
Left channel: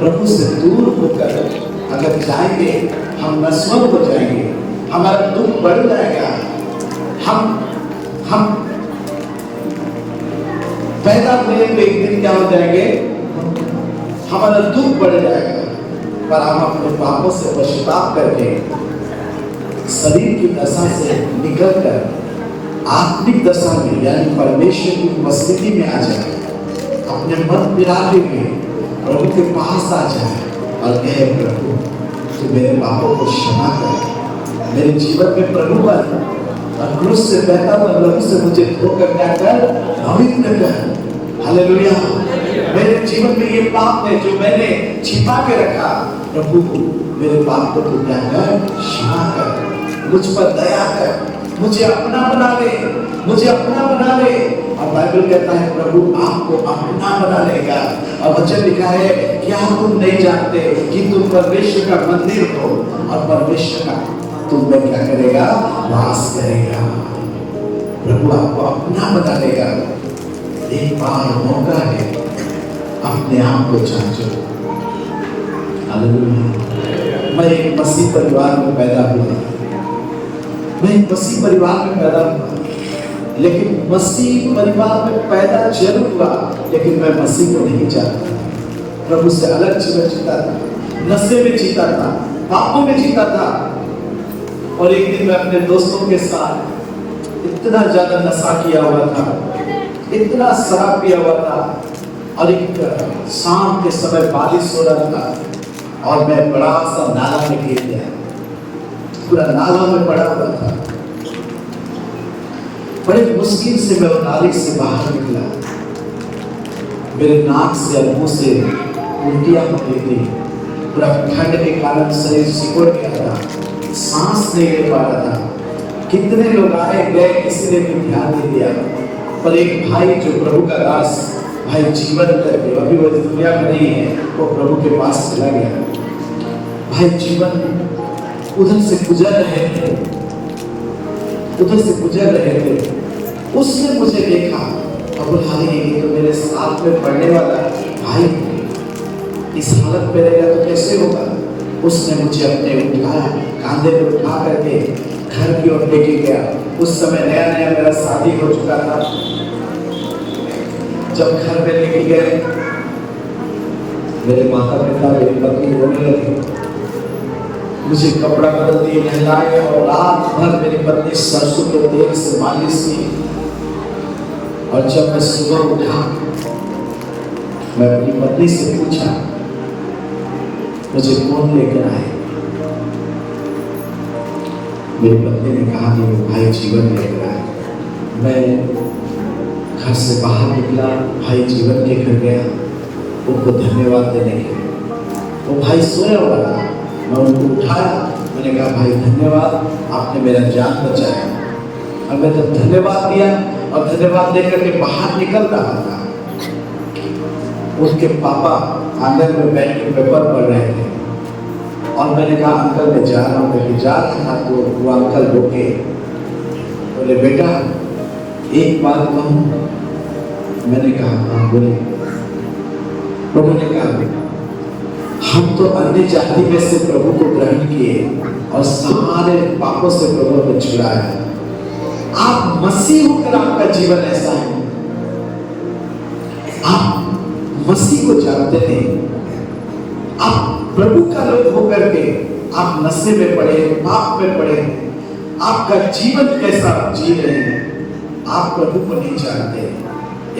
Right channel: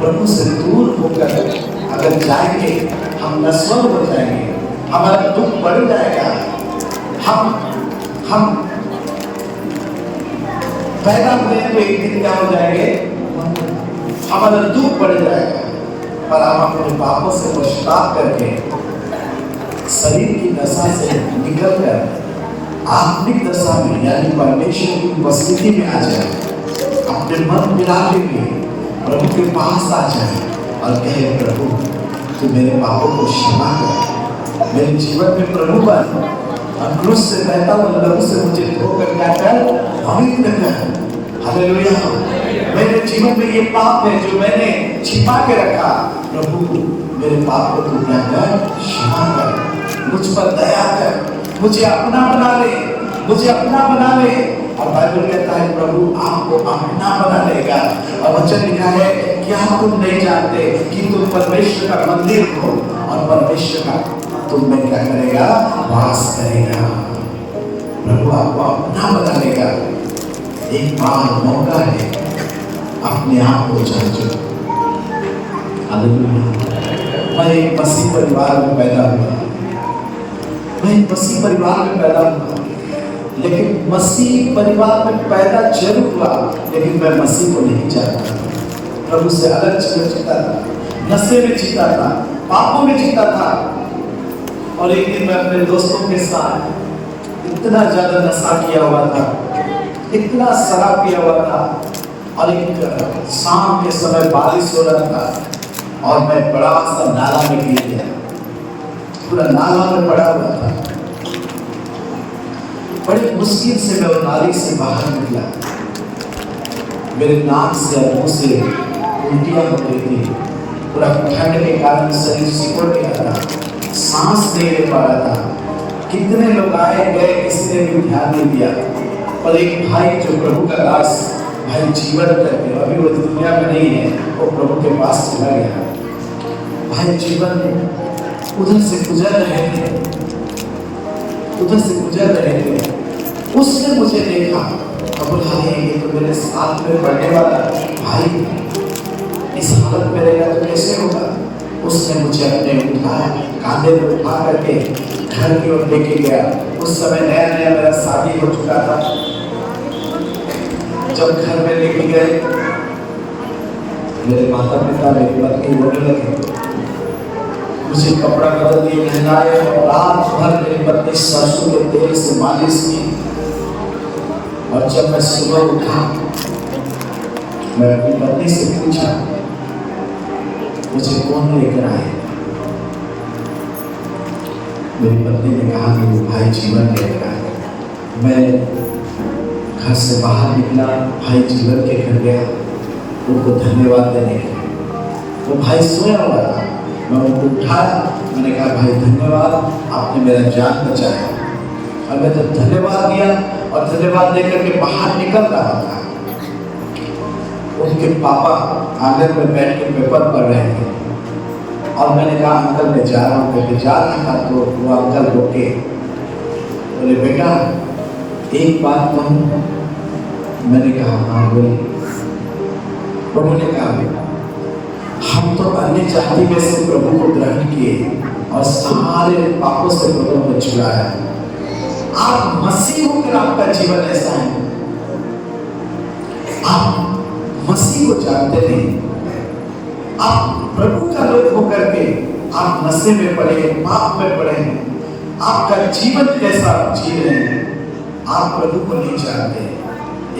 प्रभु से दूर होकर अगर जाएंगे, हम नश्वर हो जाएंगे, हमारा दुख बढ़ जाएगा, हम पैदा हुए एक दिन क्या हो जाएंगे, हमारा दुख बढ़ जाएगा। पर हम अपने पापों से पश्चाताप करके शरीर की दशा से निकलकर आत्मिक दशा में यानी परमेश्वर की उपस्थिति में आ जाए, अपने मन मिलाते हुए प्रभु के पास आ जाए और कहे प्रभु तू मेरे पापों को क्षमा कर, मेरे जीवन में प्रभु कर, और क्रूस से बहता हुआ लहू से मुझे धोकर क्या कर, पवित्र कर। हालेलुया। मेरे जीवन में ये पाप है जो मैंने छिपा के रखा, प्रभु मेरे पाप को तू क्या कर, क्षमा कर, मुझ पर दया कर, मुझे अपना बना ले, मुझे अपना बना ले। और बाइबल कहता है प्रभु आपको अपना बना लेगा। और वचन लिखा है क्या तुम नहीं जानते कि तुम परमेश्वर का मंदिर हो और परमेश्वर का तुम में क्या करेगा, वास करेगा। प्रभु आपको अपना बना लेगा। एक बार मौका है, अपने आप को जांचो। हालेलुया। मैं एक मसीह परिवार में पैदा हुआ, मैं एक मसीह परिवार में पैदा हुआ, लेकिन मसीह परिवार में पैदा जरूर हुआ, लेकिन मैं मसीह को नहीं जानता। प्रभु से अलग जीवन जीता था, नशे में जीता था, पापों में जीता था। और एक दिन मैं अपने दोस्तों के साथ इतना ज्यादा नशा किया हुआ था, इतना शराब पिया हुआ था, और एक शाम के समय बारिश हो रहा था और मैं बड़ा सा नाला में गिर गया, पूरा नाला में पड़ा हुआ था। बड़े मुश्किल से मैं नाली से बाहर निकला। मेरे नाक से और मुंह से उल्टियां हो रही थी, पूरा ठंड के कारण शरीर सिकुड़ गया था, सांस नहीं ले पा रहा था। कितने लोग आए गए, किसी ने भी ध्यान नहीं दिया। पर एक भाई जो प्रभु का दास भाई जीवन करके अभी वो दुनिया में नहीं है, वो प्रभु के पास चला गया। भाई जीवन उधर से गुजर रहे थे, उधर से गुजर रहे थे। उसने मुझे देखा और बोला ये तो मेरे साथ में पढ़ने वाला भाई इस हालत में रहेगा तो कैसे होगा। उसने मुझे अपने कांधे पर उठा करके घर की ओर लेके गया। उस समय नया नया मेरा शादी हो चुका था। जब घर में लेके गए, मेरे माता पिता बेटी रोने लगे, मुझे कपड़ा बदल दिए, नहलाए और रात भर मेरी पत्नी सरसों के तेल से मालिश की। और जब मैं सुबह उठा, मैं अपनी पत्नी से पूछा मुझे कौन लेकर आए। मेरी पत्नी ने कहा कि भाई जीवन लेकर आए। मैं घर से बाहर निकला, भाई जीवन के घर गया उनको धन्यवाद देने के लिए। वो भाई सोया हुआ था, मैं उनको उठाया, मैंने कहा भाई धन्यवाद, आपने मेरा जान बचाया। और मैं तो धन्यवाद दिया और धन्यवाद देकर के बाहर निकल रहा था। उनके पापा आंगन में बैठ के पेपर पढ़ रहे थे और मैंने कहा अंकल मैं जा रहा हूँ, जा रहा था तो वो अंकल रोके, बोले बेटा एक बात कहूं। मैंने कहा हाँ बोले। उन्होंने कहा हम तो अन्य जाति में से प्रभु को ग्रहण किए और सारे पापों से प्रभु को छुड़ाया। आप मसीह होकर आपका जीवन ऐसा है, आप मसीह को जानते नहीं, आप प्रभु का लोग होकर के आप नशे में पड़े, पाप में पड़े, आपका जीवन कैसा जी रहे हैं, आप प्रभु को नहीं जानते।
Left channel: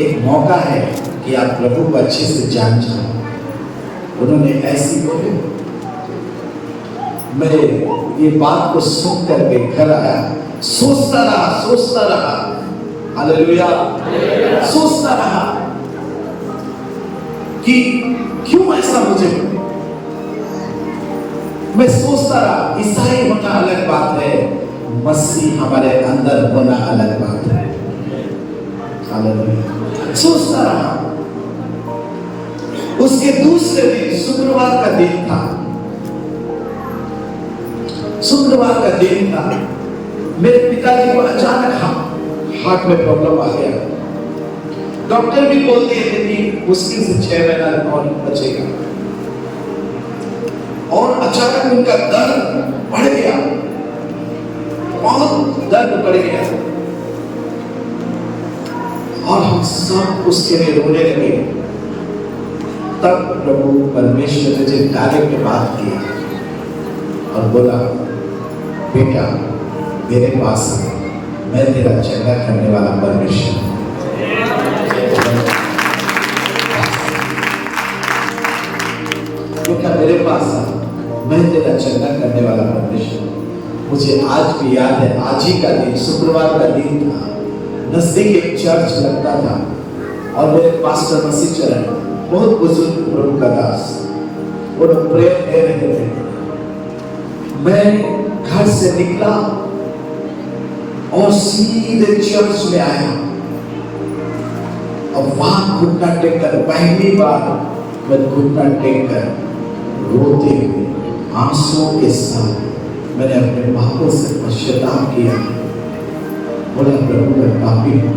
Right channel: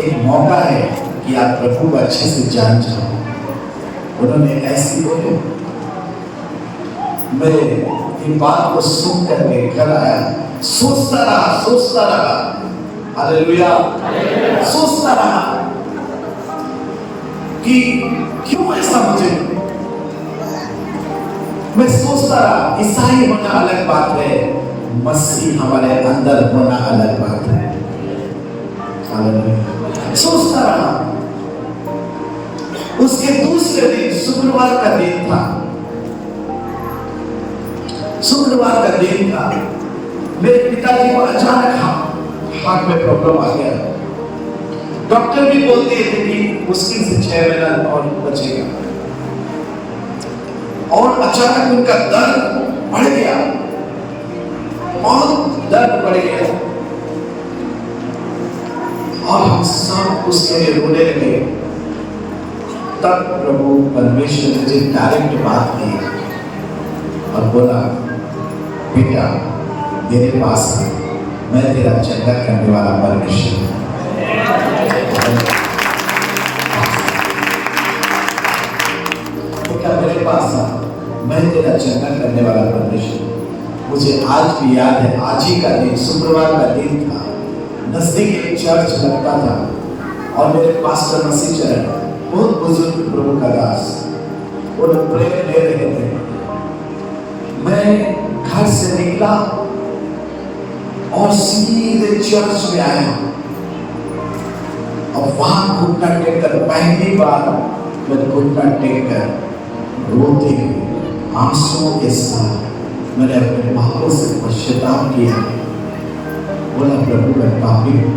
एक मौका है कि आप प्रभु को अच्छे से जान जाओ। उन्होंने ऐसी बोले। मैं ये बात को सुन करके घर आया, सोचता रहा हालेलुया, सोचता रहा कि क्यों ऐसा मुझे। मैं सोचता रहा ईसाई होना अलग बात है, मसीह हमारे अंदर होना अलग बात है। हालेलुया, सोचता रहा। उसके दूसरे दिन शुक्रवार का दिन था, शुक्रवार का दिन था। मेरे पिताजी को अचानक हार्ट में प्रॉब्लम आ गया। डॉक्टर भी बोल दिए थे कि मुश्किल से 6 महीना और बचेगा, और अचानक उनका दर्द बढ़ गया, और दर्द बढ़ गया, और हम सब उसके लिए रोने लगे। तब प्रभु परमेश्वर मुझे डायरेक्ट बात की और बोला बेटा मेरे पास आ, मैं तेरा चंगा करने वाला परमेश्वर। बेटा मेरे पास आ, मैं तेरा चंगा करने वाला परमेश्वर। मुझे आज भी याद है, आज ही का दिन शुक्रवार का दिन था। नजदीक एक चर्च लगता था और मेरे पास्टर मसीह चरण बहुत बुजुर्ग प्रभु का दास, वो लोग प्रेयर दे रहे थे। मैं घर से निकला और सीधे चर्च में आया, और वहां घुटना टेककर पहली बार मैं घुटना टेककर रोते हुए आंसुओं के साथ मैंने अपने पापों से पश्चाताप किया। बोला प्रभु मैं पापी हूं,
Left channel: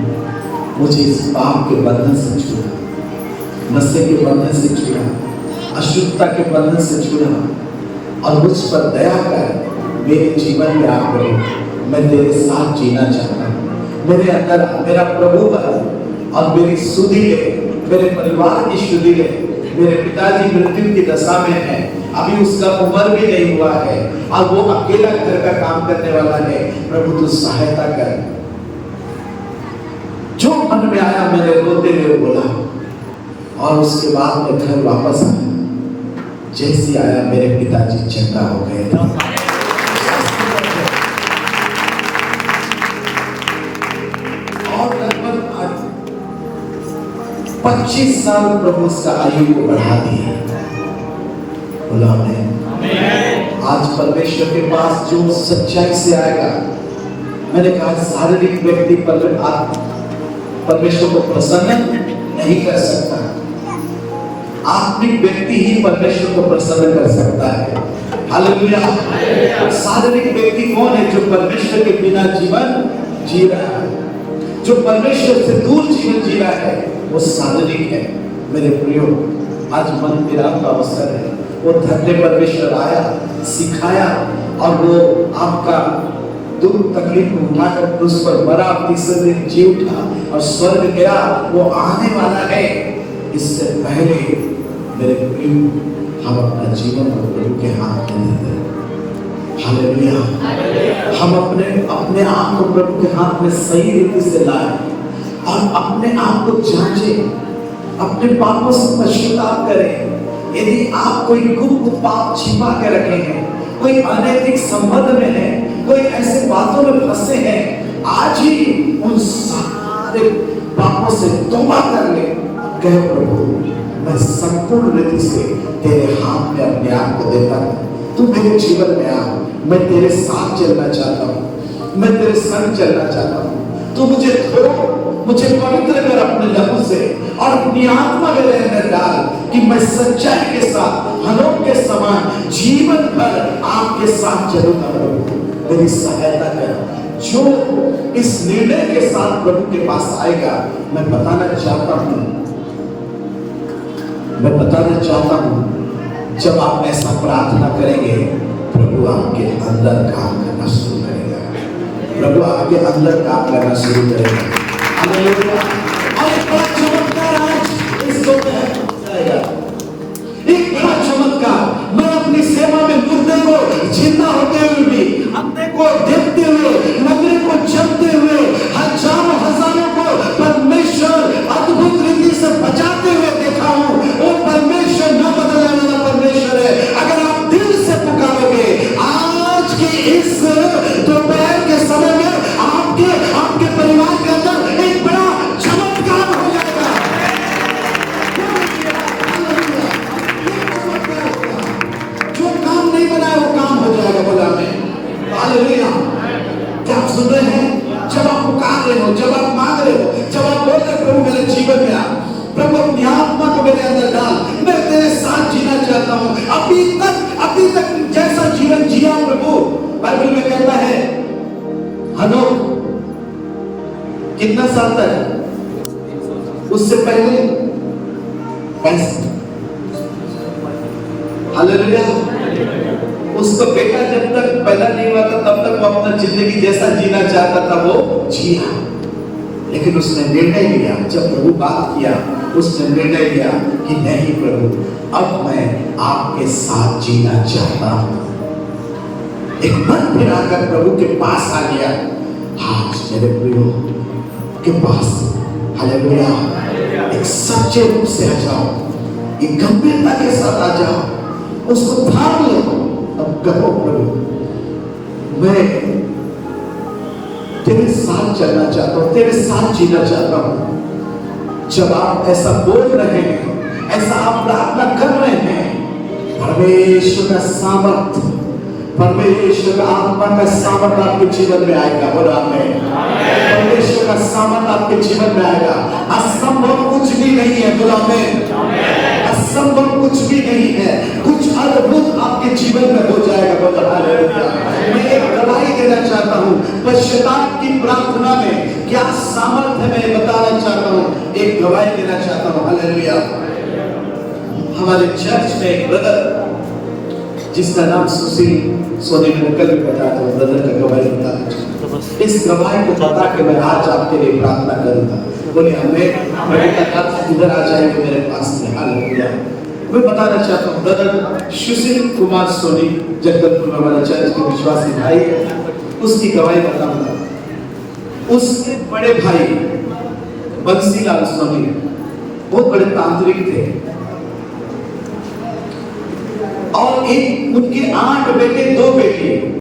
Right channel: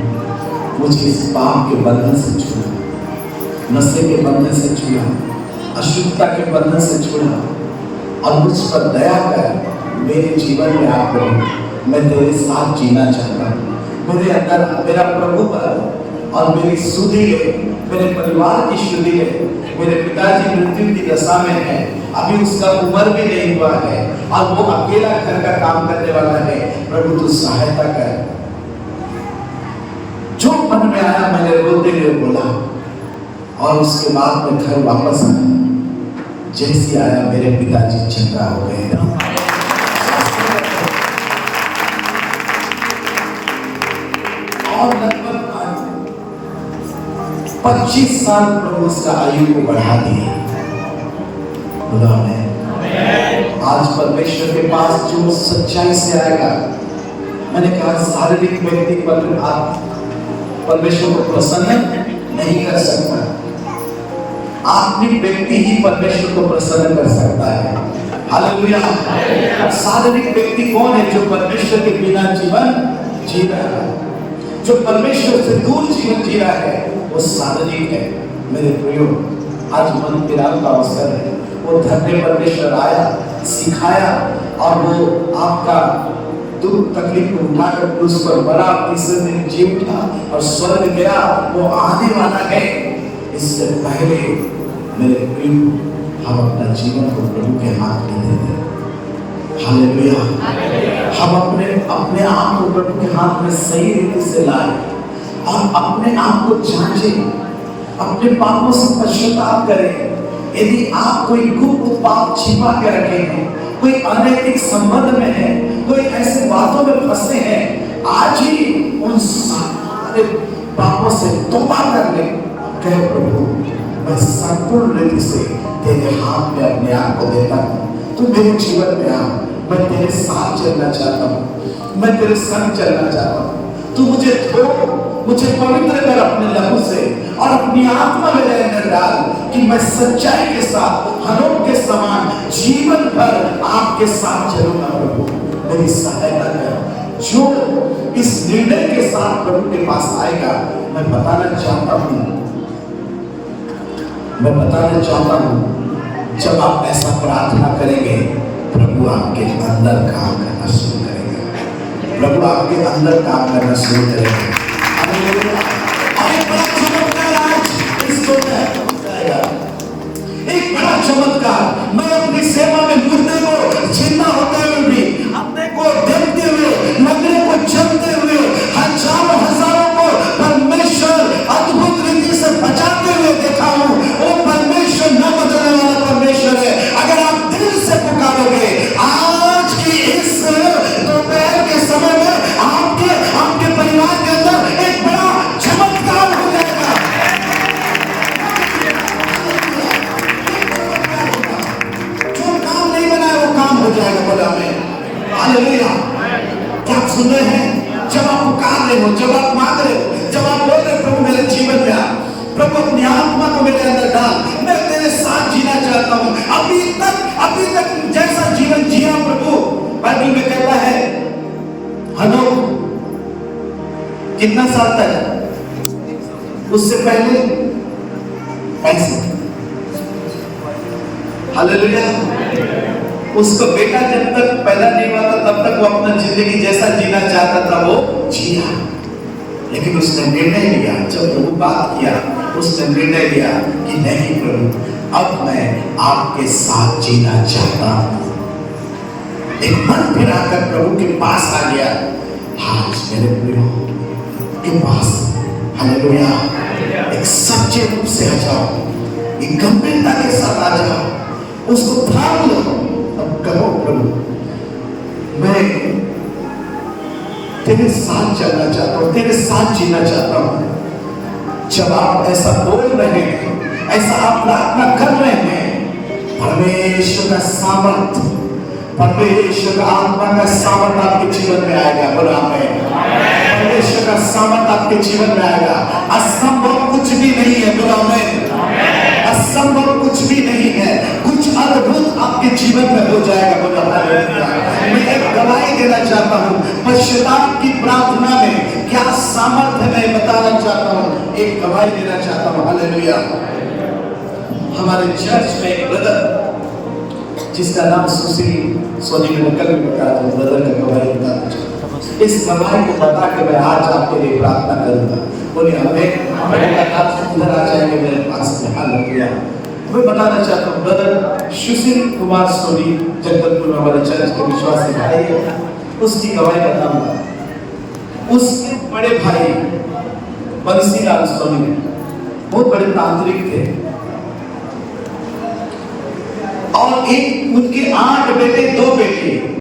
मुझे इस पाप के बंधन से छुड़ा, नशे के बंधन से छुड़ा, अशुद्धता के बंधन से छुड़ा, और मुझ पर दया कर मेरे जीवन में आ प्रभु। मैं तेरे साथ जीना चाहता हूँ। मेरे अंदर मेरा प्रभु का और मेरी सुधि ले, मेरे परिवार की शुद्धि ले। मेरे पिताजी मृत्यु की दशा में है, अभी उसका उम्र भी नहीं हुआ है, और वो अकेला घर का काम करने वाला है। प्रभु तू सहायता कर। जो मन में आया मैंने रोते हुए बोला, और उसके बाद मैं घर वापस आया। जैसे आया मेरे पिताजी चंगा हो गए। और लगभग 25 साल प्रभु उसका आयु को बढ़ा दिया उन्होंने। आज परमेश्वर के पास जो सच्चाई से आएगा, मैंने कहा शारीरिक व्यक्ति परमेश्वर को प्रसन्न नहीं कर सकता, आत्मिक व्यक्ति ही परमेश्वर को प्रसन्न कर सकता है। हालेलुया। शारीरिक व्यक्ति कौन है? जो परमेश्वर के बिना जीवन जी रहा है, जो परमेश्वर से दूर जीवन जी रहा है, वो शारीरिक है। मेरे प्रियो, आज मन फिराव का अवसर है। वो धन्य परमेश्वर आया, सिखाया, और वो आपका दुख तकलीफ को उठाकर क्रूस पर मरा, तीसरे दिन जी उठा और स्वर्ग गया। वो आने वाला है। इससे पहले मेरे प्रियो, हम अपना जीवन को प्रभु के हाथ में दे दें। हालेलुया। हम अपने आप को प्रभु के हाथ में सही रीति से लाएं और अपने आप को जांचें, अपने पापों से पश्चाताप करें। यदि आप कोई गुप्त पाप छिपा के रखे हैं, कोई अनैतिक संबंध में है, कोई ऐसे बातों में फंसे हैं, आज ही उन सारे पापों से तौबा कर ले। कह प्रभु मैं संपूर्ण रीति से तेरे हाथ में अपने आप को देता हूँ। तू मेरे जीवन में आ, मैं तेरे साथ चलना चाहता हूँ, मैं तेरे संग चलना चाहता हूँ। तू मुझे धो, मुझे पवित्र कर अपने लहू से, और अपनी आत्मा मेरे अंदर डाल कि मैं सच्चाई के साथ हनोक के समान जीवन भर आपके साथ चलूंगा। प्रभु मेरी सहायता कर। जो इस निर्णय के साथ प्रभु के पास आएगा। मैं बताना चाहता हूं जब आप ऐसा प्रार्थना करेंगे, प्रभु आपके अंदर काम करना शुरू करेगा। प्रभु आपके अंदर काम करना शुरू करेगा। हालेलुया। और एक बड़ा चमत्कार आज इस दौर में जाएगा। एक बड़ा चमत्कार, मैं अपनी सेवा में मुर्दे को जिंदा होते हुए भी, अपने को देखते हुए, नगरों को चलते हुए, हजारों हजारों को परमेश्वर अद्भुत रीति से बचाते हुए देखा हूं। वो परमेश्वर न बदलने वाला परमेश्वर है। अगर आप दिल से पुकारोगे, आज की इस दोपहर के समय में आपके परिवार के अंदर एक बड़ा चमत्कार हो जाएगा। जो काम नहीं बना है वो काम हो जाएगा। बोला में हालेलुया। क्या आप सुन रहे हैं? जब आप पुकार रहे हो, जब आप मांग रहे हो, जब आप बोल रहे हो प्रभु मेरे जीवन में आ, प्रभु अपनी आत्मा को मेरे अंदर डाल, मैं तेरे साथ जीना चाहता हूं। अभी तक जैसा जीवन जिया प्रभु, बाइबल में कहता है हनोक कितना साल तक, उससे पहले 65। हालेलुया। उसका बेटा जब तक पैदा नहीं हुआ था तब तक वो अपना जिंदगी जैसा जीना चाहता था वो जिया, लेकिन उसने निर्णय लिया। जब प्रभु बात किया, उसने निर्णय लिया कि नहीं प्रभु, अब मैं आपके साथ जीना चाहता हूं। एक मन फिराकर प्रभु के पास आ गया। आज मेरे प्रियो के पास हालेलुया एक सच्चे रूप से आ जाओ, एक गंभीरता के साथ आ जाओ, उसको थाम लो। अब कहो प्रभु मैं तेरे साथ चलना चाहता हूं, तेरे साथ जीना चाहता हूं। जब आप ऐसा बोल रहे हैं, ऐसा आप प्रार्थना कर रहे हैं, परमेश्वर का सामर्थ, परमेश्वर का आत्मा का सामर्थ आपके जीवन में आएगा। बोला आमीन। परमेश्वर का सामर्थ आपके जीवन में आएगा। असंभव कुछ भी नहीं है। बोला आमीन। असंभव कुछ भी नहीं है, कुछ अद्भुत आपके जीवन में हो जाएगा। बोला हालेलुया। मैं एक गवाही देना चाहता हूं, पश्चाताप की प्रार्थना में क्या सामर्थ है मैं बताना चाहता हूं, एक गवाही देना चाहता हूं। हालेलुया। हमारे चर्च में एक ब्रदर जिसका नाम सुशील सोनी ने कल भी बताया था, ब्रदर की गवाही बताना चाहता हूं। इस गवाही को बता के मैं आज आपके लिए प्रार्थना करूंगा। बोलिए हमें इधर आ जाएंगे मेरे पास में। हालेलुया। मैं बताना चाहता हूँ ब्रदर सुशील कुमार सोनी जगदलपुर हमारे चर्च के विश्वासी भाई, उसकी गवाही बताऊंगा। उसके बड़े भाई बंसीलाल सोनी बहुत बड़े तांत्रिक थे और एक उनके 8